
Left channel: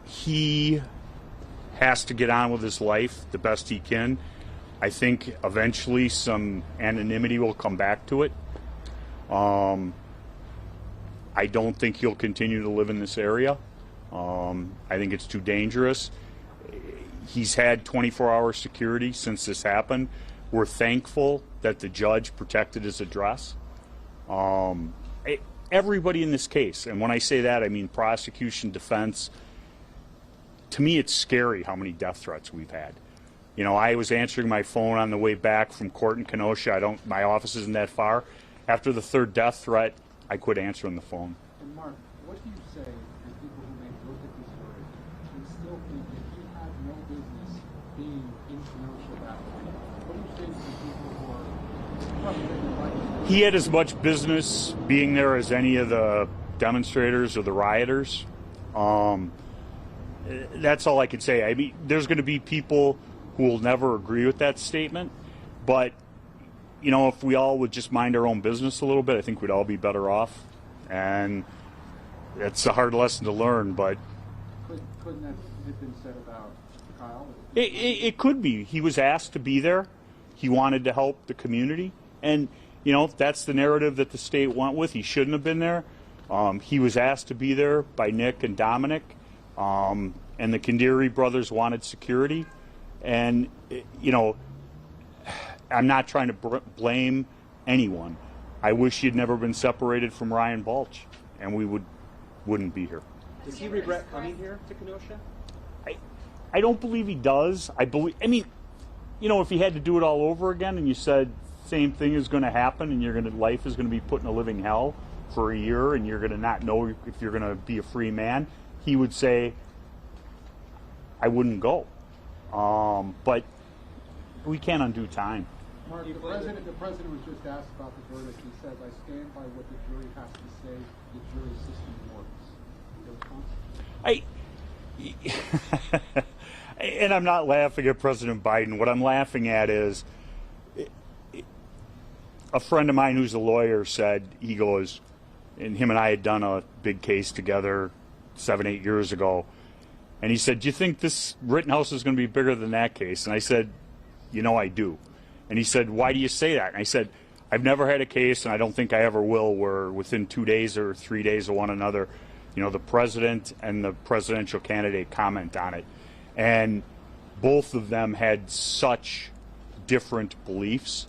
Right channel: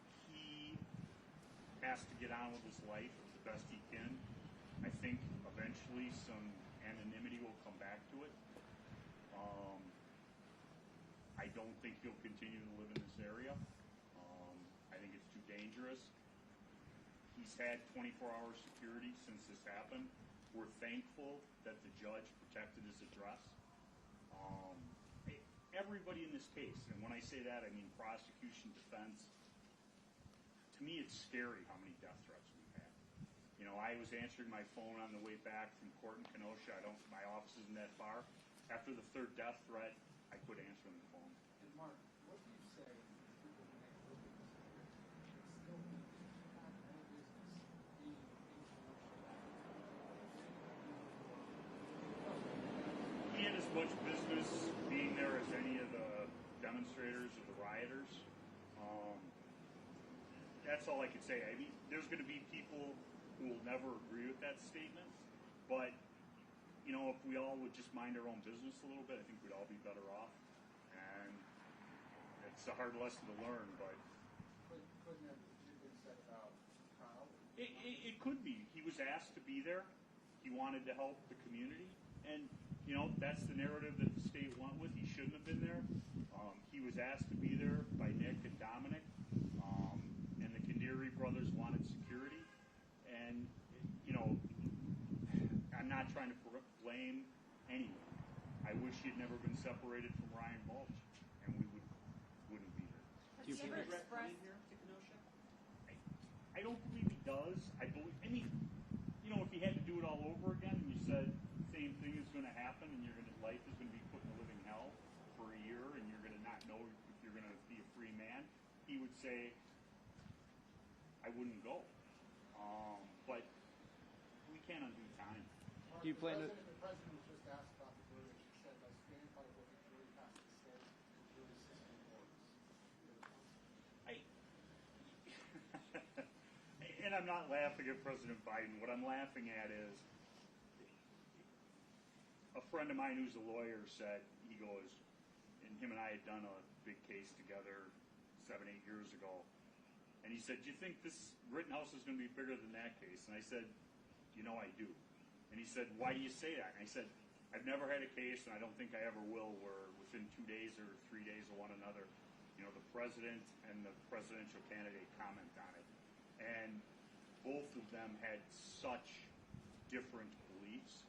He has to get on with his life the best he can. I think eventually some anonymity will come back to it. I don't think he'll continue to live in this area. I think it's too dangerous. He's had 24-hour security since this happened. We're thankful that the judge protected his address. Everybody in this case, and when I say that, I mean prosecution, defense. To me, it's scary how many death threats we've had. I was answering my phone on the way back from court in Kenosha. My office isn't that far. After the third death threat, I quit answering the phone. And Mark, what do you say to people who may look at this verdict and still think that he had no business being in Kenosha that way? What do you say to the people who are frustrated by this? He had as much business being there as any of the demonstrators or the rioters. That's all I can say. I mean, there's going to be people who will never agree with that statement, but if we all would just mind our own business a little bit, I think we'd all be better off. And it's a hard lesson to learn, but couldn't that have been said about Kyle? It could be. He was asked to be there. He wanted to help the community, and that's the narrative that the state went with. He shouldn't have been there. He was asked to be there by Nick and Dominic, and the Kandiri brothers wanted security. And I'm not trying to blame anyone. I wish he had never been separated from Ryan Balch, and we wouldn't be here. Does he regret coming here to Kenosha? I don't believe he does. If he had to do it all over again, and you said same thing is going to happen, and life is going to be put in a living hell for a year, and you're going to not know if you're going to be a free man, he would say, I wouldn't go. But we can't undo time. Mark, the president was just asked about the verdict. He said, I stand by what the jury has to say. The jury system works. And I'm not laughing at President Biden. What I'm laughing at is a friend of mine who's a lawyer said, he goes, and him and I had done a big case together 7-8 years ago. And he said, do you think this Rittenhouse is going to be bigger than that case? And I said, I do. And he said, why do you say that? And I said, I've never had a case, and I don't think I ever will, where within 2 days or 3 days of one another, the president and the presidential candidate comment on it. And both of them had such different beliefs.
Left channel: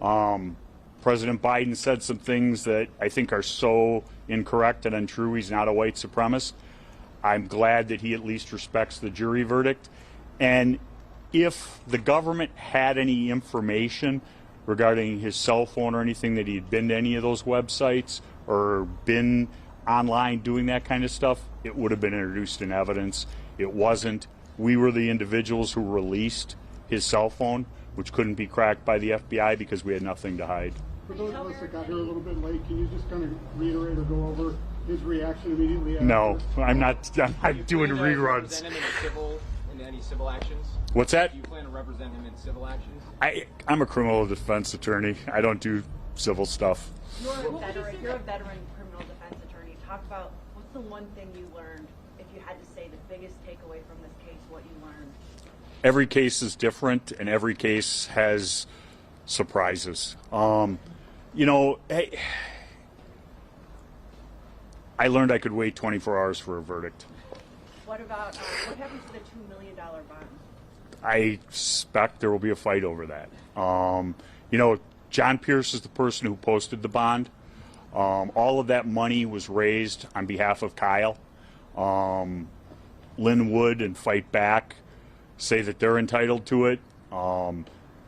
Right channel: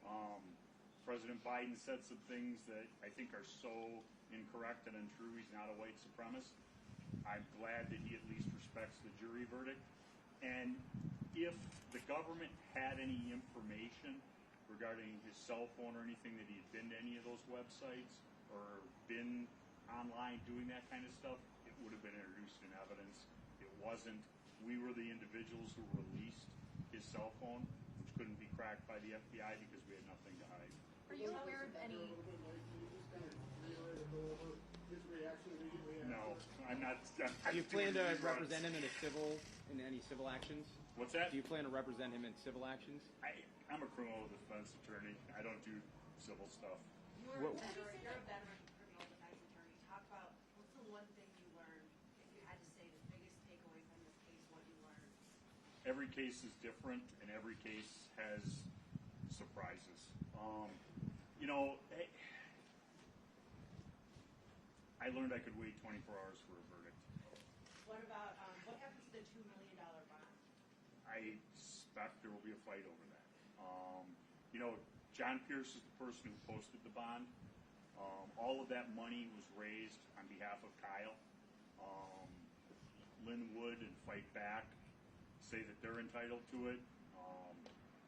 President Biden said some things that I think are so incorrect and untrue. He's not a white supremacist. I'm glad that he at least respects the jury verdict. And if the government had any information regarding his cell phone or anything, that he had been to any of those websites or been online doing that kind of stuff, it would have been introduced in evidence. It wasn't. We were the individuals who released his cell phone, which couldn't be cracked by the FBI because we had nothing to hide. For those of us that got here a little bit late, can you just kind of reiterate or go over his reaction immediately after? No, I'm not doing Do you plan to reruns. represent him in any civil actions? What's that? Do you plan to represent him in civil actions? I'm a criminal defense attorney. I don't do civil stuff. You're a veteran criminal defense attorney. Talk about what's the one thing you learned, if you had to say the biggest takeaway from this case, what you learned? Every case is different, and every case has surprises. You know, hey, I learned I could wait 24 hours for a verdict. What about what happens to the $2 million bond? I suspect there will be a fight over that. You know, John Pierce is the person who posted the bond. All of that money was raised on behalf of Kyle. Lynn Wood and Fight Back say that they're entitled to it.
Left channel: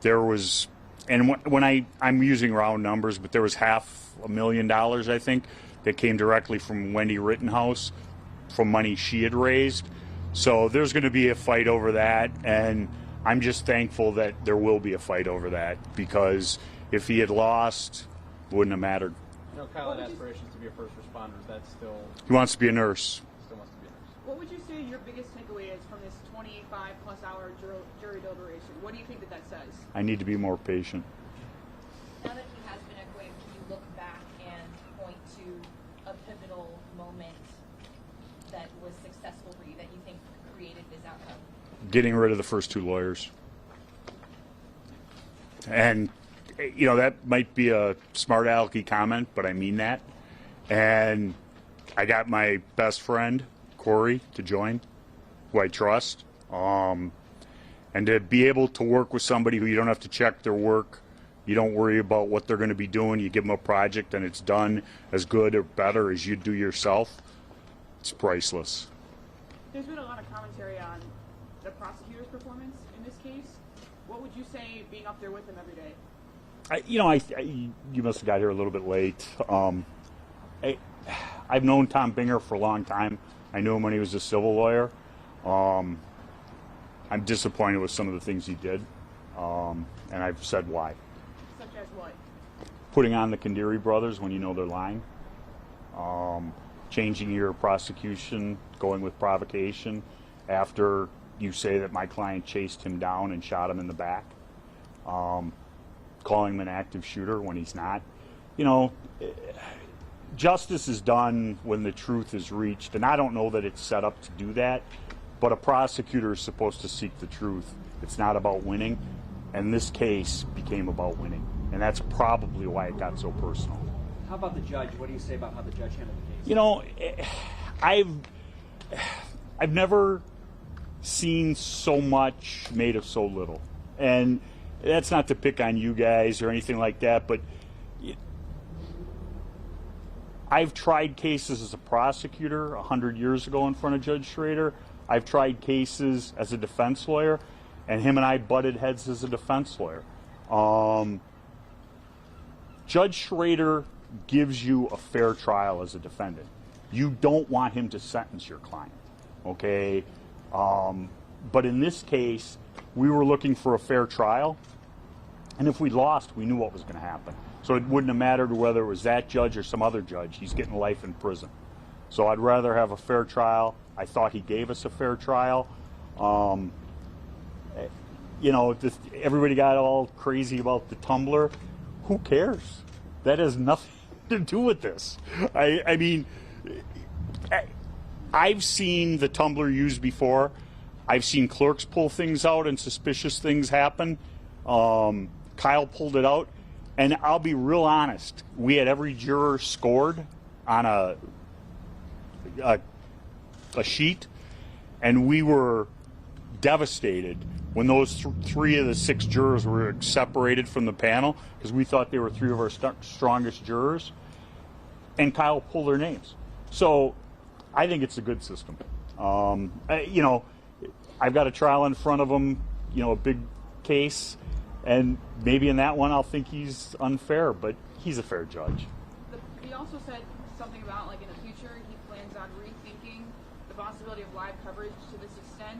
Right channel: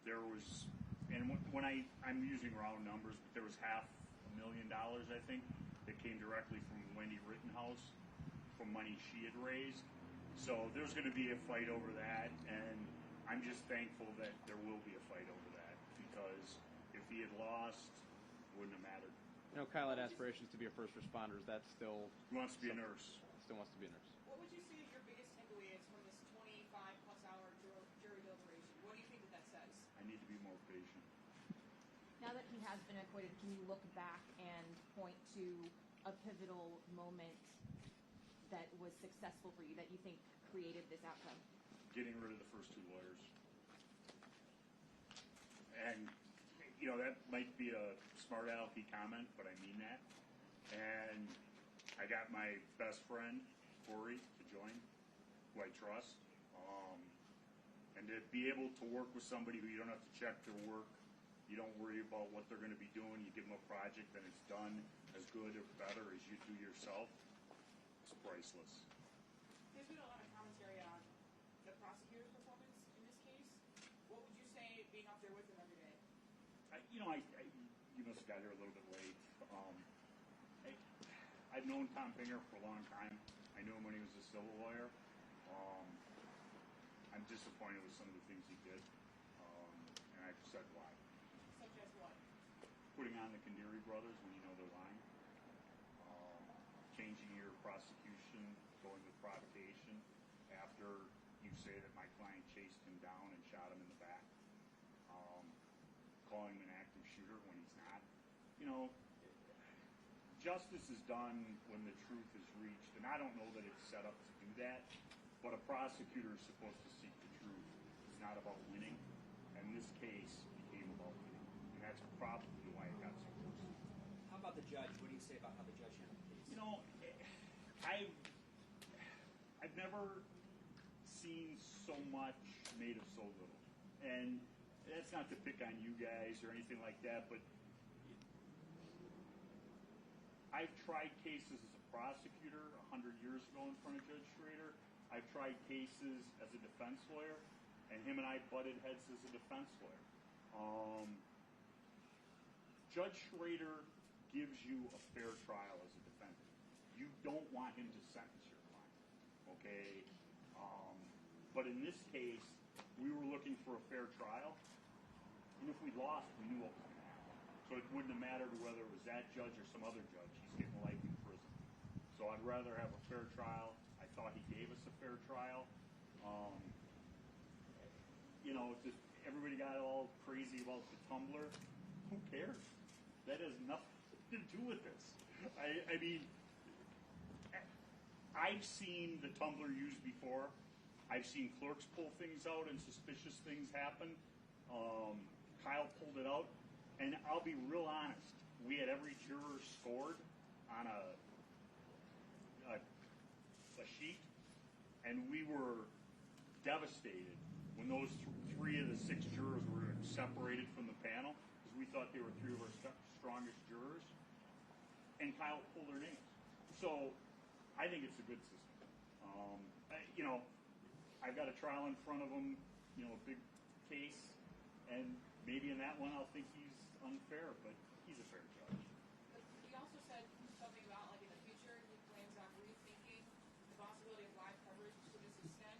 There was, and when I'm using round numbers, but there was $500,000, I think, that came directly from Wendy Rittenhouse from money she had raised. So there's going to be a fight over that, and I'm just thankful that there will be a fight over that, because if he had lost, it wouldn't have mattered. You know, Kyle had aspirations to be a first responder. Is that still? He wants to be a nurse. Still wants to be a nurse. What would you say your biggest takeaway is from this 25-plus hour jury deliberation? What do you think that says? I need to be more patient. Now that he has been acquitted, can you look back and point to a pivotal moment that was successful for you, that you think created this outcome? Getting rid of the first two lawyers. And, you know, that might be a smart alecky comment, but I mean that. And I got my best friend, Corey, to join, who I trust. And to be able to work with somebody who you don't have to check their work, you don't worry about what they're going to be doing, you give them a project and it's done as good or better as you do yourself, it's priceless. There's been a lot of commentary on the prosecutor's performance in this case. What would you say being up there with him every day? You must have got here a little bit late. I've known Tom Binger for a long time. I knew him when he was a civil lawyer. I'm disappointed with some of the things he did, and I've said why. Such as what? Putting on the Kandiri brothers when you know they're lying. Changing your prosecution, going with provocation after you say that my client chased him down and shot him in the back. Calling him an active shooter when he's not. You know, justice is done when the truth is reached, and I don't know that it's set up to do that, but a prosecutor is supposed to seek the truth. It's not about winning, and this case became about winning, and that's probably why it got so personal. How about the judge? What do you say about how the judge handled the case? You know, I've never seen so much made of so little, and that's not to pick on you guys or anything like that, but I've tried cases as a prosecutor 100 years ago in front of Judge Schrader. I've tried cases as a defense lawyer, and him and I butted heads as a defense lawyer. Judge Schrader gives you a fair trial as a defendant. You don't want him to sentence your client, okay? But in this case, we were looking for a fair trial, and if we lost, we knew what was going to happen. So it wouldn't have mattered whether it was that judge or some other judge. He's getting life in prison. So I'd rather have a fair trial. I thought he gave us a fair trial. You know, everybody got all crazy about the tumbler. Who cares? That has nothing to do with this. I mean, I've seen the tumbler used before. I've seen clerks pull things out and suspicious things happen. Kyle pulled it out. And I'll be real honest, we had every juror scored on a sheet, and we were devastated when those 3 of the 6 jurors were separated from the panel, because we thought they were 3 of our strongest jurors, and Kyle pulled their names. So I think it's a good system. You know, I've got a trial in front of him, you know, a big case, and maybe in that one I'll think he's unfair, but he's a fair judge. He also said something about, like, in the future he plans on rethinking possibility of live coverage to this extent.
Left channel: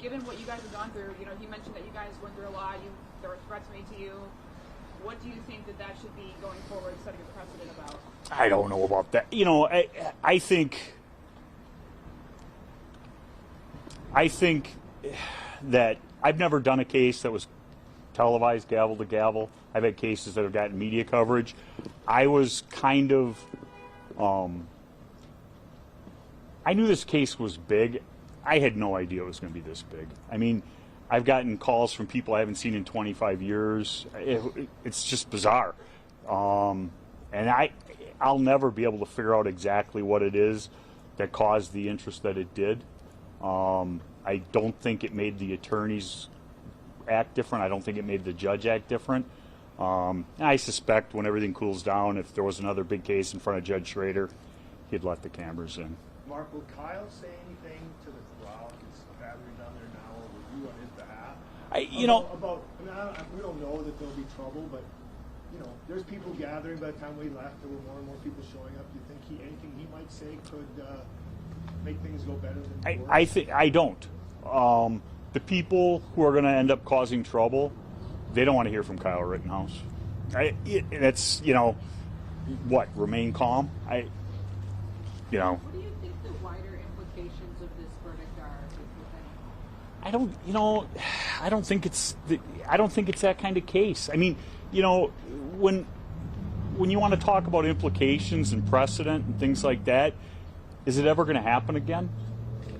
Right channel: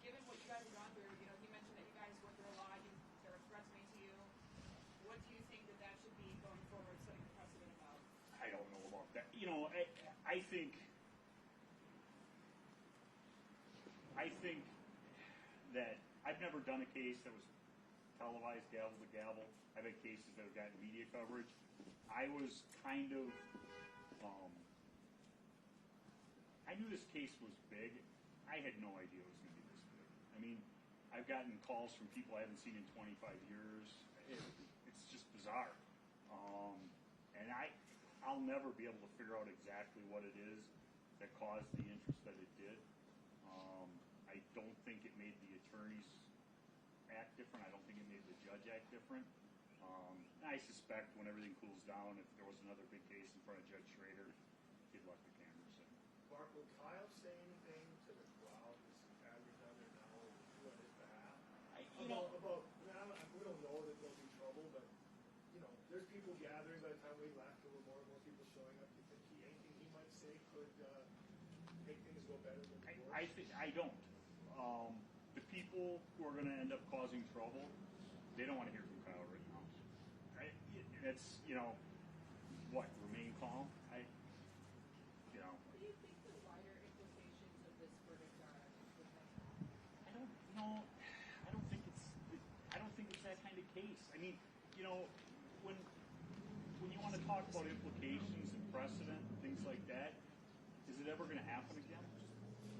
Given what you guys have gone through, you know, he mentioned that you guys went through a lot. There were threats made to you. What do you think that should be going forward, setting a precedent about? I don't know about that. You know, I think that I've never done a case that was televised gavel to gavel. I've had cases that have gotten media coverage. I was kind of, I knew this case was big. I had no idea it was going to be this big. I mean, I've gotten calls from people I haven't seen in 25 years. It's just bizarre. And I'll never be able to figure out exactly what it is that caused the interest that it did. I don't think it made the attorneys act different. I don't think it made the judge act different. I suspect when everything cools down, if there was another big case in front of Judge Schrader, he'd let the cameras in. Mark, will Kyle say anything to the crowd that's gathering down there now, or will you on his behalf? We don't know that there'll be trouble, but you know, there's people gathering. By the time we left, there were more and more people showing up. Do you think anything he might say could make things go better than before? I don't. The people who are going to end up causing trouble, they don't want to hear from Kyle Rittenhouse. It's, you know, what, remain calm? What do you think the wider implications of this verdict are, if anything? I don't think it's that kind of case. I mean, you know, when you want to talk about implications and precedent and things like that, is it ever going to happen again?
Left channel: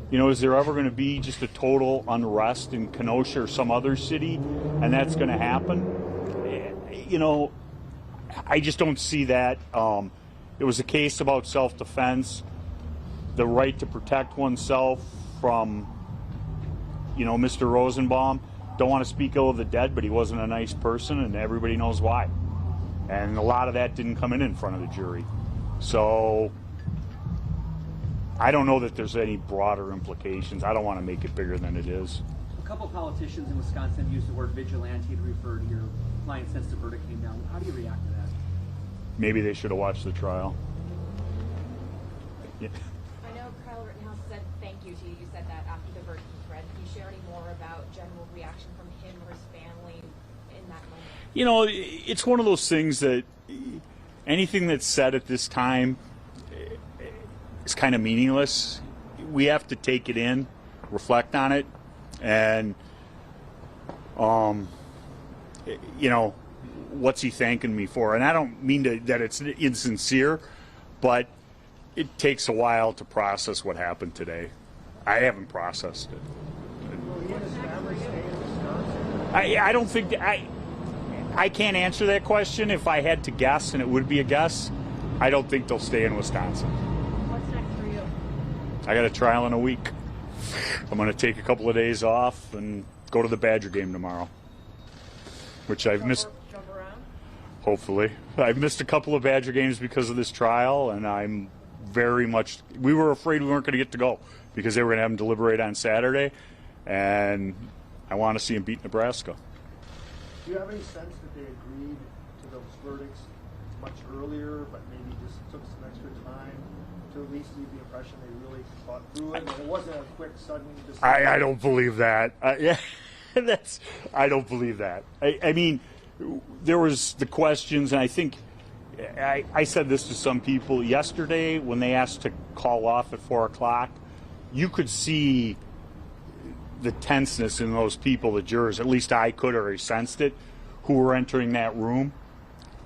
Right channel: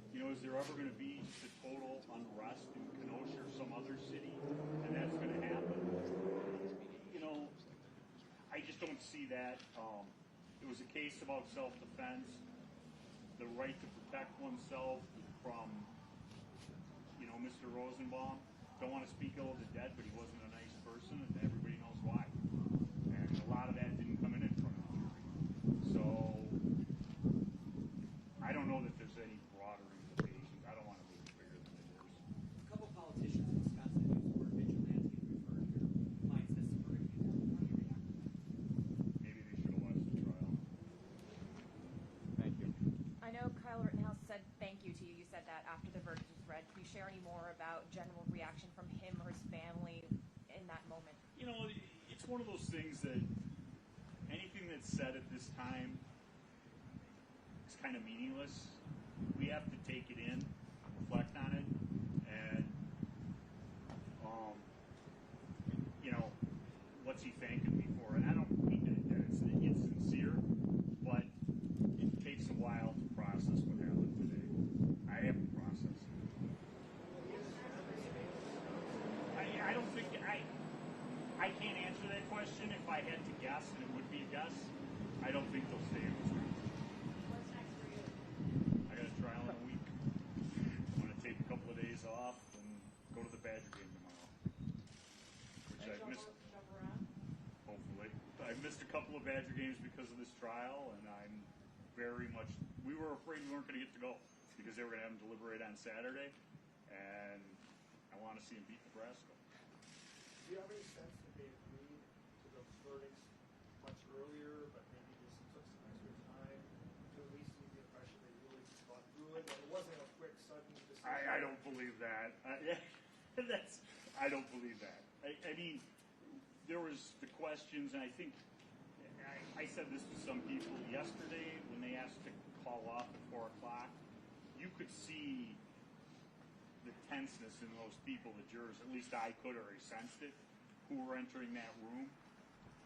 You know, is there ever going to be just a total unrest in Kenosha or some other city, and that's going to happen? You know, I just don't see that. It was a case about self-defense, the right to protect oneself from, you know, Mr. Rosenbaum. Don't want to speak ill of the dead, but he wasn't a nice person, and everybody knows why. And a lot of that didn't come in front of the jury. So I don't know that there's any broader implications. I don't want to make it bigger than it is. A couple politicians in Wisconsin have used the word vigilante to refer to your client since the verdict came down. How do you react to that? Maybe they should have watched the trial. Yeah. I know Kyle Rittenhouse said thank you to you. You said that after the verdict was read. Can you share any more about general reaction from him or his family in that moment? You know, it's one of those things that anything that's said at this time is kind of meaningless. We have to take it in, reflect on it, and you know, what's he thanking me for? And I don't mean that it's insincere, but it takes a while to process what happened today. I haven't processed it. Will he and his family stay in Wisconsin? I don't think I can't answer that question. If I had to guess, and it would be a guess, I don't think they'll stay in Wisconsin. What's next for you? I got a trial in a week. I'm going to take a couple of days off and go to the Badger game tomorrow, which I've missed. Jump around? Hopefully. I've missed a couple of Badger games because of this trial, and I'm very much. We were afraid we weren't going to get to go because they were going to have them deliberate on Saturday, and I want to see them beat Nebraska. Do you have any sense that they agreed to those verdicts much earlier, but maybe just took some extra time to at least leave the impression they really thought through it? And it wasn't a quick, sudden decision. I don't believe that. Yeah, I don't believe that. I mean, there was the questions, and I think I said this to some people yesterday when they asked to call off at 4 o'clock. You could see the tenseness in those people, the jurors, at least I could, or I sensed it, who were entering that room.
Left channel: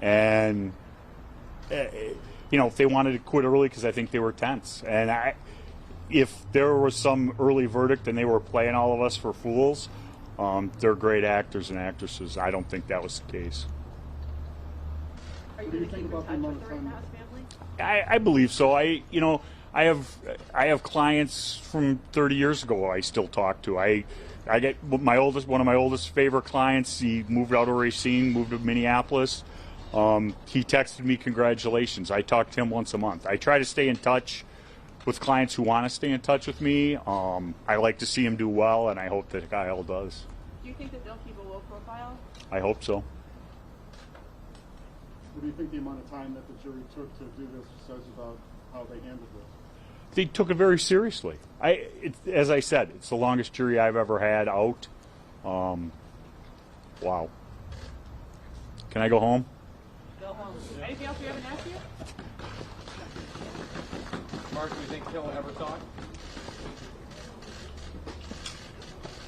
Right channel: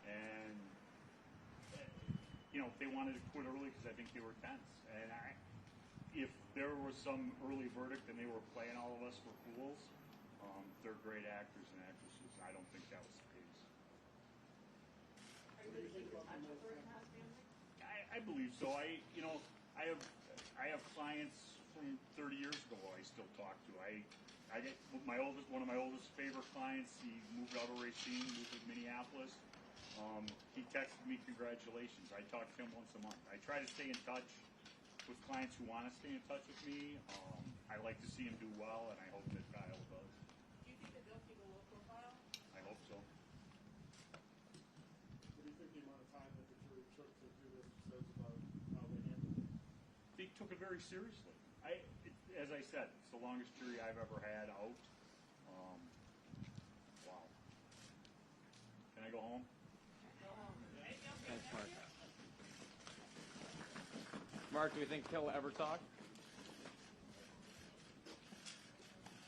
And, you know, if they wanted to quit early because I think they were tense. And if there was some early verdict and they were playing all of us for fools, they're great actors and actresses. I don't think that was the case. Are you going to keep in touch with the Rittenhouse family? I believe so. I have clients from 30 years ago I still talk to. I get one of my oldest favorite clients. He moved out of Racine, moved to Minneapolis. He texted me congratulations. I talk to him once a month. I try to stay in touch with clients who want to stay in touch with me. I like to see him do well, and I hope that Kyle does. Do you think that they'll keep a low profile? I hope so. What do you think the amount of time that the jury took to do this says about how they handled it? they took it very seriously. As I said, it's the longest jury I've ever had out. Wow. Can I go home? Go home. Anything else we haven't asked you? Mark, do you think he'll ever talk?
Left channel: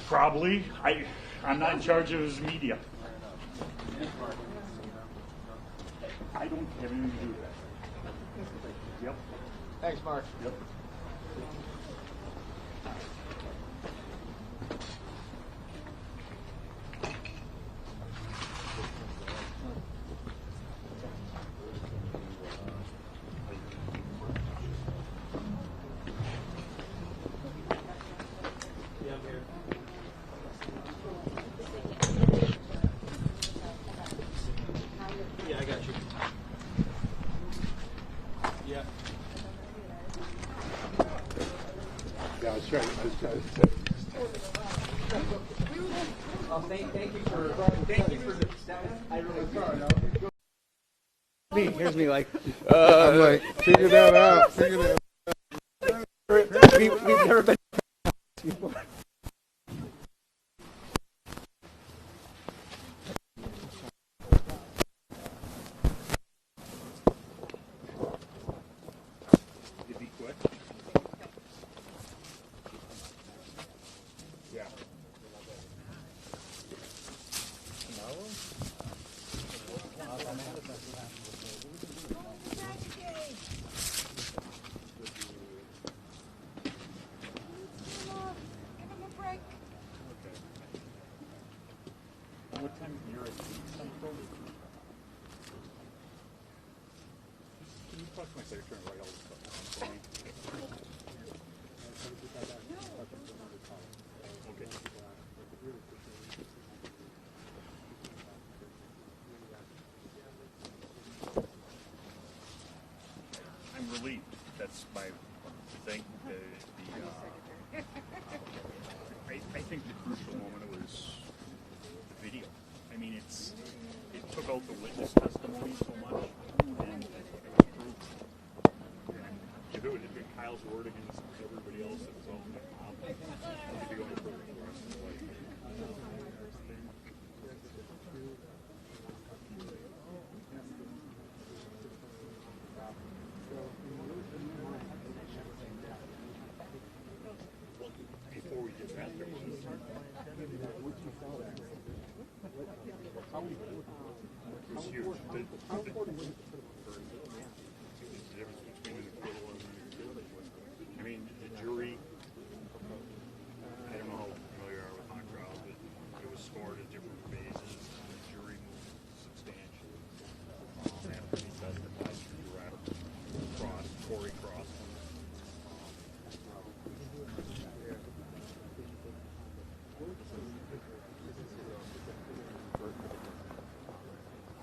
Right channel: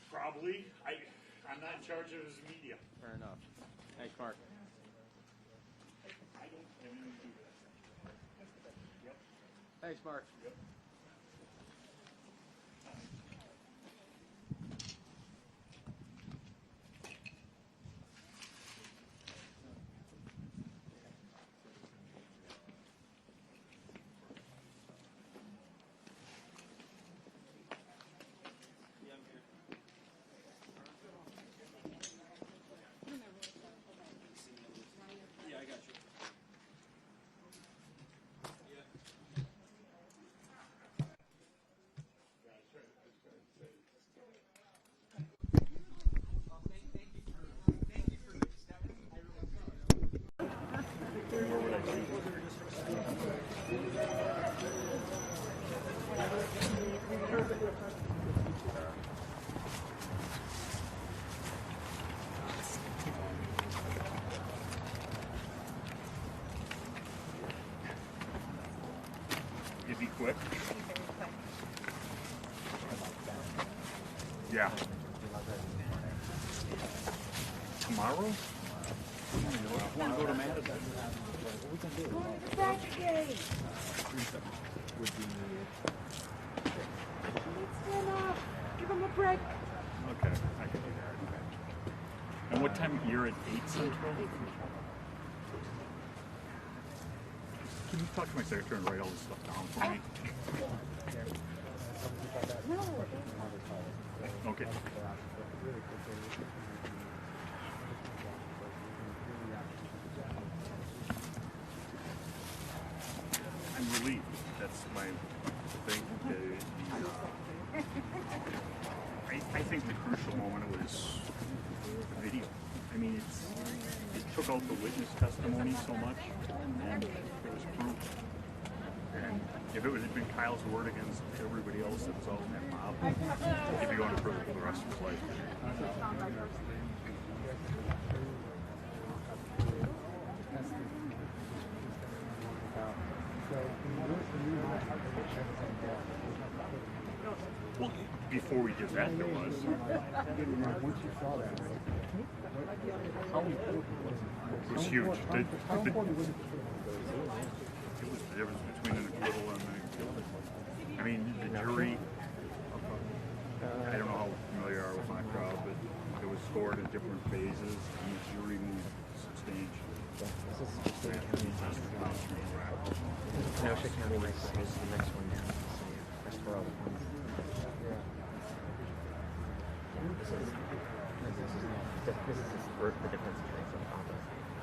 Probably. I'm not in charge of his media. I don't have anything to do with that. Yep. Thanks, Mark. Yep. Yeah, I got you. Yeah. Yeah, I was trying to Thank you for the I really me. Here's me like. I'm like, figure that out. Figure that out. We've never been. You be quick. Yeah. Tomorrow? I want to go to Madison. Give him a break. Okay, I can do that. And what time? You're at 8 Central? Can you talk to my secretary and write all this stuff down for me? Okay. I'm relieved. That's my thing. I think the crucial moment was the video. I mean, it took out the witness testimony so much. And if it had been Kyle's word against everybody else that was all in that mob, he'd be going to prison for the rest of his life. Well, before we did that, there was. Once you saw that, how important was it? It was huge. It was the difference between an acquittal and an guilty. I mean, the jury, I don't know how familiar you are with my crowd, but it was scored at different phases. And the jury moved substantially. Kenosha County is the next one down. That's for all.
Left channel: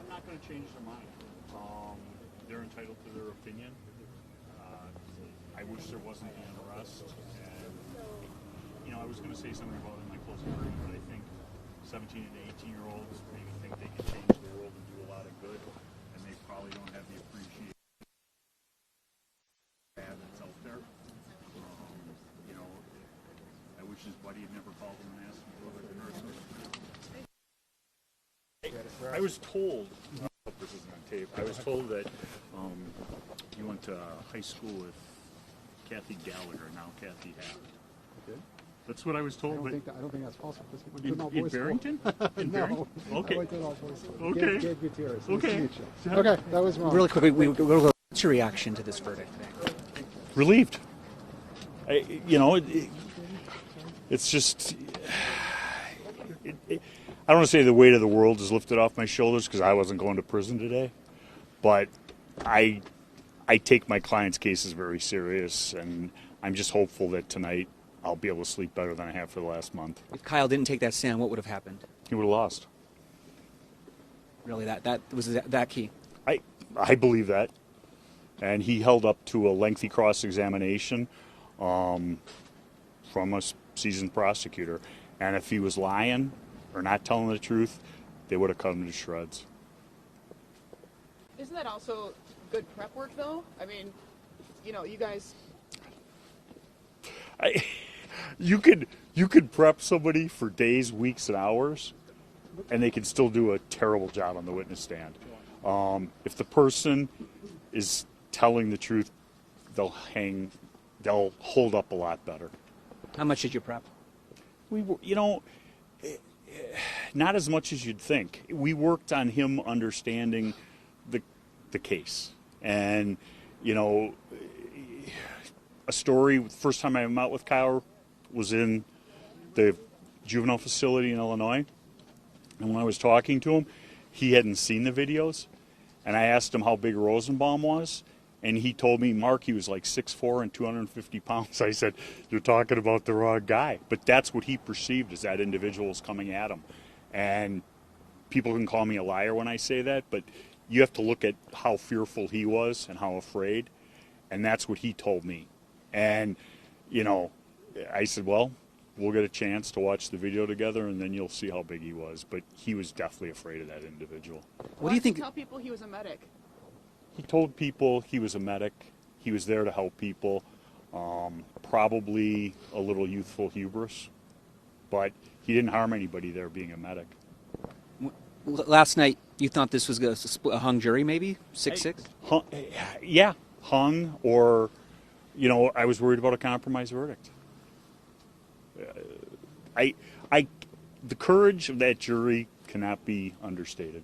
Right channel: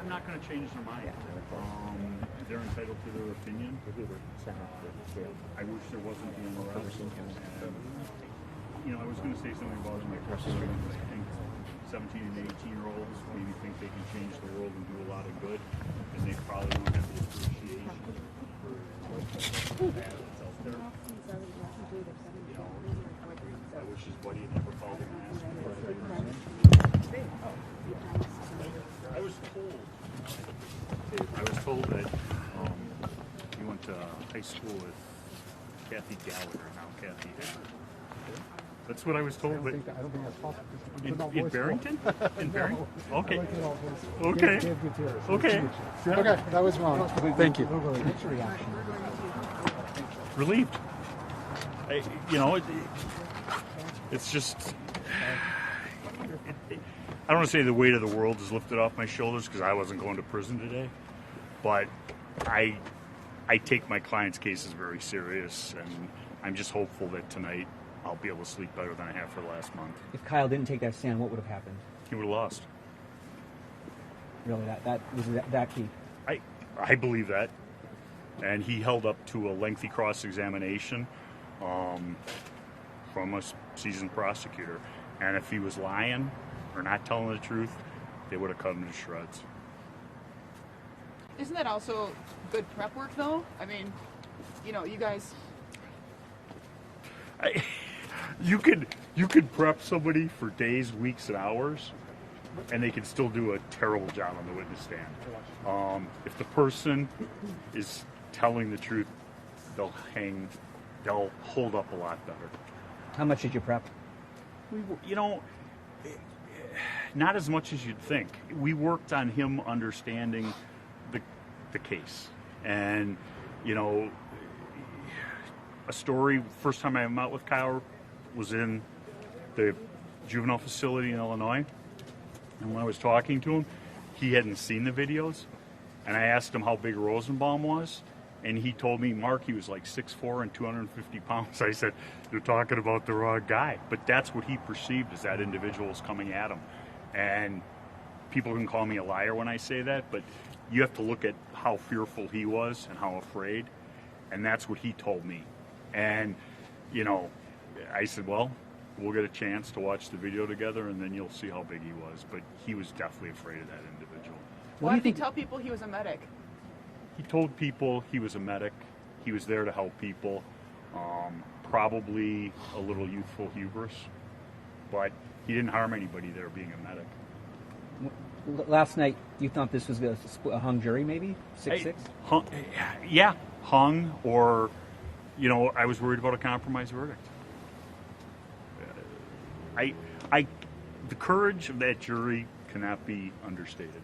I'm not going to change their mind. They're entitled to their opinion. I wish there wasn't the unrest. And, you know, I was going to say something about Mccarthy, but I think 17 and 18-year-olds maybe think they can change the world and do a lot of good, and they probably don't have the appreciation for that that's out there. You know, I wish his buddy had never called him and asked him for it. I was told that he went to high school with Kathy Gallagher, now Kathy Hatter. That's what I was told. I don't think that's possible. In Barrington? In Barrington? Okay. Okay. Okay. Okay, that was wrong. Really quickly, thank you. What's your reaction to this verdict? Relieved. It's just. I don't want to say the weight of the world is lifted off my shoulders because I wasn't going to prison today, but I take my clients' cases very serious, and I'm just hopeful that tonight I'll be able to sleep better than I have for the last month. If Kyle didn't take that stand, what would have happened? He would have lost. Really, that was that key. I believe that, and he held up to a lengthy cross-examination from a seasoned prosecutor, and if he was lying or not telling the truth, they would have cut him to shreds. Isn't that also good prep work, though? I mean, you know, you guys You could prep somebody for days, weeks, and hours, and they can still do a terrible job on the witness stand. If the person is telling the truth, they'll hold up a lot better. How much did you prep? Not as much as you'd think. We worked on him understanding the case, and a story. First time I met with Kyle was in the juvenile facility in Illinois, and when I was talking to him, he hadn't seen the videos, and I asked him how big Rosenbaum was, and he told me, Mark, he was like 6'4" and 250 pounds. I said, you're talking about the wrong guy. But that's what he perceived as that individual was coming at him. And people can call me a liar when I say that, but you have to look at how fearful he was and how afraid, and that's what he told me. And, I said, well, we'll get a chance to watch the video together, and then you'll see how big he was. But he was definitely afraid of that individual. What do you think? Tell people he was a medic. He told people he was a medic. He was there to help people. Probably a little youthful hubris, but he didn't harm anybody there being a medic. Last night, you thought this was a hung jury, maybe 6-6? Yeah, hung, or I was worried about a compromise verdict. The courage of that jury cannot be understated.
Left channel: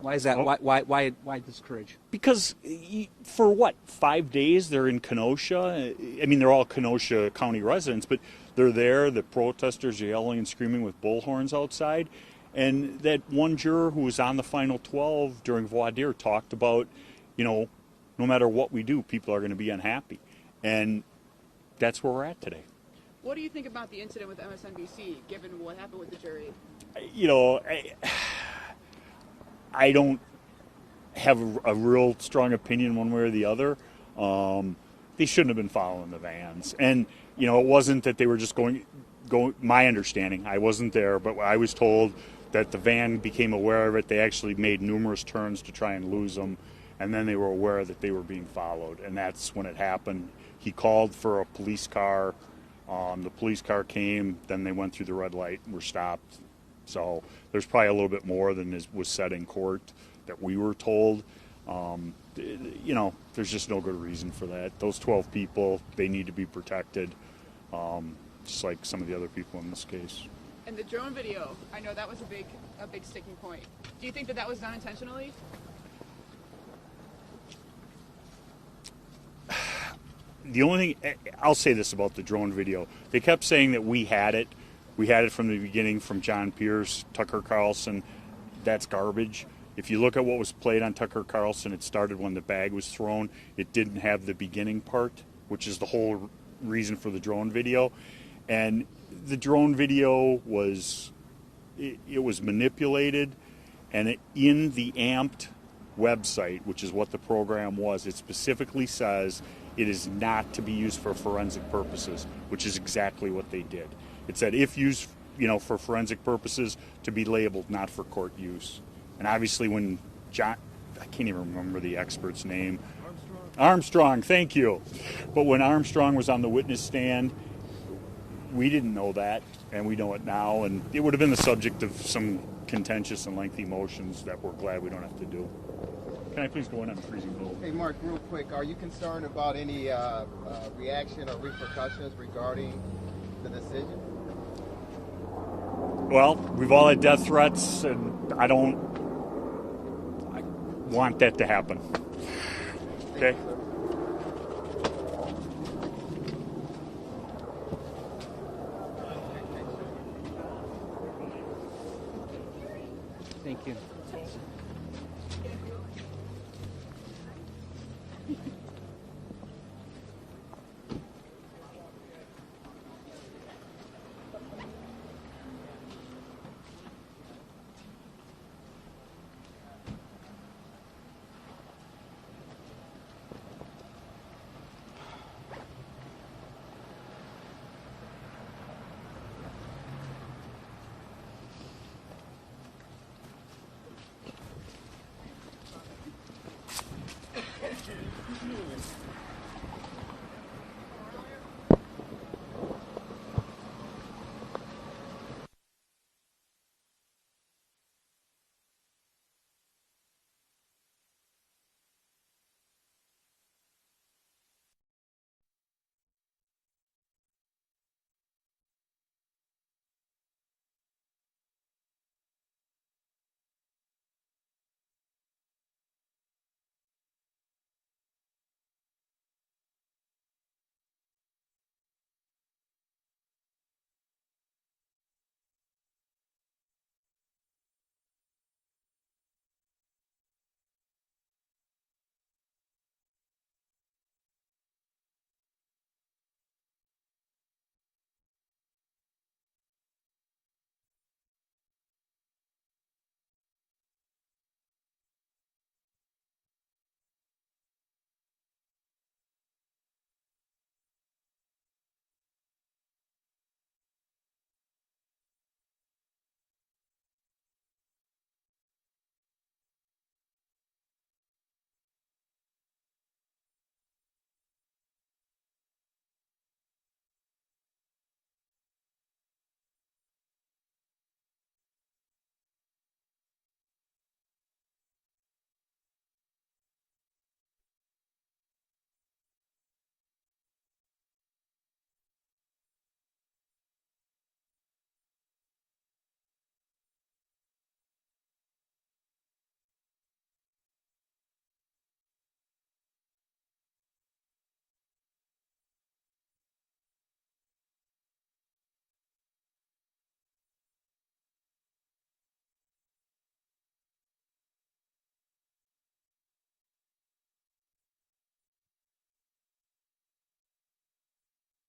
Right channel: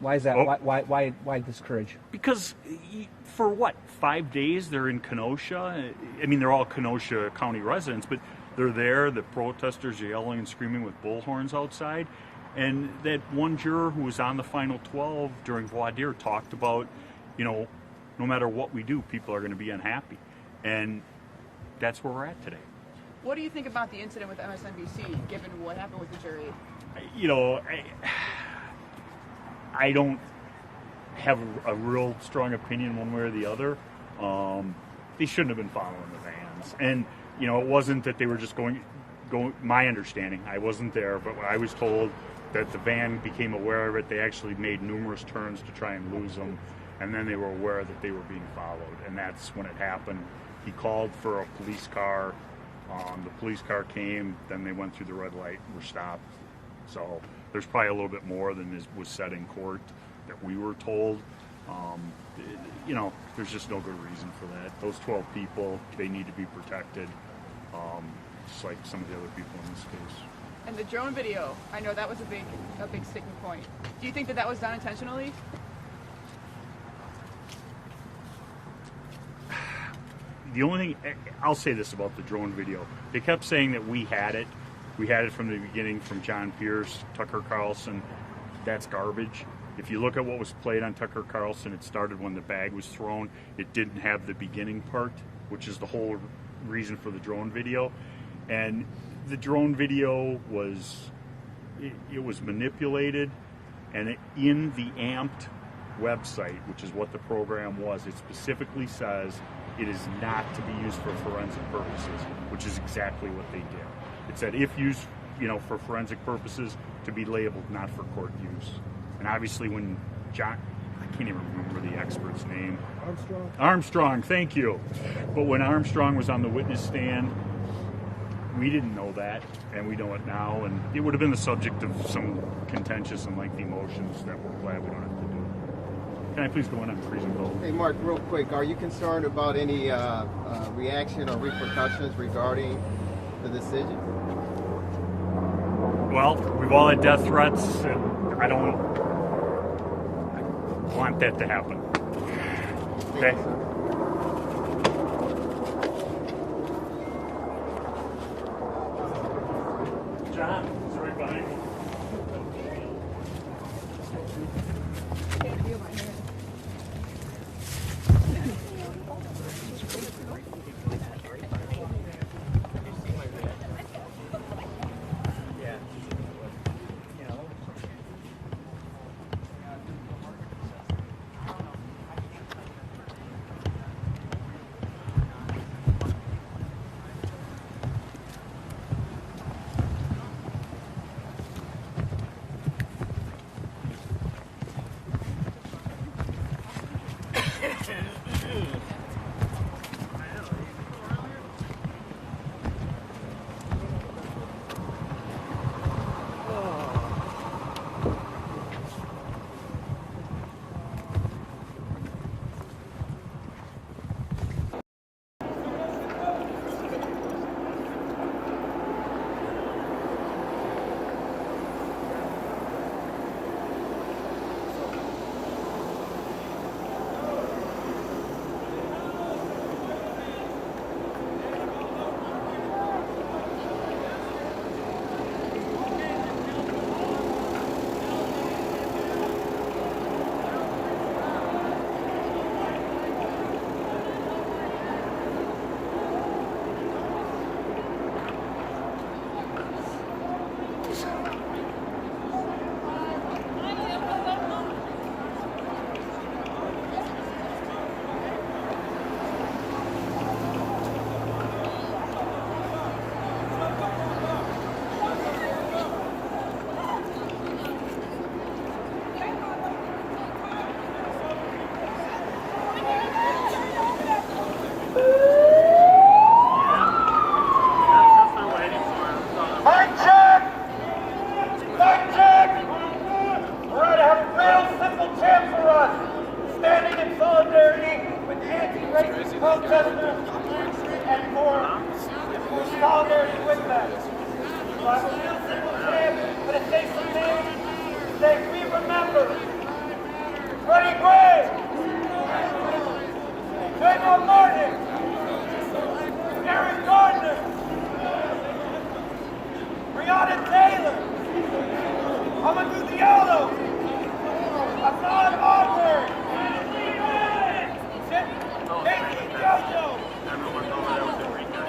Why is that? Why this courage? Because for 5 days they're in Kenosha. I mean, they're all Kenosha County residents, but they're there. The protesters are yelling and screaming with bullhorns outside. And that one juror who was on the final 12 during voir dire talked about, no matter what we do, people are going to be unhappy. And that's where we're at today. What do you think about the incident with MSNBC, given what happened with the jury? I don't have a real strong opinion one way or the other. They shouldn't have been following the vans. And, it wasn't that they were just going, my understanding, I wasn't there, but I was told that the van became aware of it. They actually made numerous turns to try and lose them. And then they were aware that they were being followed. And that's when it happened. He called for a police car. The police car came, then they went through the red light and were stopped. So there's probably a little bit more than was said in court that we were told. There's just no good reason for that. Those 12 people, they need to be protected, just like some of the other people in this case. And the drone video, I know that was a big sticking point. Do you think that was done intentionally? The only thing, I'll say this about the drone video. They kept saying that we had it. We had it from the beginning from John Pierce, Tucker Carlson. That's garbage. If you look at what was played on Tucker Carlson, it started when the bag was thrown. It didn't have the beginning part, which is the whole reason for the drone video. And the drone video was manipulated, and in the amped website, which is what the program was, it specifically says it is not to be used for forensic purposes, which is exactly what they did. It said if used, for forensic purposes, to be labeled not for court use. And obviously when I can't even remember the expert's name. Armstrong, thank you. But when Armstrong was on the witness stand, we didn't know that, and we know it now, and it would have been the subject of some contentious and lengthy motions that we're glad we don't have to do. Can I please go in and freeze it? Hey, Mark, real quick, are you concerned about any reaction or repercussions regarding the decision? Well, we've all had death threats, and I don't want that to happen. Okay? John, it's right behind you. Thank you. that. So I have a real simple chant, but it takes some names. Say, we remember Freddie Gray, Trayvon Martin, Eric Gardner, Breonna Taylor, Amadou Diallo, Hassan Auburn, Casey Jojo,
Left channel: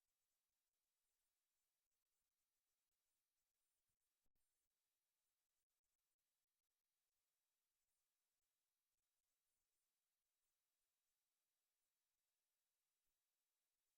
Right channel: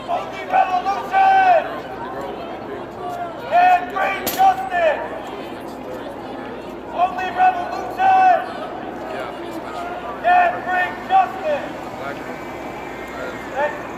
Only Revolution, and bring justice. Only revolution can bring justice. Thank you.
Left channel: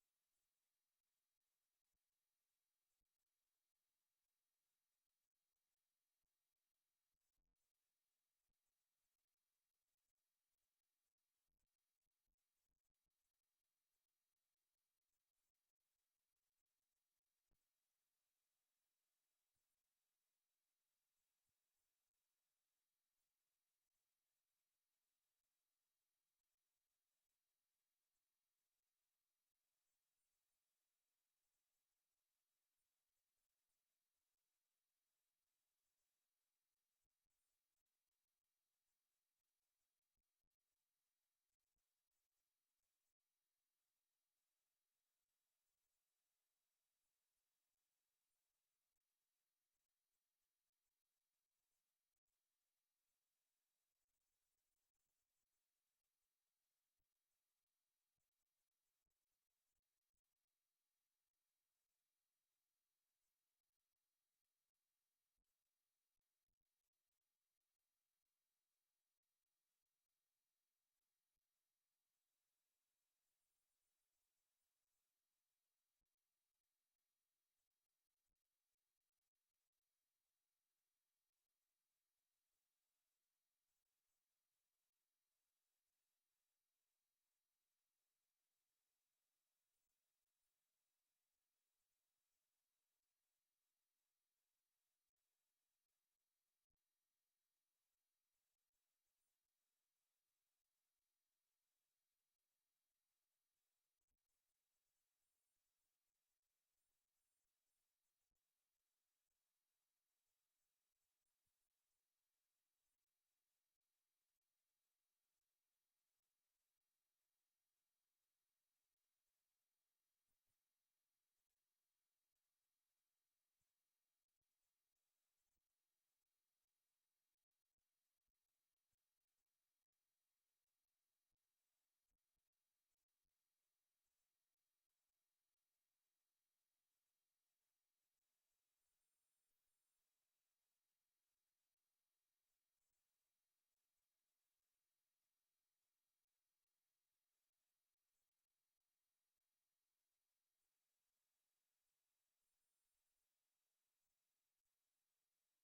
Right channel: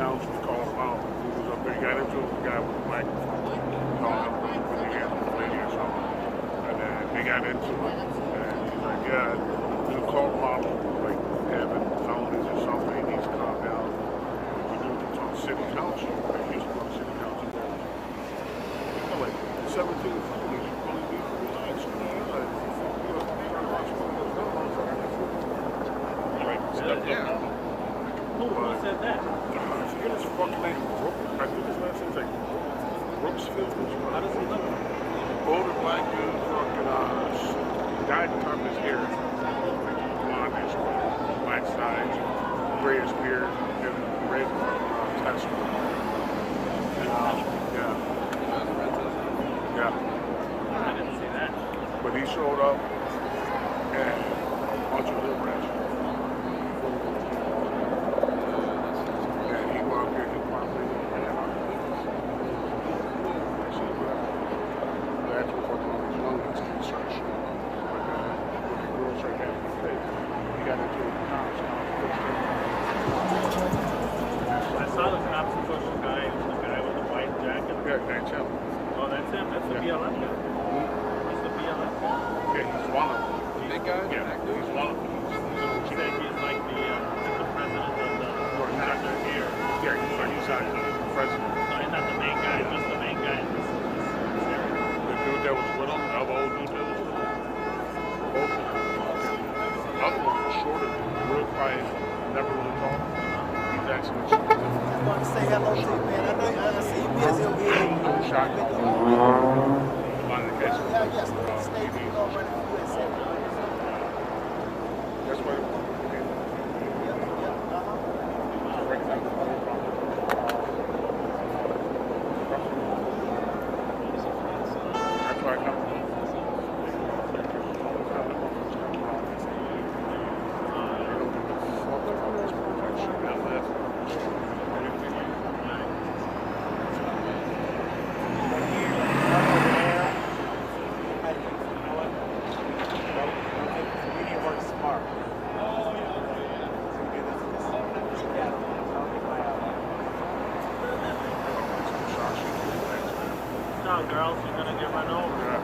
council called him out. He was up there, he got into it with a guy with a microphone. Called him when he had a lady or something. And then they got into it. And he's like, yeah, you call model, like having felonies or something, he needs to calm down. We do it to city council. Like, he used to go to city council. You know, like 17 felonies, you really need to relax. Like, you know, try to watch one of those videos. Like, step up. Who said that? I forget his fucking name. I think his last name's like Brooksfield. How does he look? Older black dude, fucking, dyed the top of his hair. Blondish, black sides, grayish beard, and red tattoo. Yeah. Yeah. I didn't see that. But he showed up and a bunch of little rats. And he go out there, he probably that's what fucking all these young kids can search. But with the girls right there, he got into the cops. I saw the cops push the guy with the white jacket. Yeah, that's him. Oh, that's him. That's the BLM guy. He's the BLM guy. Yeah, he's one of them. The big guy? Yeah, he's one of them. He said he's like the president of the chapter here. Yeah, he's the president. No, he's not the main guy, just the main guy. The dude that was with him, the other old dude that was with him. Both of them. The other one was shorter, real quiet, never really talked. He's actually I want to say hello to you, man. I see you busy over here. shot. One of the cases. Yeah, yes. Stay over in the USA. That's why. That's why I come. No, girls, you're gonna get run over.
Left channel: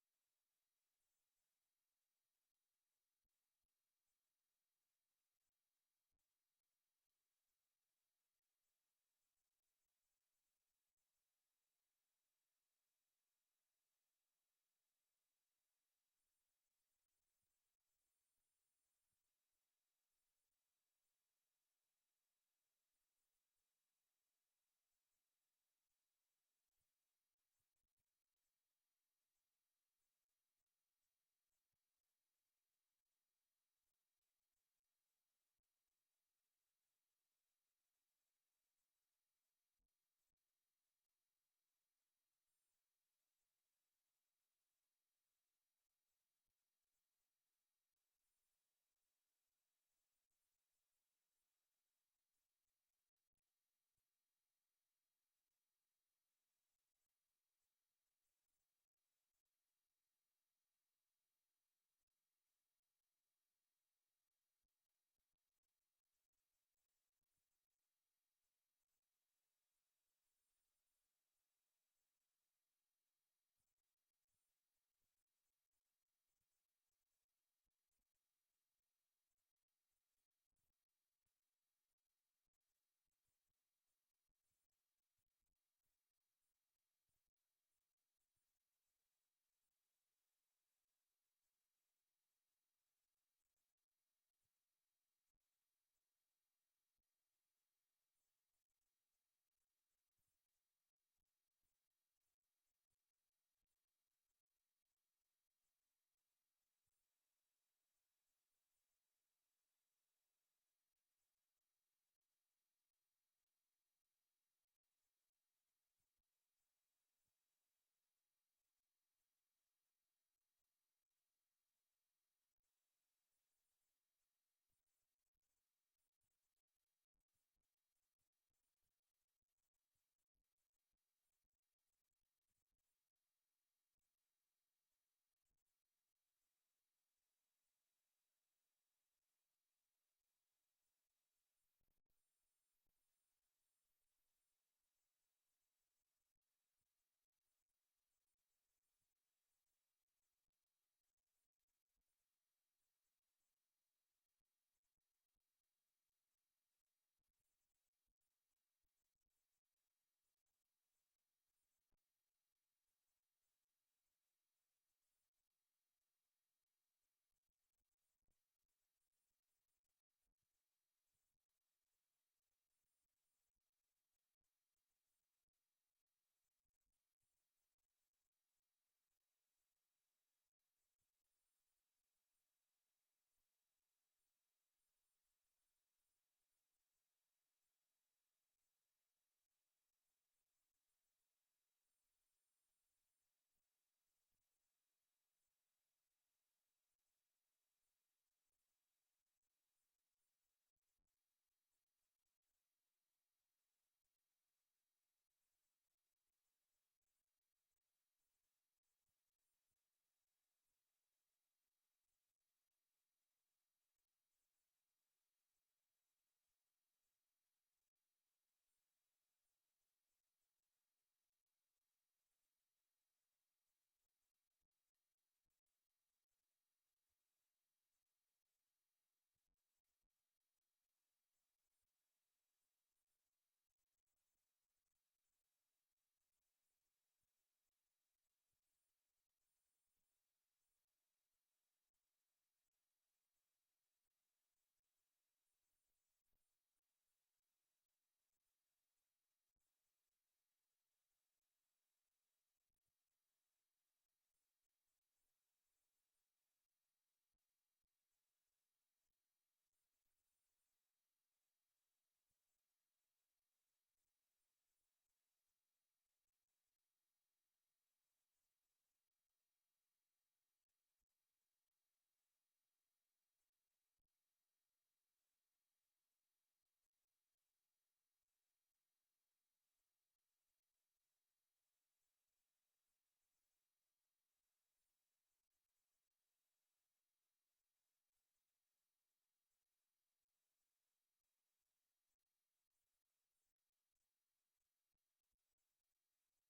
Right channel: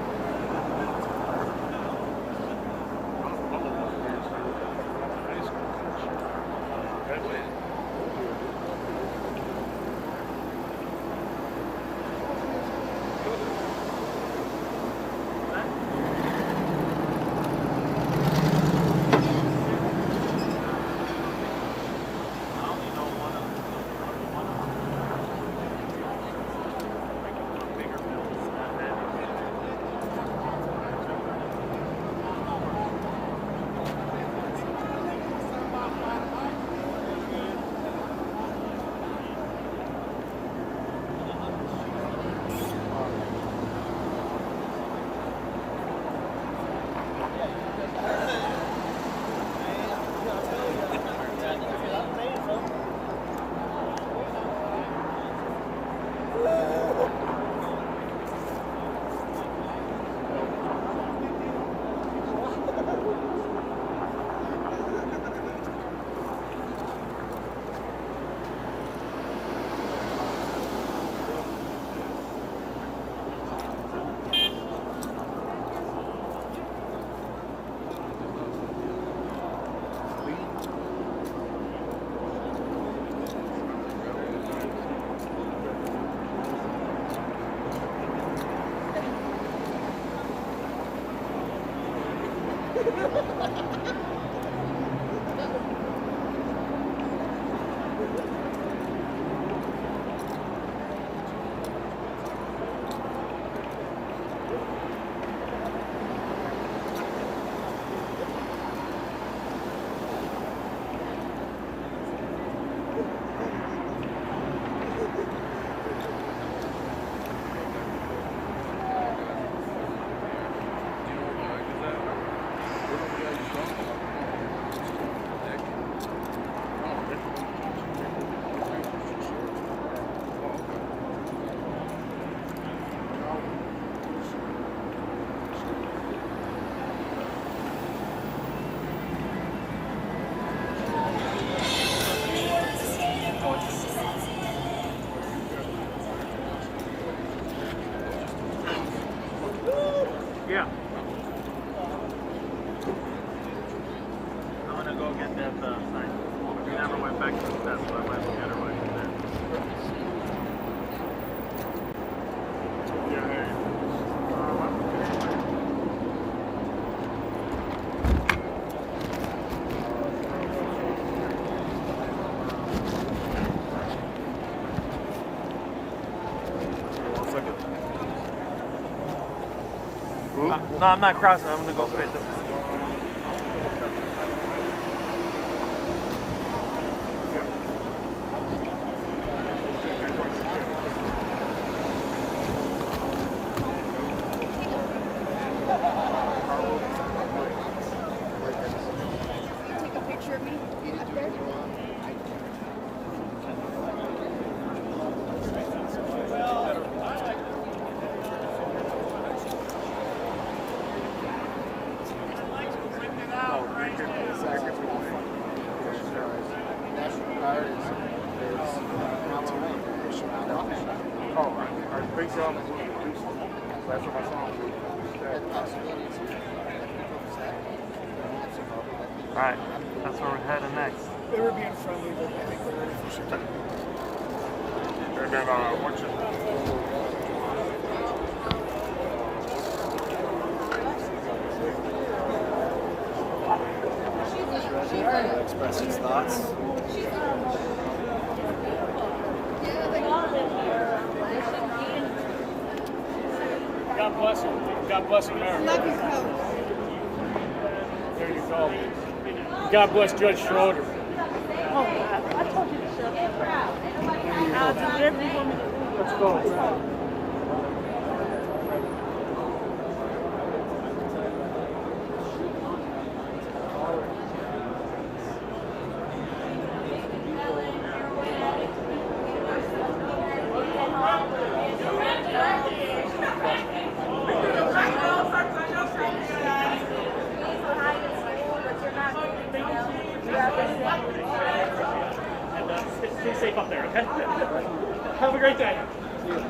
No, I'm not crossing. I'm gonna go straight this way. Take a picture of me up there. Alright, that's where we're heading next. They were being friendly, but I think they're ready for shit. And then, what's your... Express his thoughts. God bless him. God bless America. Love you, Coach. There you go. God bless Judge Schroeder. Oh, I told you to shut up. I'll do whatever you want me to do. Let's go. Stay safe up there, okay? Have a great day. See you.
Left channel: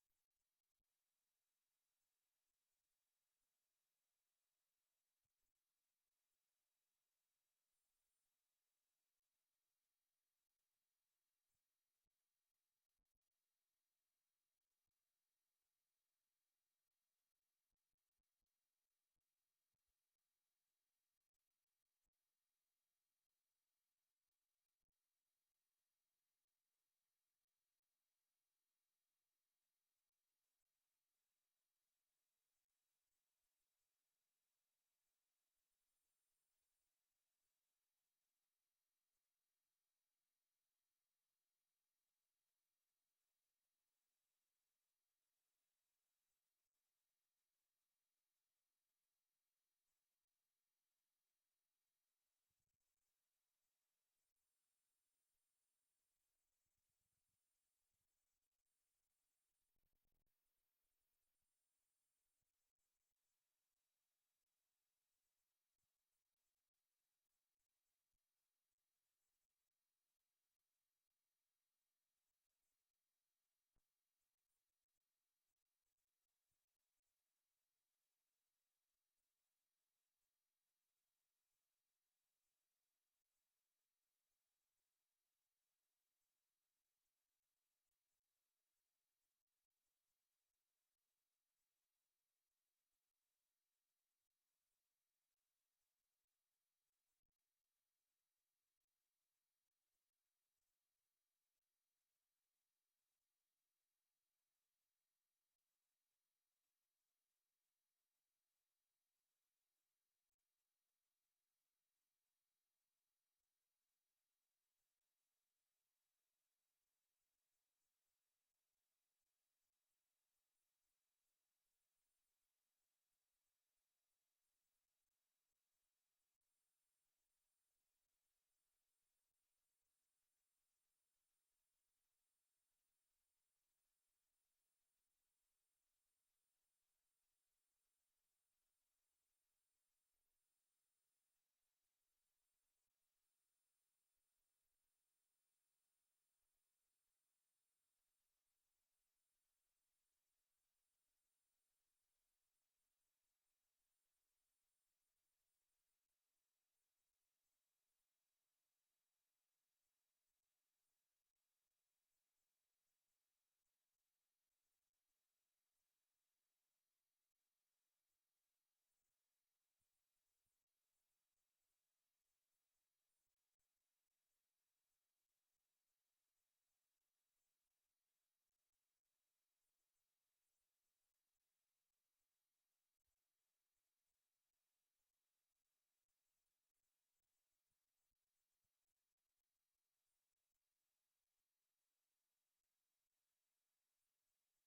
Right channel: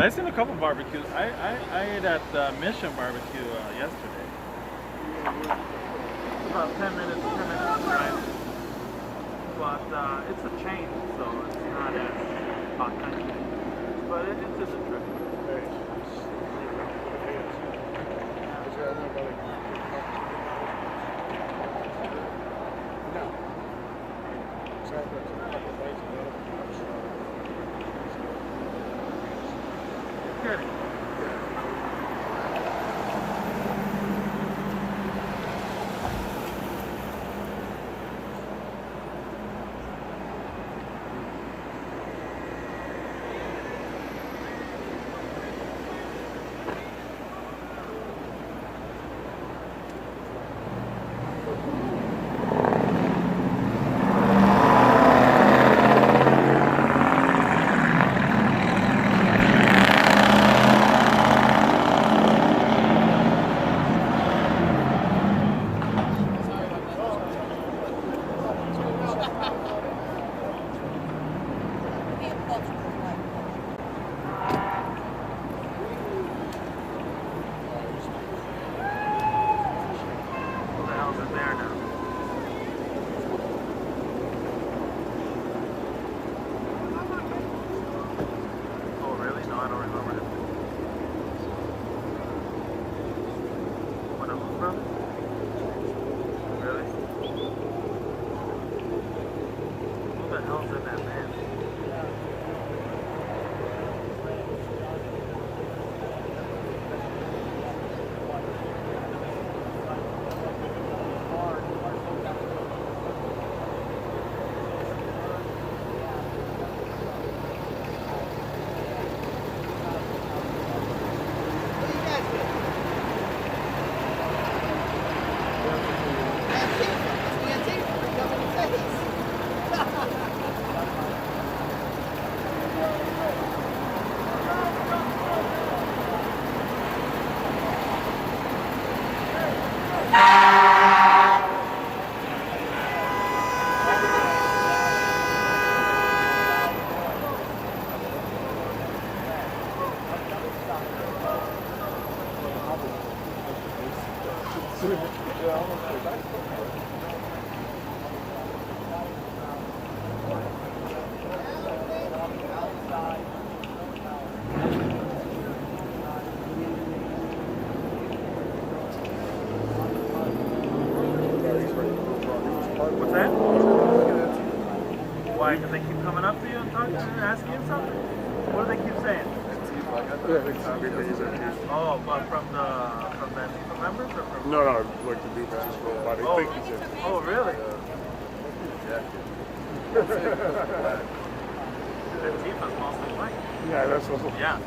I've seen a couple barbecues. I ate at Mission Barbecue yesterday. It's about 10 minutes drive. But it's a chain, so it's not as authentic. But it's just a trip. What's that? Why? Because they keep coming up to you and talking and asking you something? What do they keep saying? Oh, but from the members or from? No, like the dude that just rolled by. They think he's in. Oh, really? Antifa's mostly white. Yeah, that's what. Yeah.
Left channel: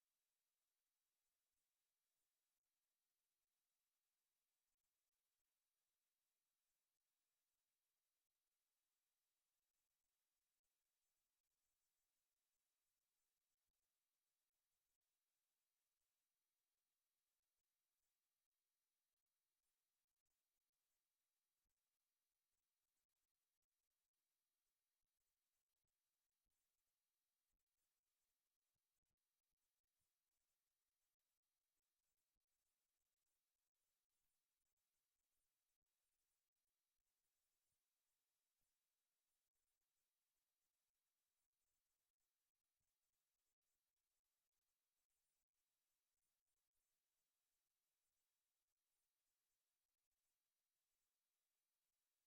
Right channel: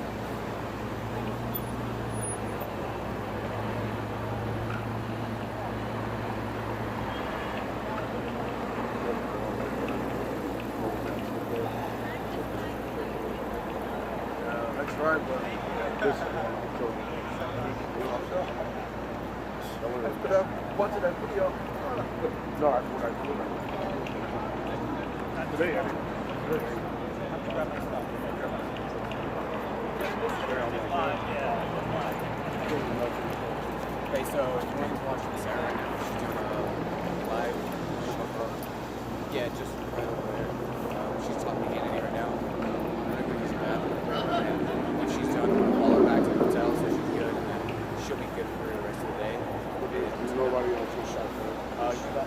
That's right, but this put up bunch of that video. No, I put it. Not today, I mean. Okay, so everyone's watching Sarah right now. She's doing a live show. Yeah, just right over there. She's talking to Kennedy right now. I'm gonna go use the bathroom. When she's done, I'm gonna call her back to the hotel so she's good, and then she'll be good for the rest of the day. There's nobody else who's shot for it. You got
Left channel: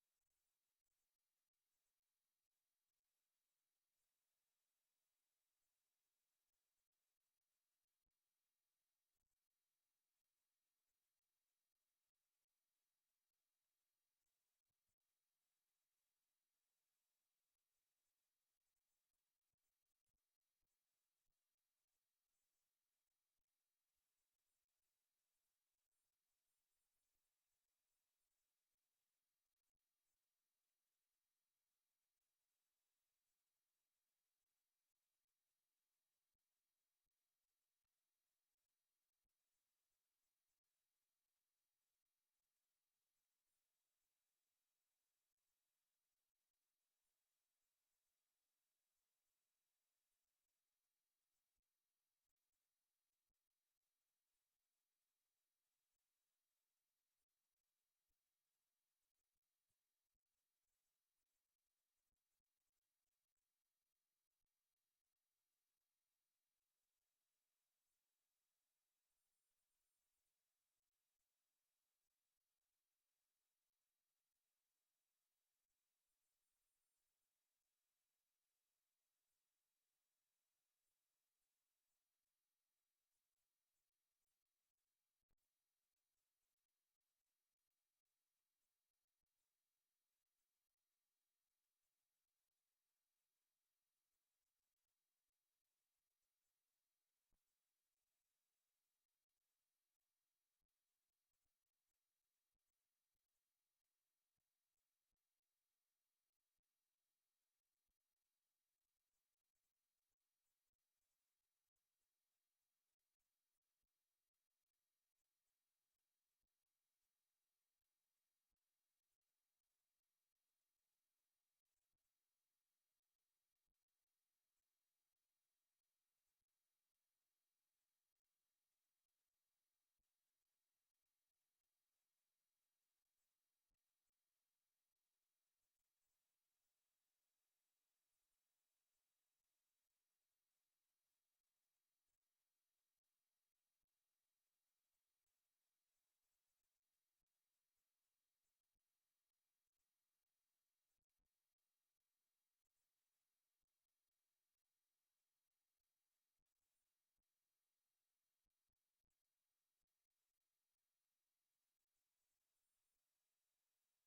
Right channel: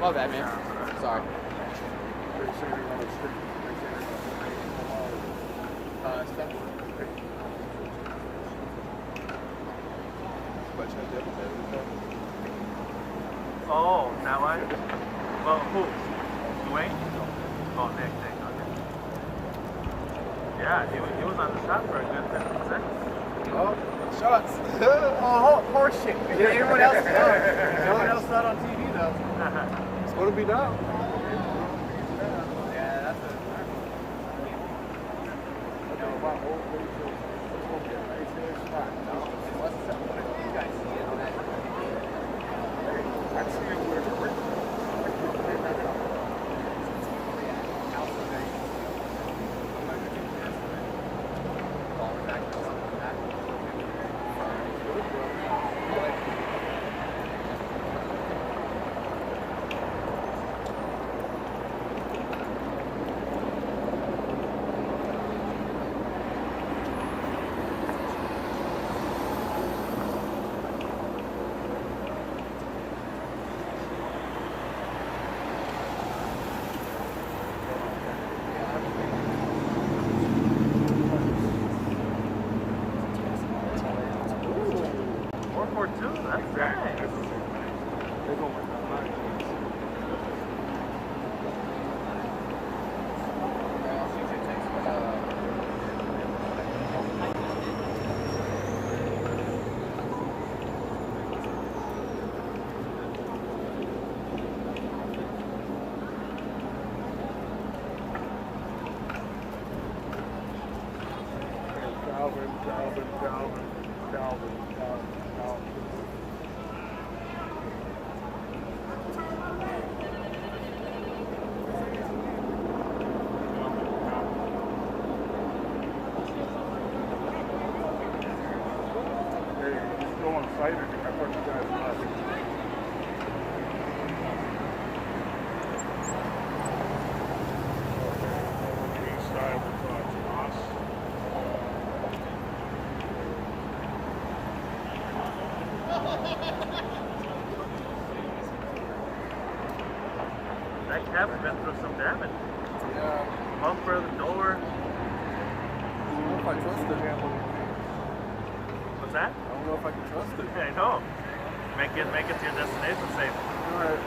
Oh, that man. Sorry. Oh, that way? Well, who? Dwayne? Oh, Nick, okay. Yeah, he was on the shot for a good 10 seconds. Oh, shots. Oh, horse shit. Everyone else, no one else not on TV though. It's going to be now. Yeah, that's a... That cab's been through some damage. Yeah. Bumper, the door. I don't know if I trust it. What's that? I don't know if I can trust it. Yeah, I know. Make it to your destination safe. All right.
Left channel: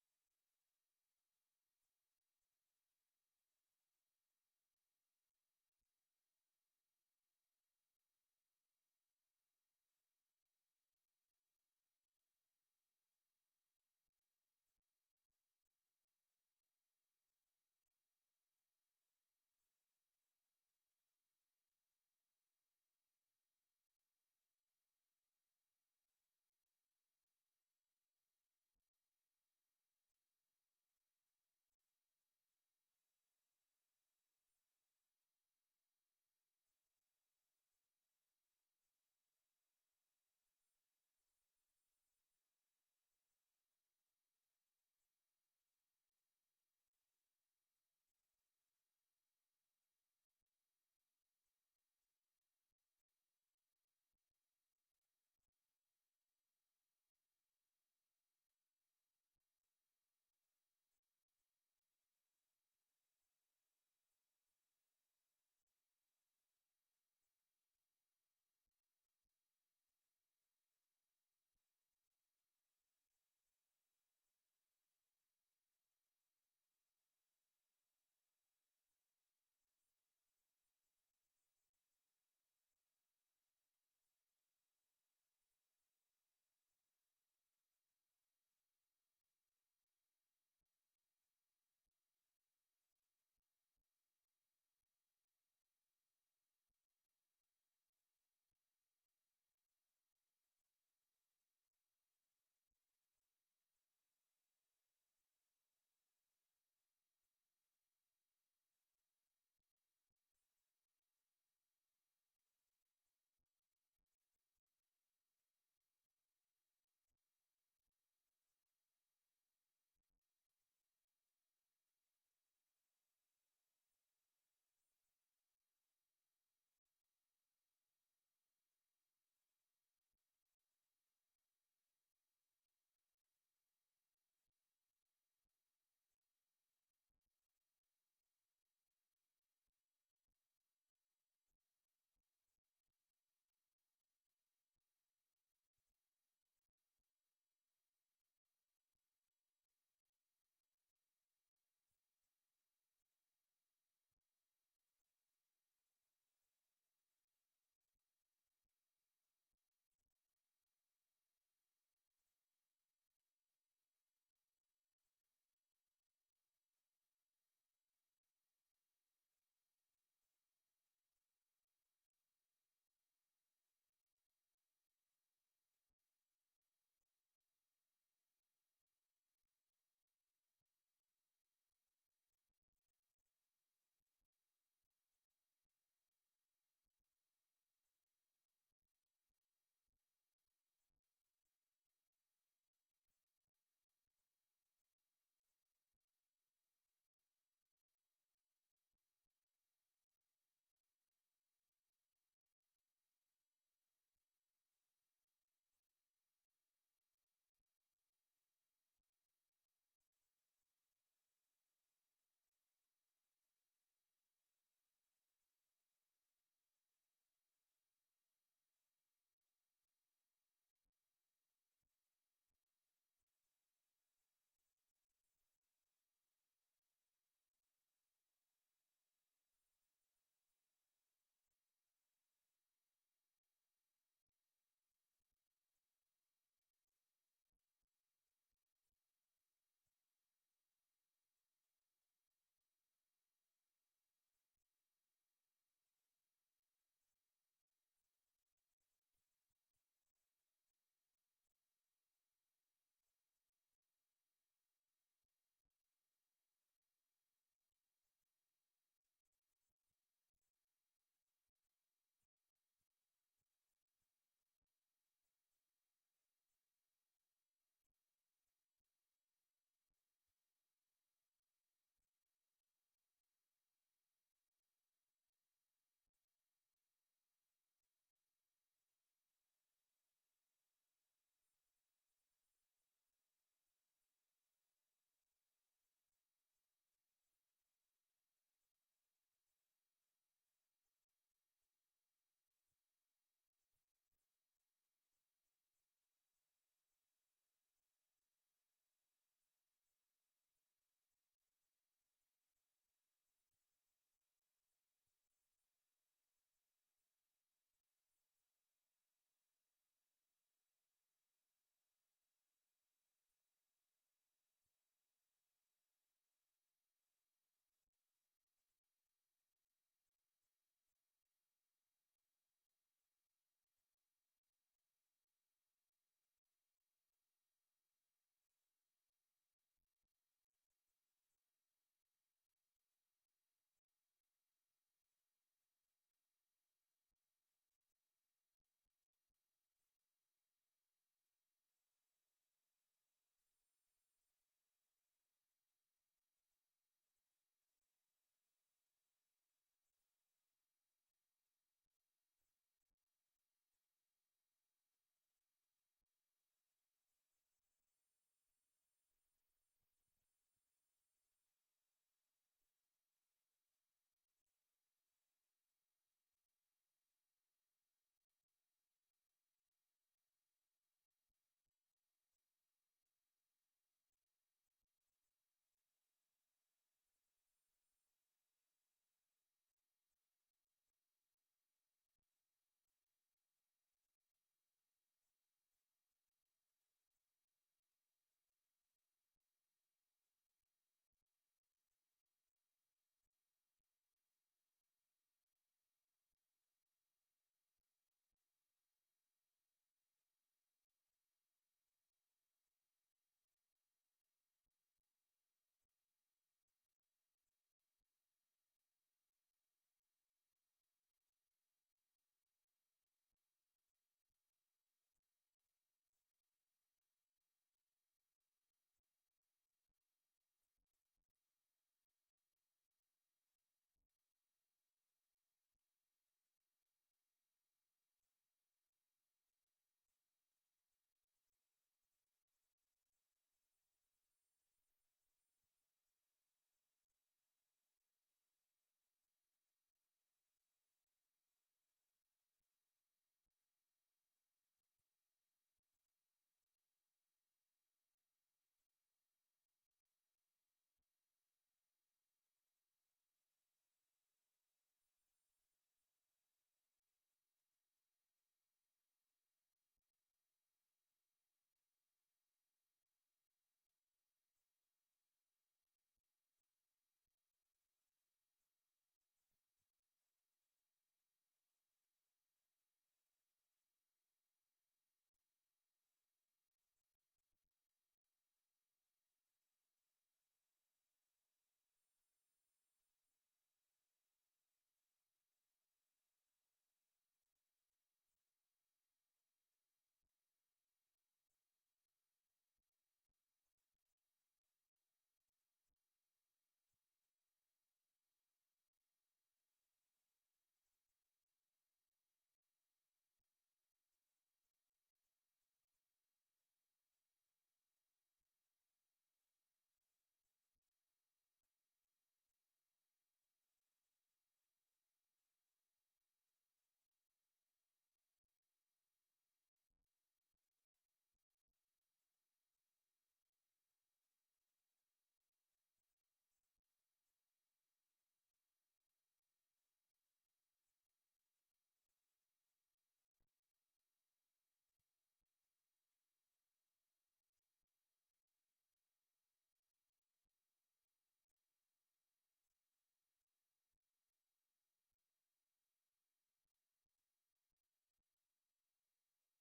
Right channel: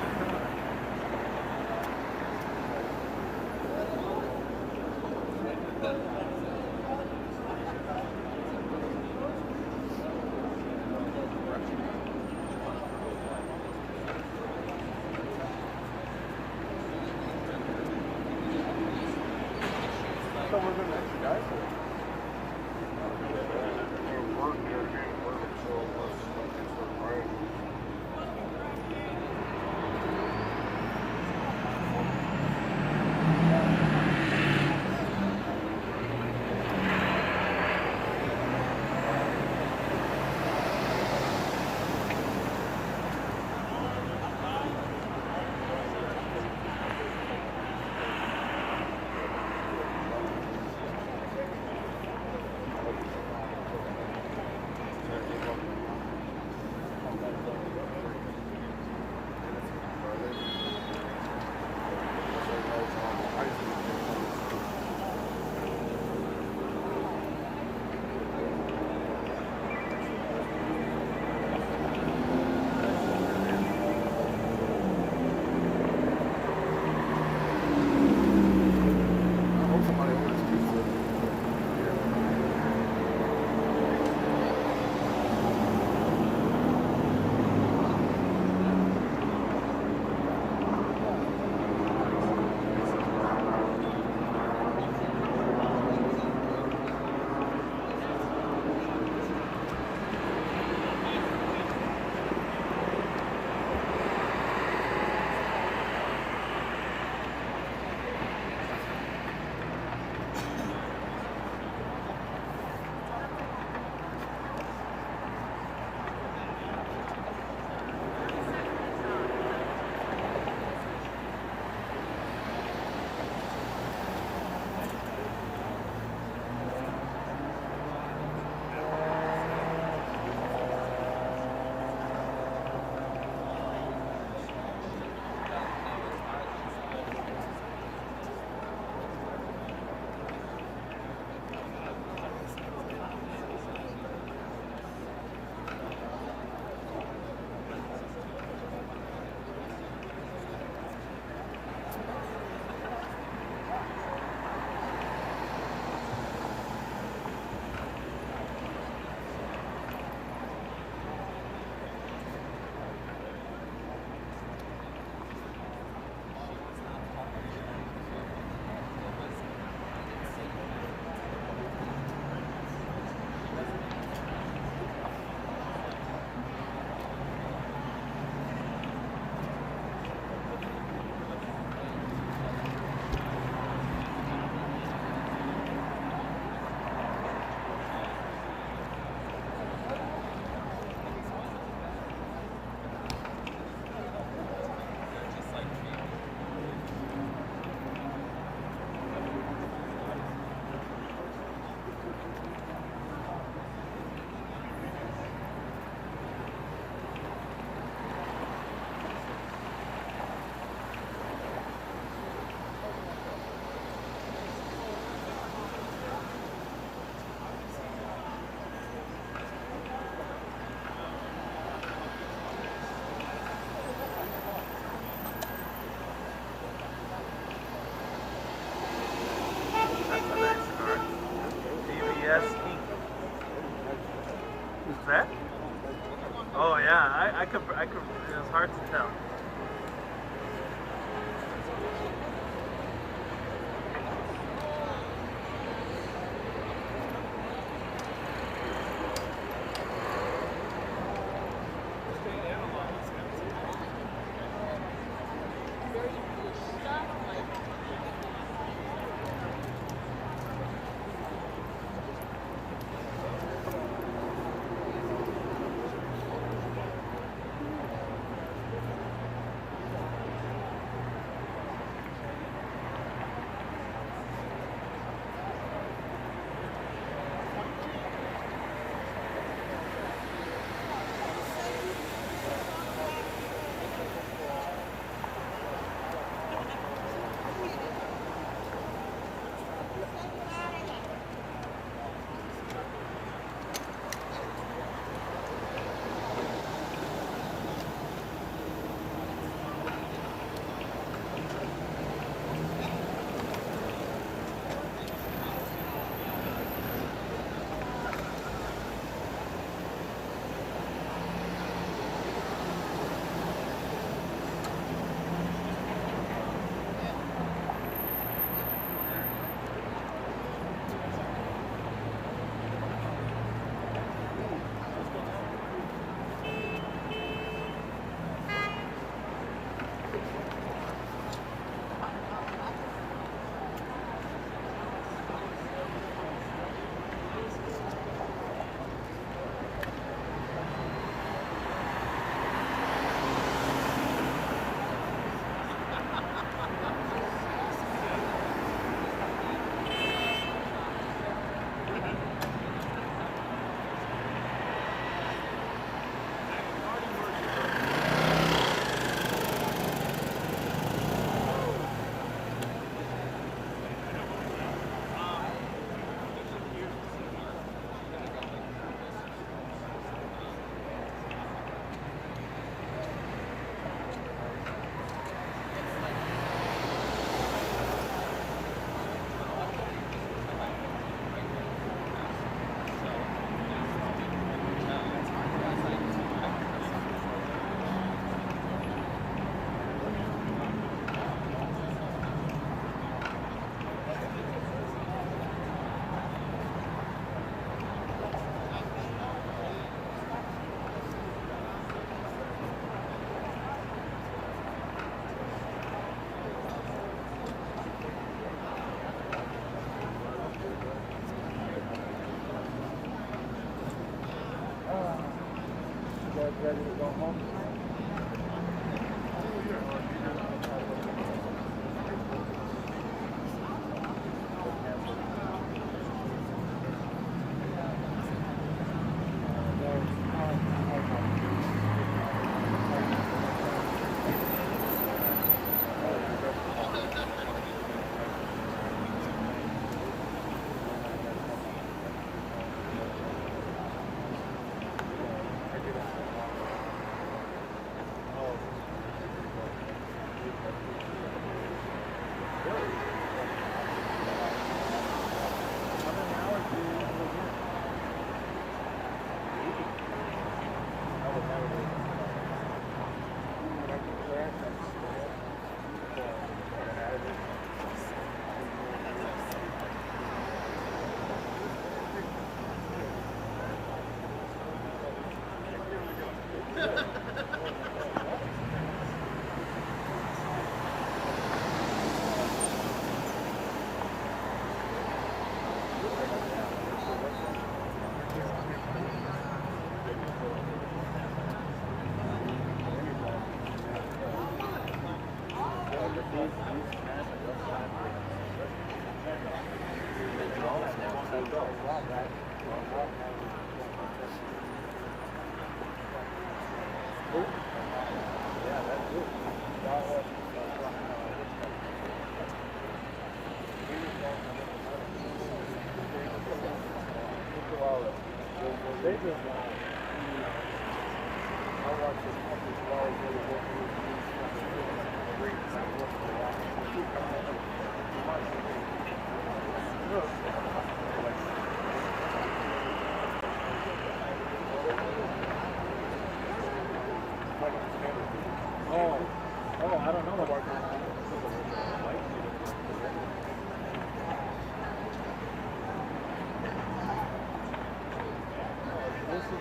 thought we were gonna extradite her. that? Oh yeah, I could. It was hard to tell. guys ready to go home?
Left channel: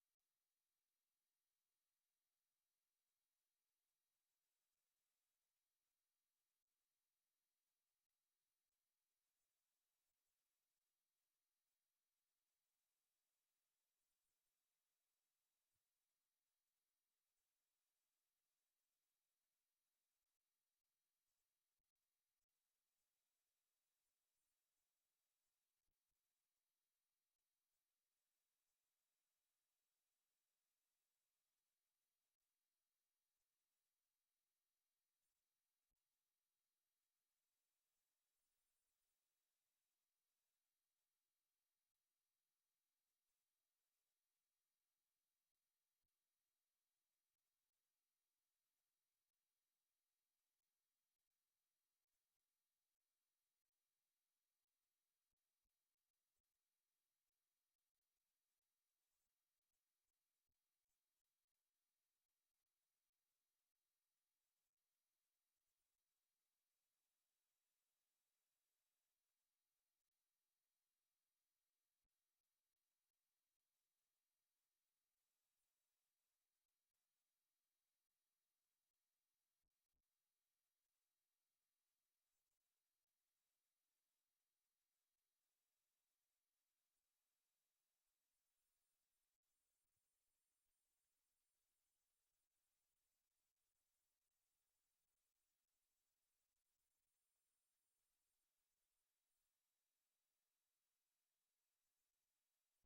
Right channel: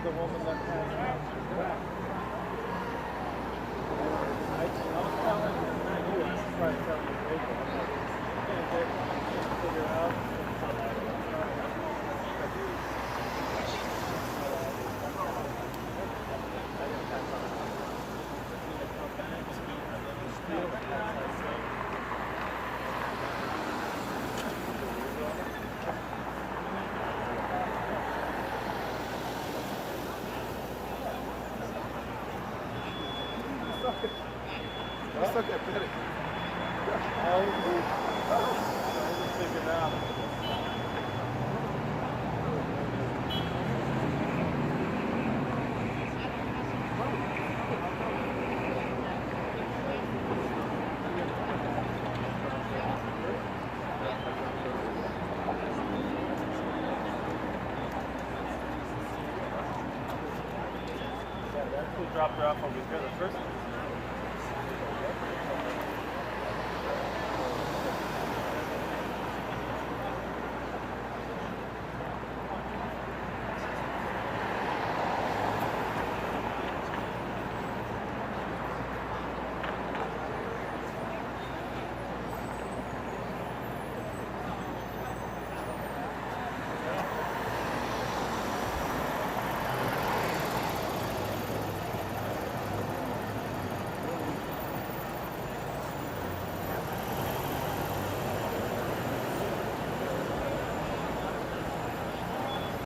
The woman that passed out. I'm telling you, not you. I'm trying to tell you, Rachel. I can't figure out. What's up that better? I was thinking out. That's who dropped her off over here the first time.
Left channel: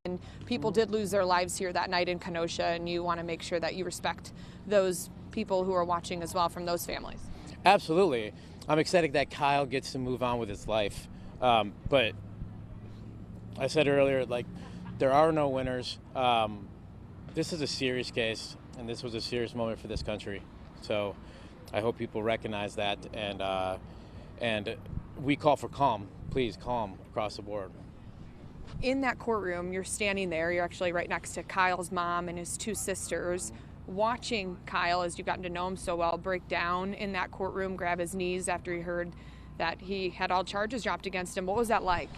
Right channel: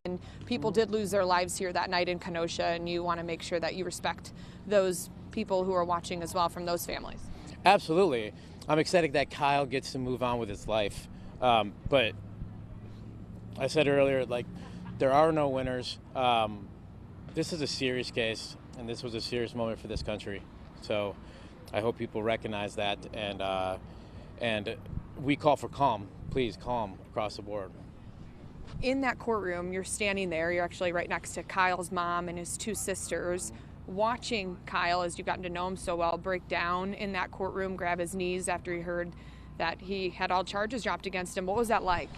And people did lose their lives here that night in Kenosha, and you want to make sure that you respect those people who are watching as well from those families. Absolutely. I'm excited that Kyle gets to move on with his life. But I said earlier, like, there are no winners. This is a serious case, and this was a serious moment for this country. So I hope people recognize that, and we call for calm. Please, calm across the board. In that courtroom, you're standing there, you're actually right next to Kyle's mom and his two sisters, watching Kyle, as you've gotten to know him so well, break down in that courtroom, grab his knees after he heard that he had all charges dropped against him. What was that like?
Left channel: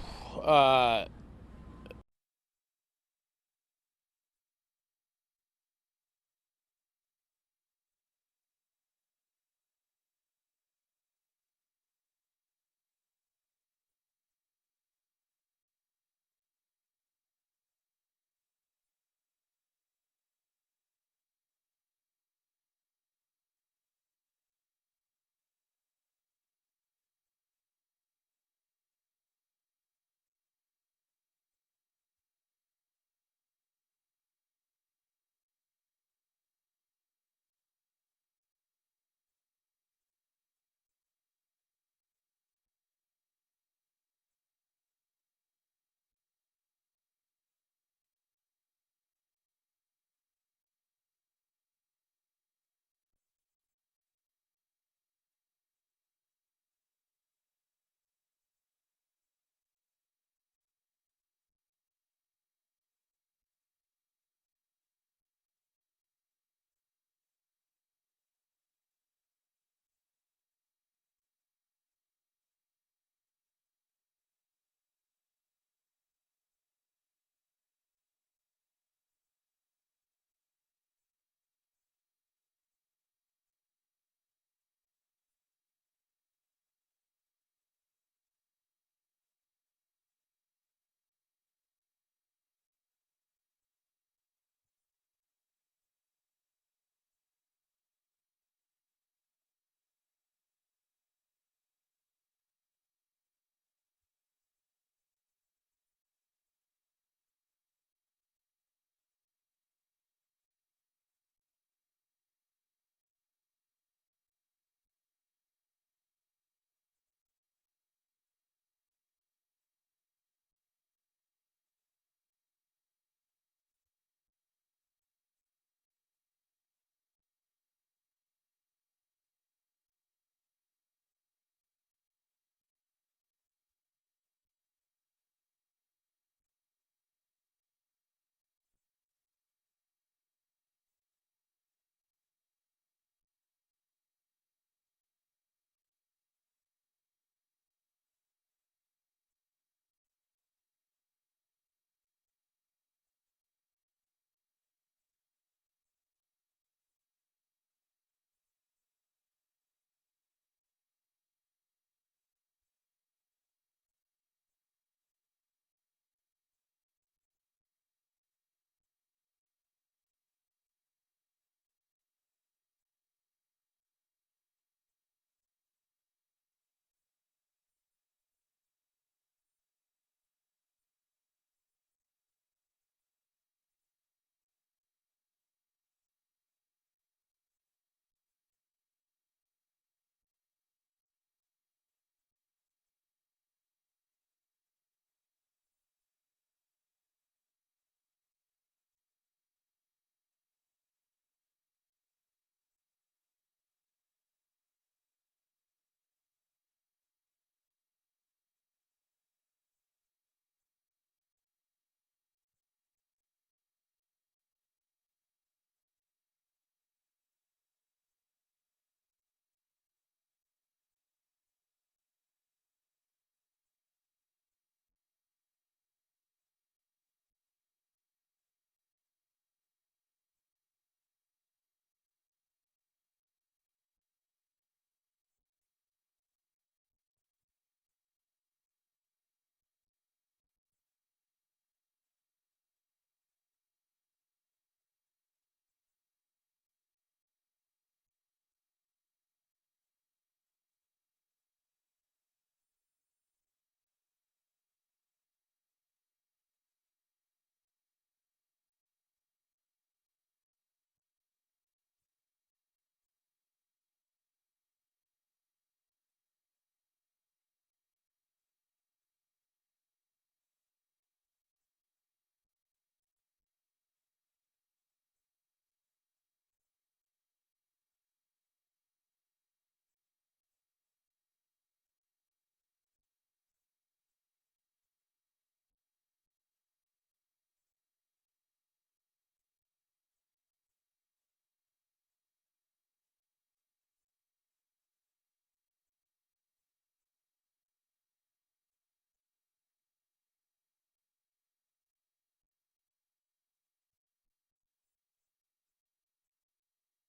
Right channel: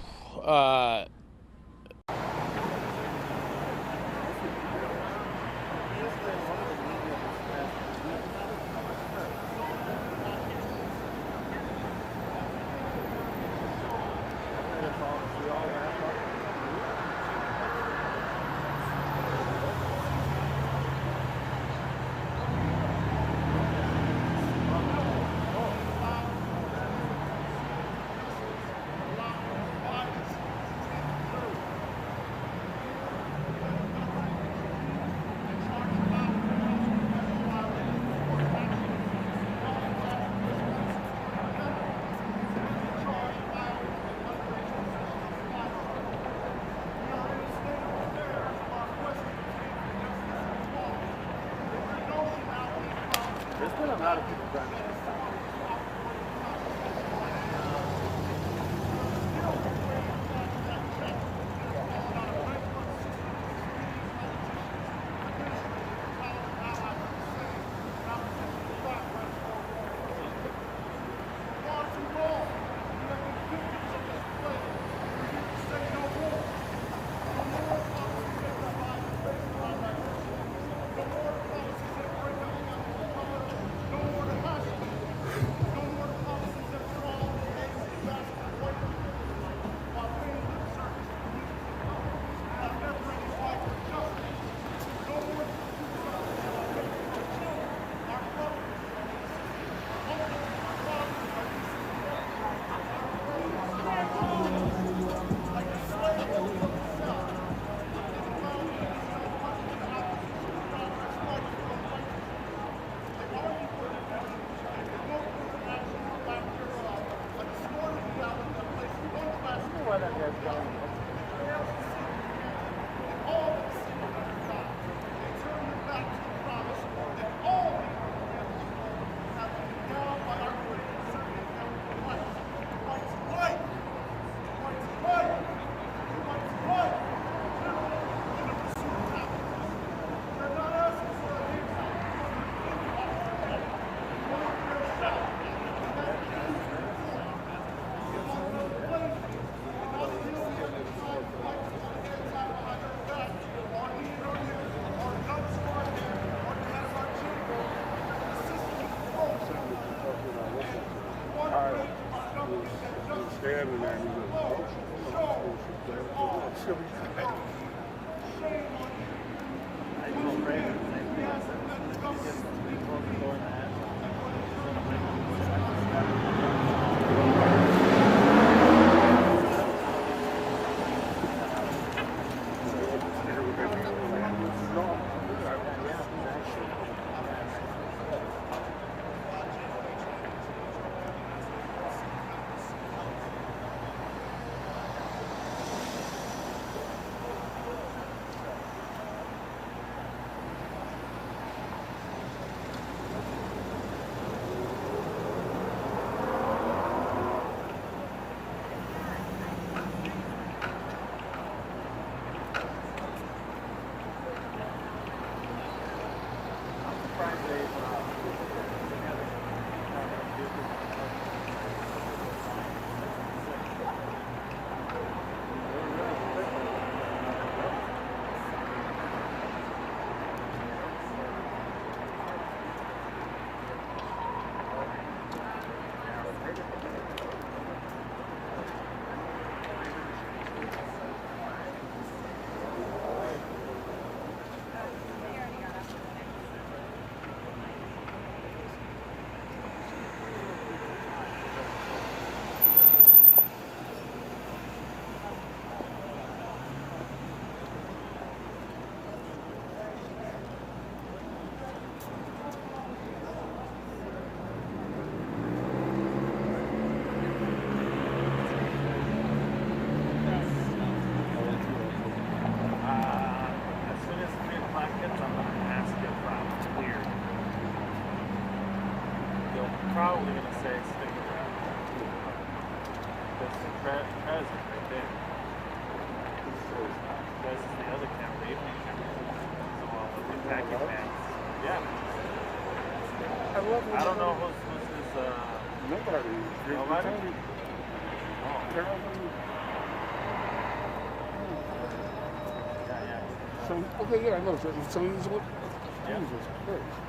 lot of people driving this time. Standing there and he's probably going to say stick around. That's the president right there. This is the other camera, the evening camera. So all the packet bags. Yeah. I don't know who's this, nobody. Nobody? Oh. So, okay, yeah, I know. So he's what? Yeah. Jesus Christ.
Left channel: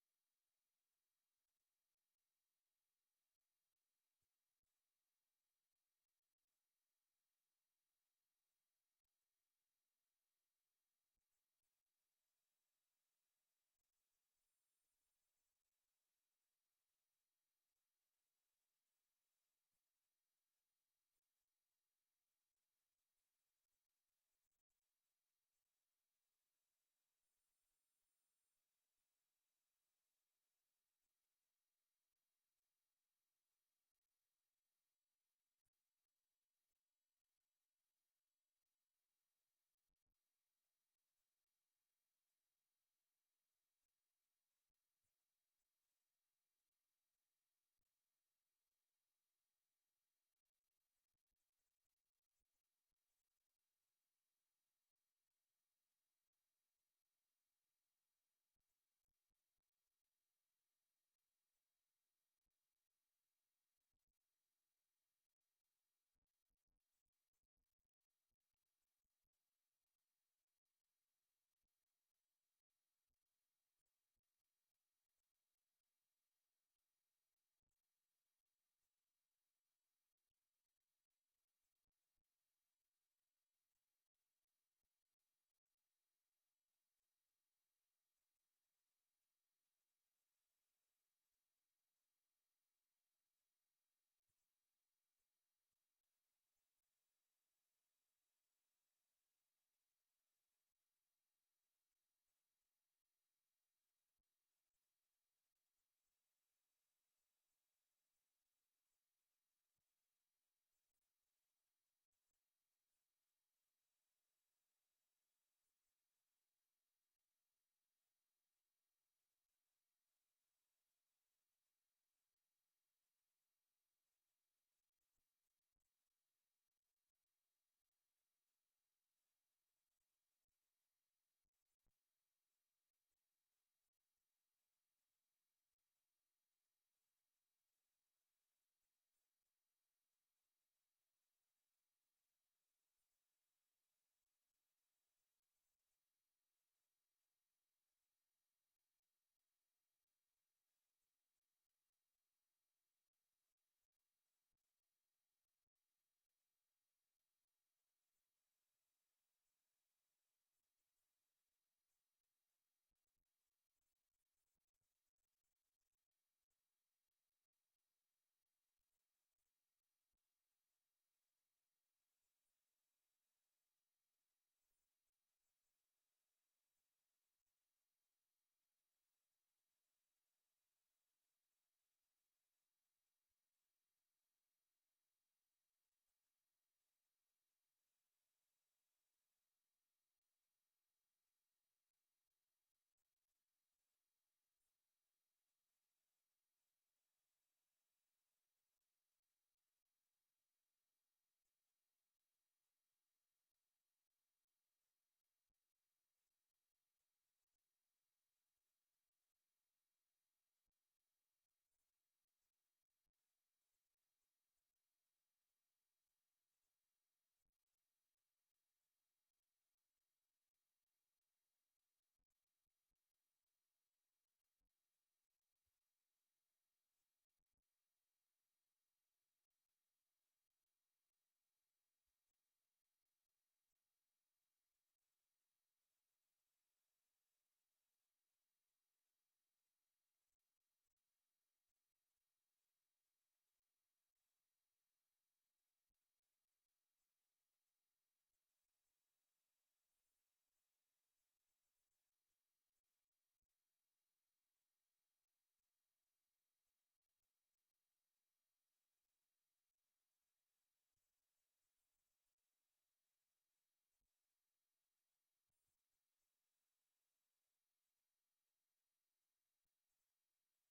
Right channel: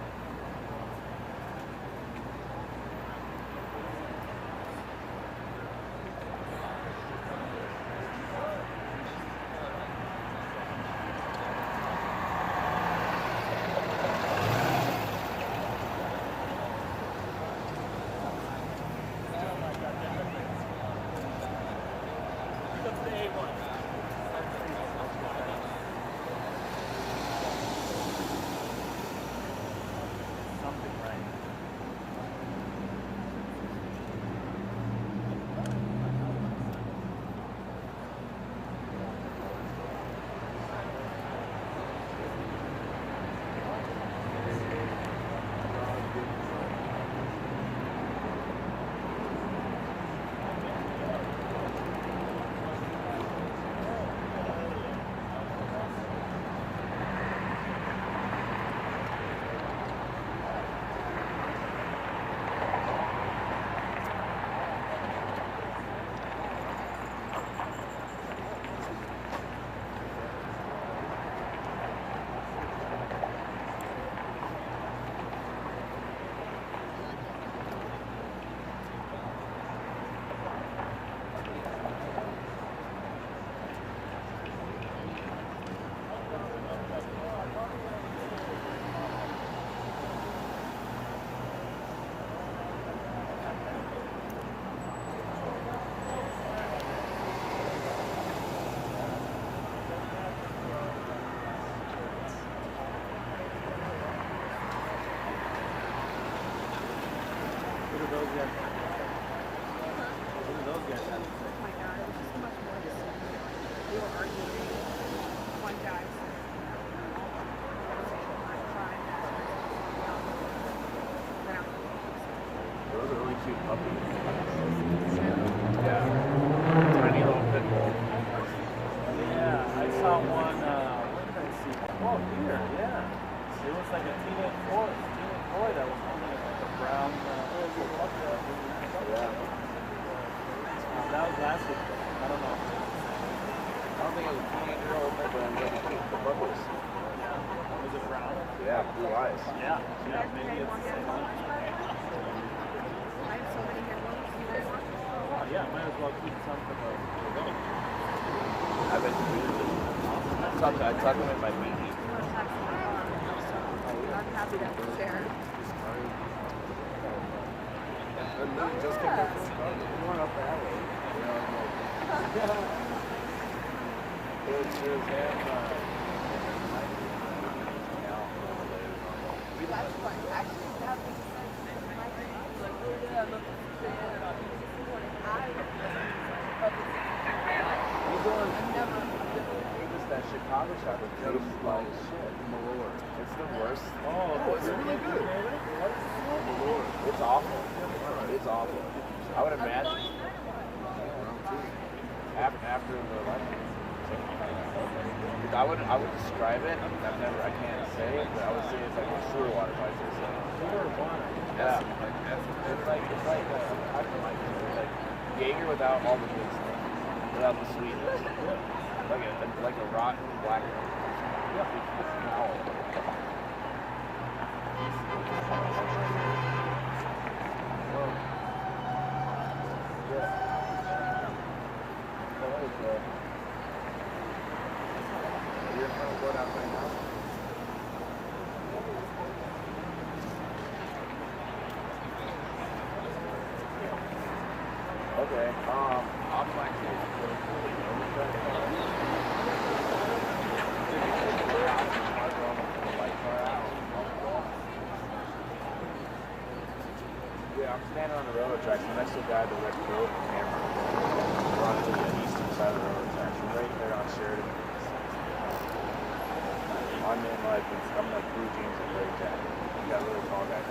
20-year-old neighbor and then the bubbles. Was it brown? Yeah, blue eyes. Yeah, maybe it's the same one. Yeah, might as well keep some for the wedding. I bet you I tuck them in my meaty. I'm happy to share. Just came back from Chicago. We went up that way. There's him, That's what actually happened. That Chicago shot was just like shit. Malort. It's the worst. Oh, it's really good. It's awful. It's awful. I would imagine after the election. I would describe it. I can't say it, but I would say it's like a sewer water pipe. Sewer water. Yeah. It's like how do you like it? Like Jaeger without all the good stuff, without the sweetness. Like a rotten black. Okay, I'll be back to Yeah, I'm standing on the railroad tracks next to a guy that went through the camera. We're on to the eastern side of the railroad tracks. We're right there on Sheridan. I'm in like blue jeans and gray jacket. You got a really tall guy.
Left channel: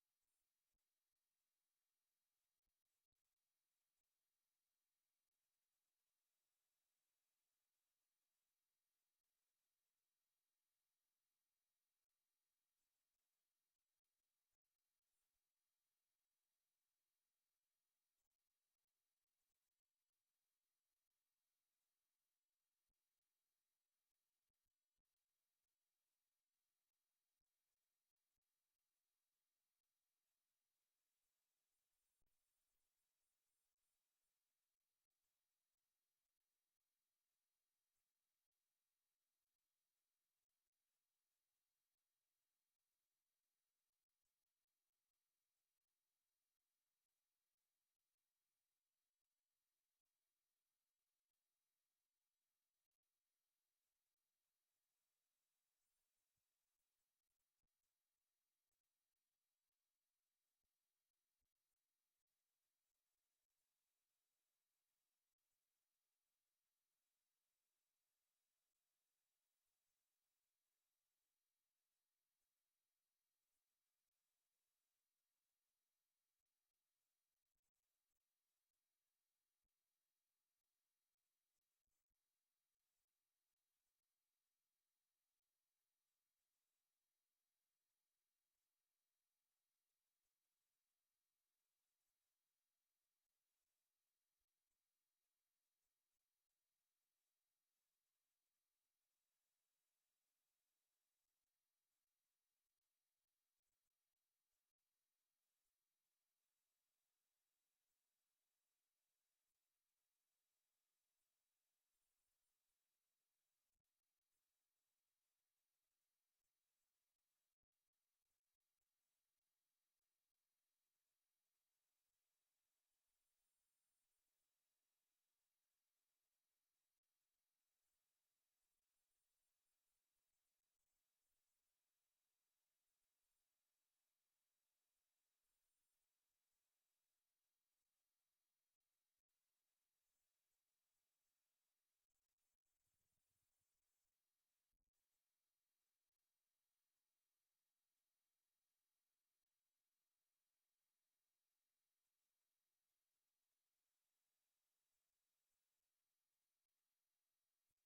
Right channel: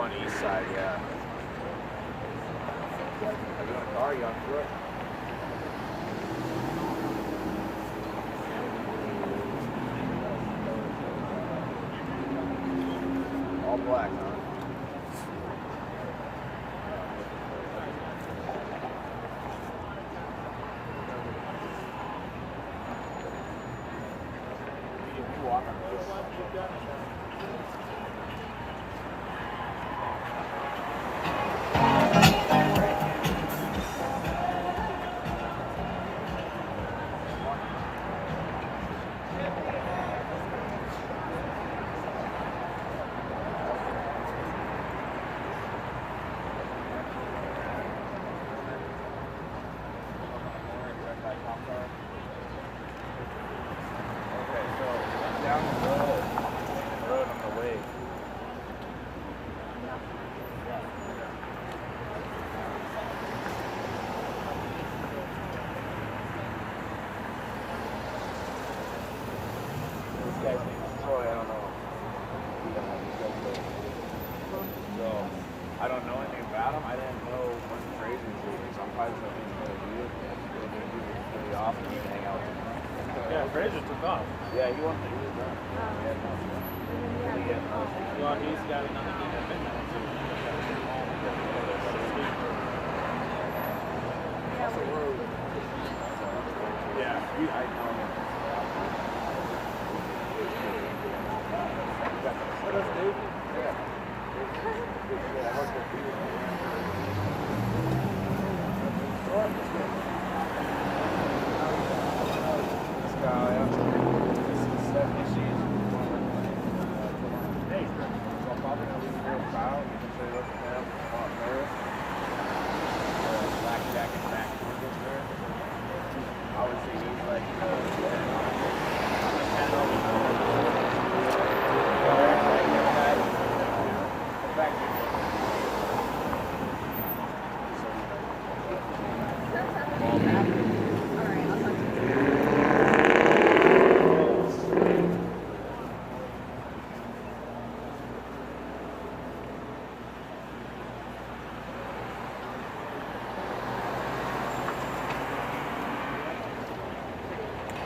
On the east side, yeah. Are you in a car? Are you on foot? All black, huh? You walk on this. I don't know anything about him. I didn't know when Fraser was leaving, so I'm probably just going to do it. They're going to do it really often and hang out with him. Yeah, Fraser took off. Yeah, he was done. Well, he's got another thing at midnight, too. Yeah, I know him. What does Dave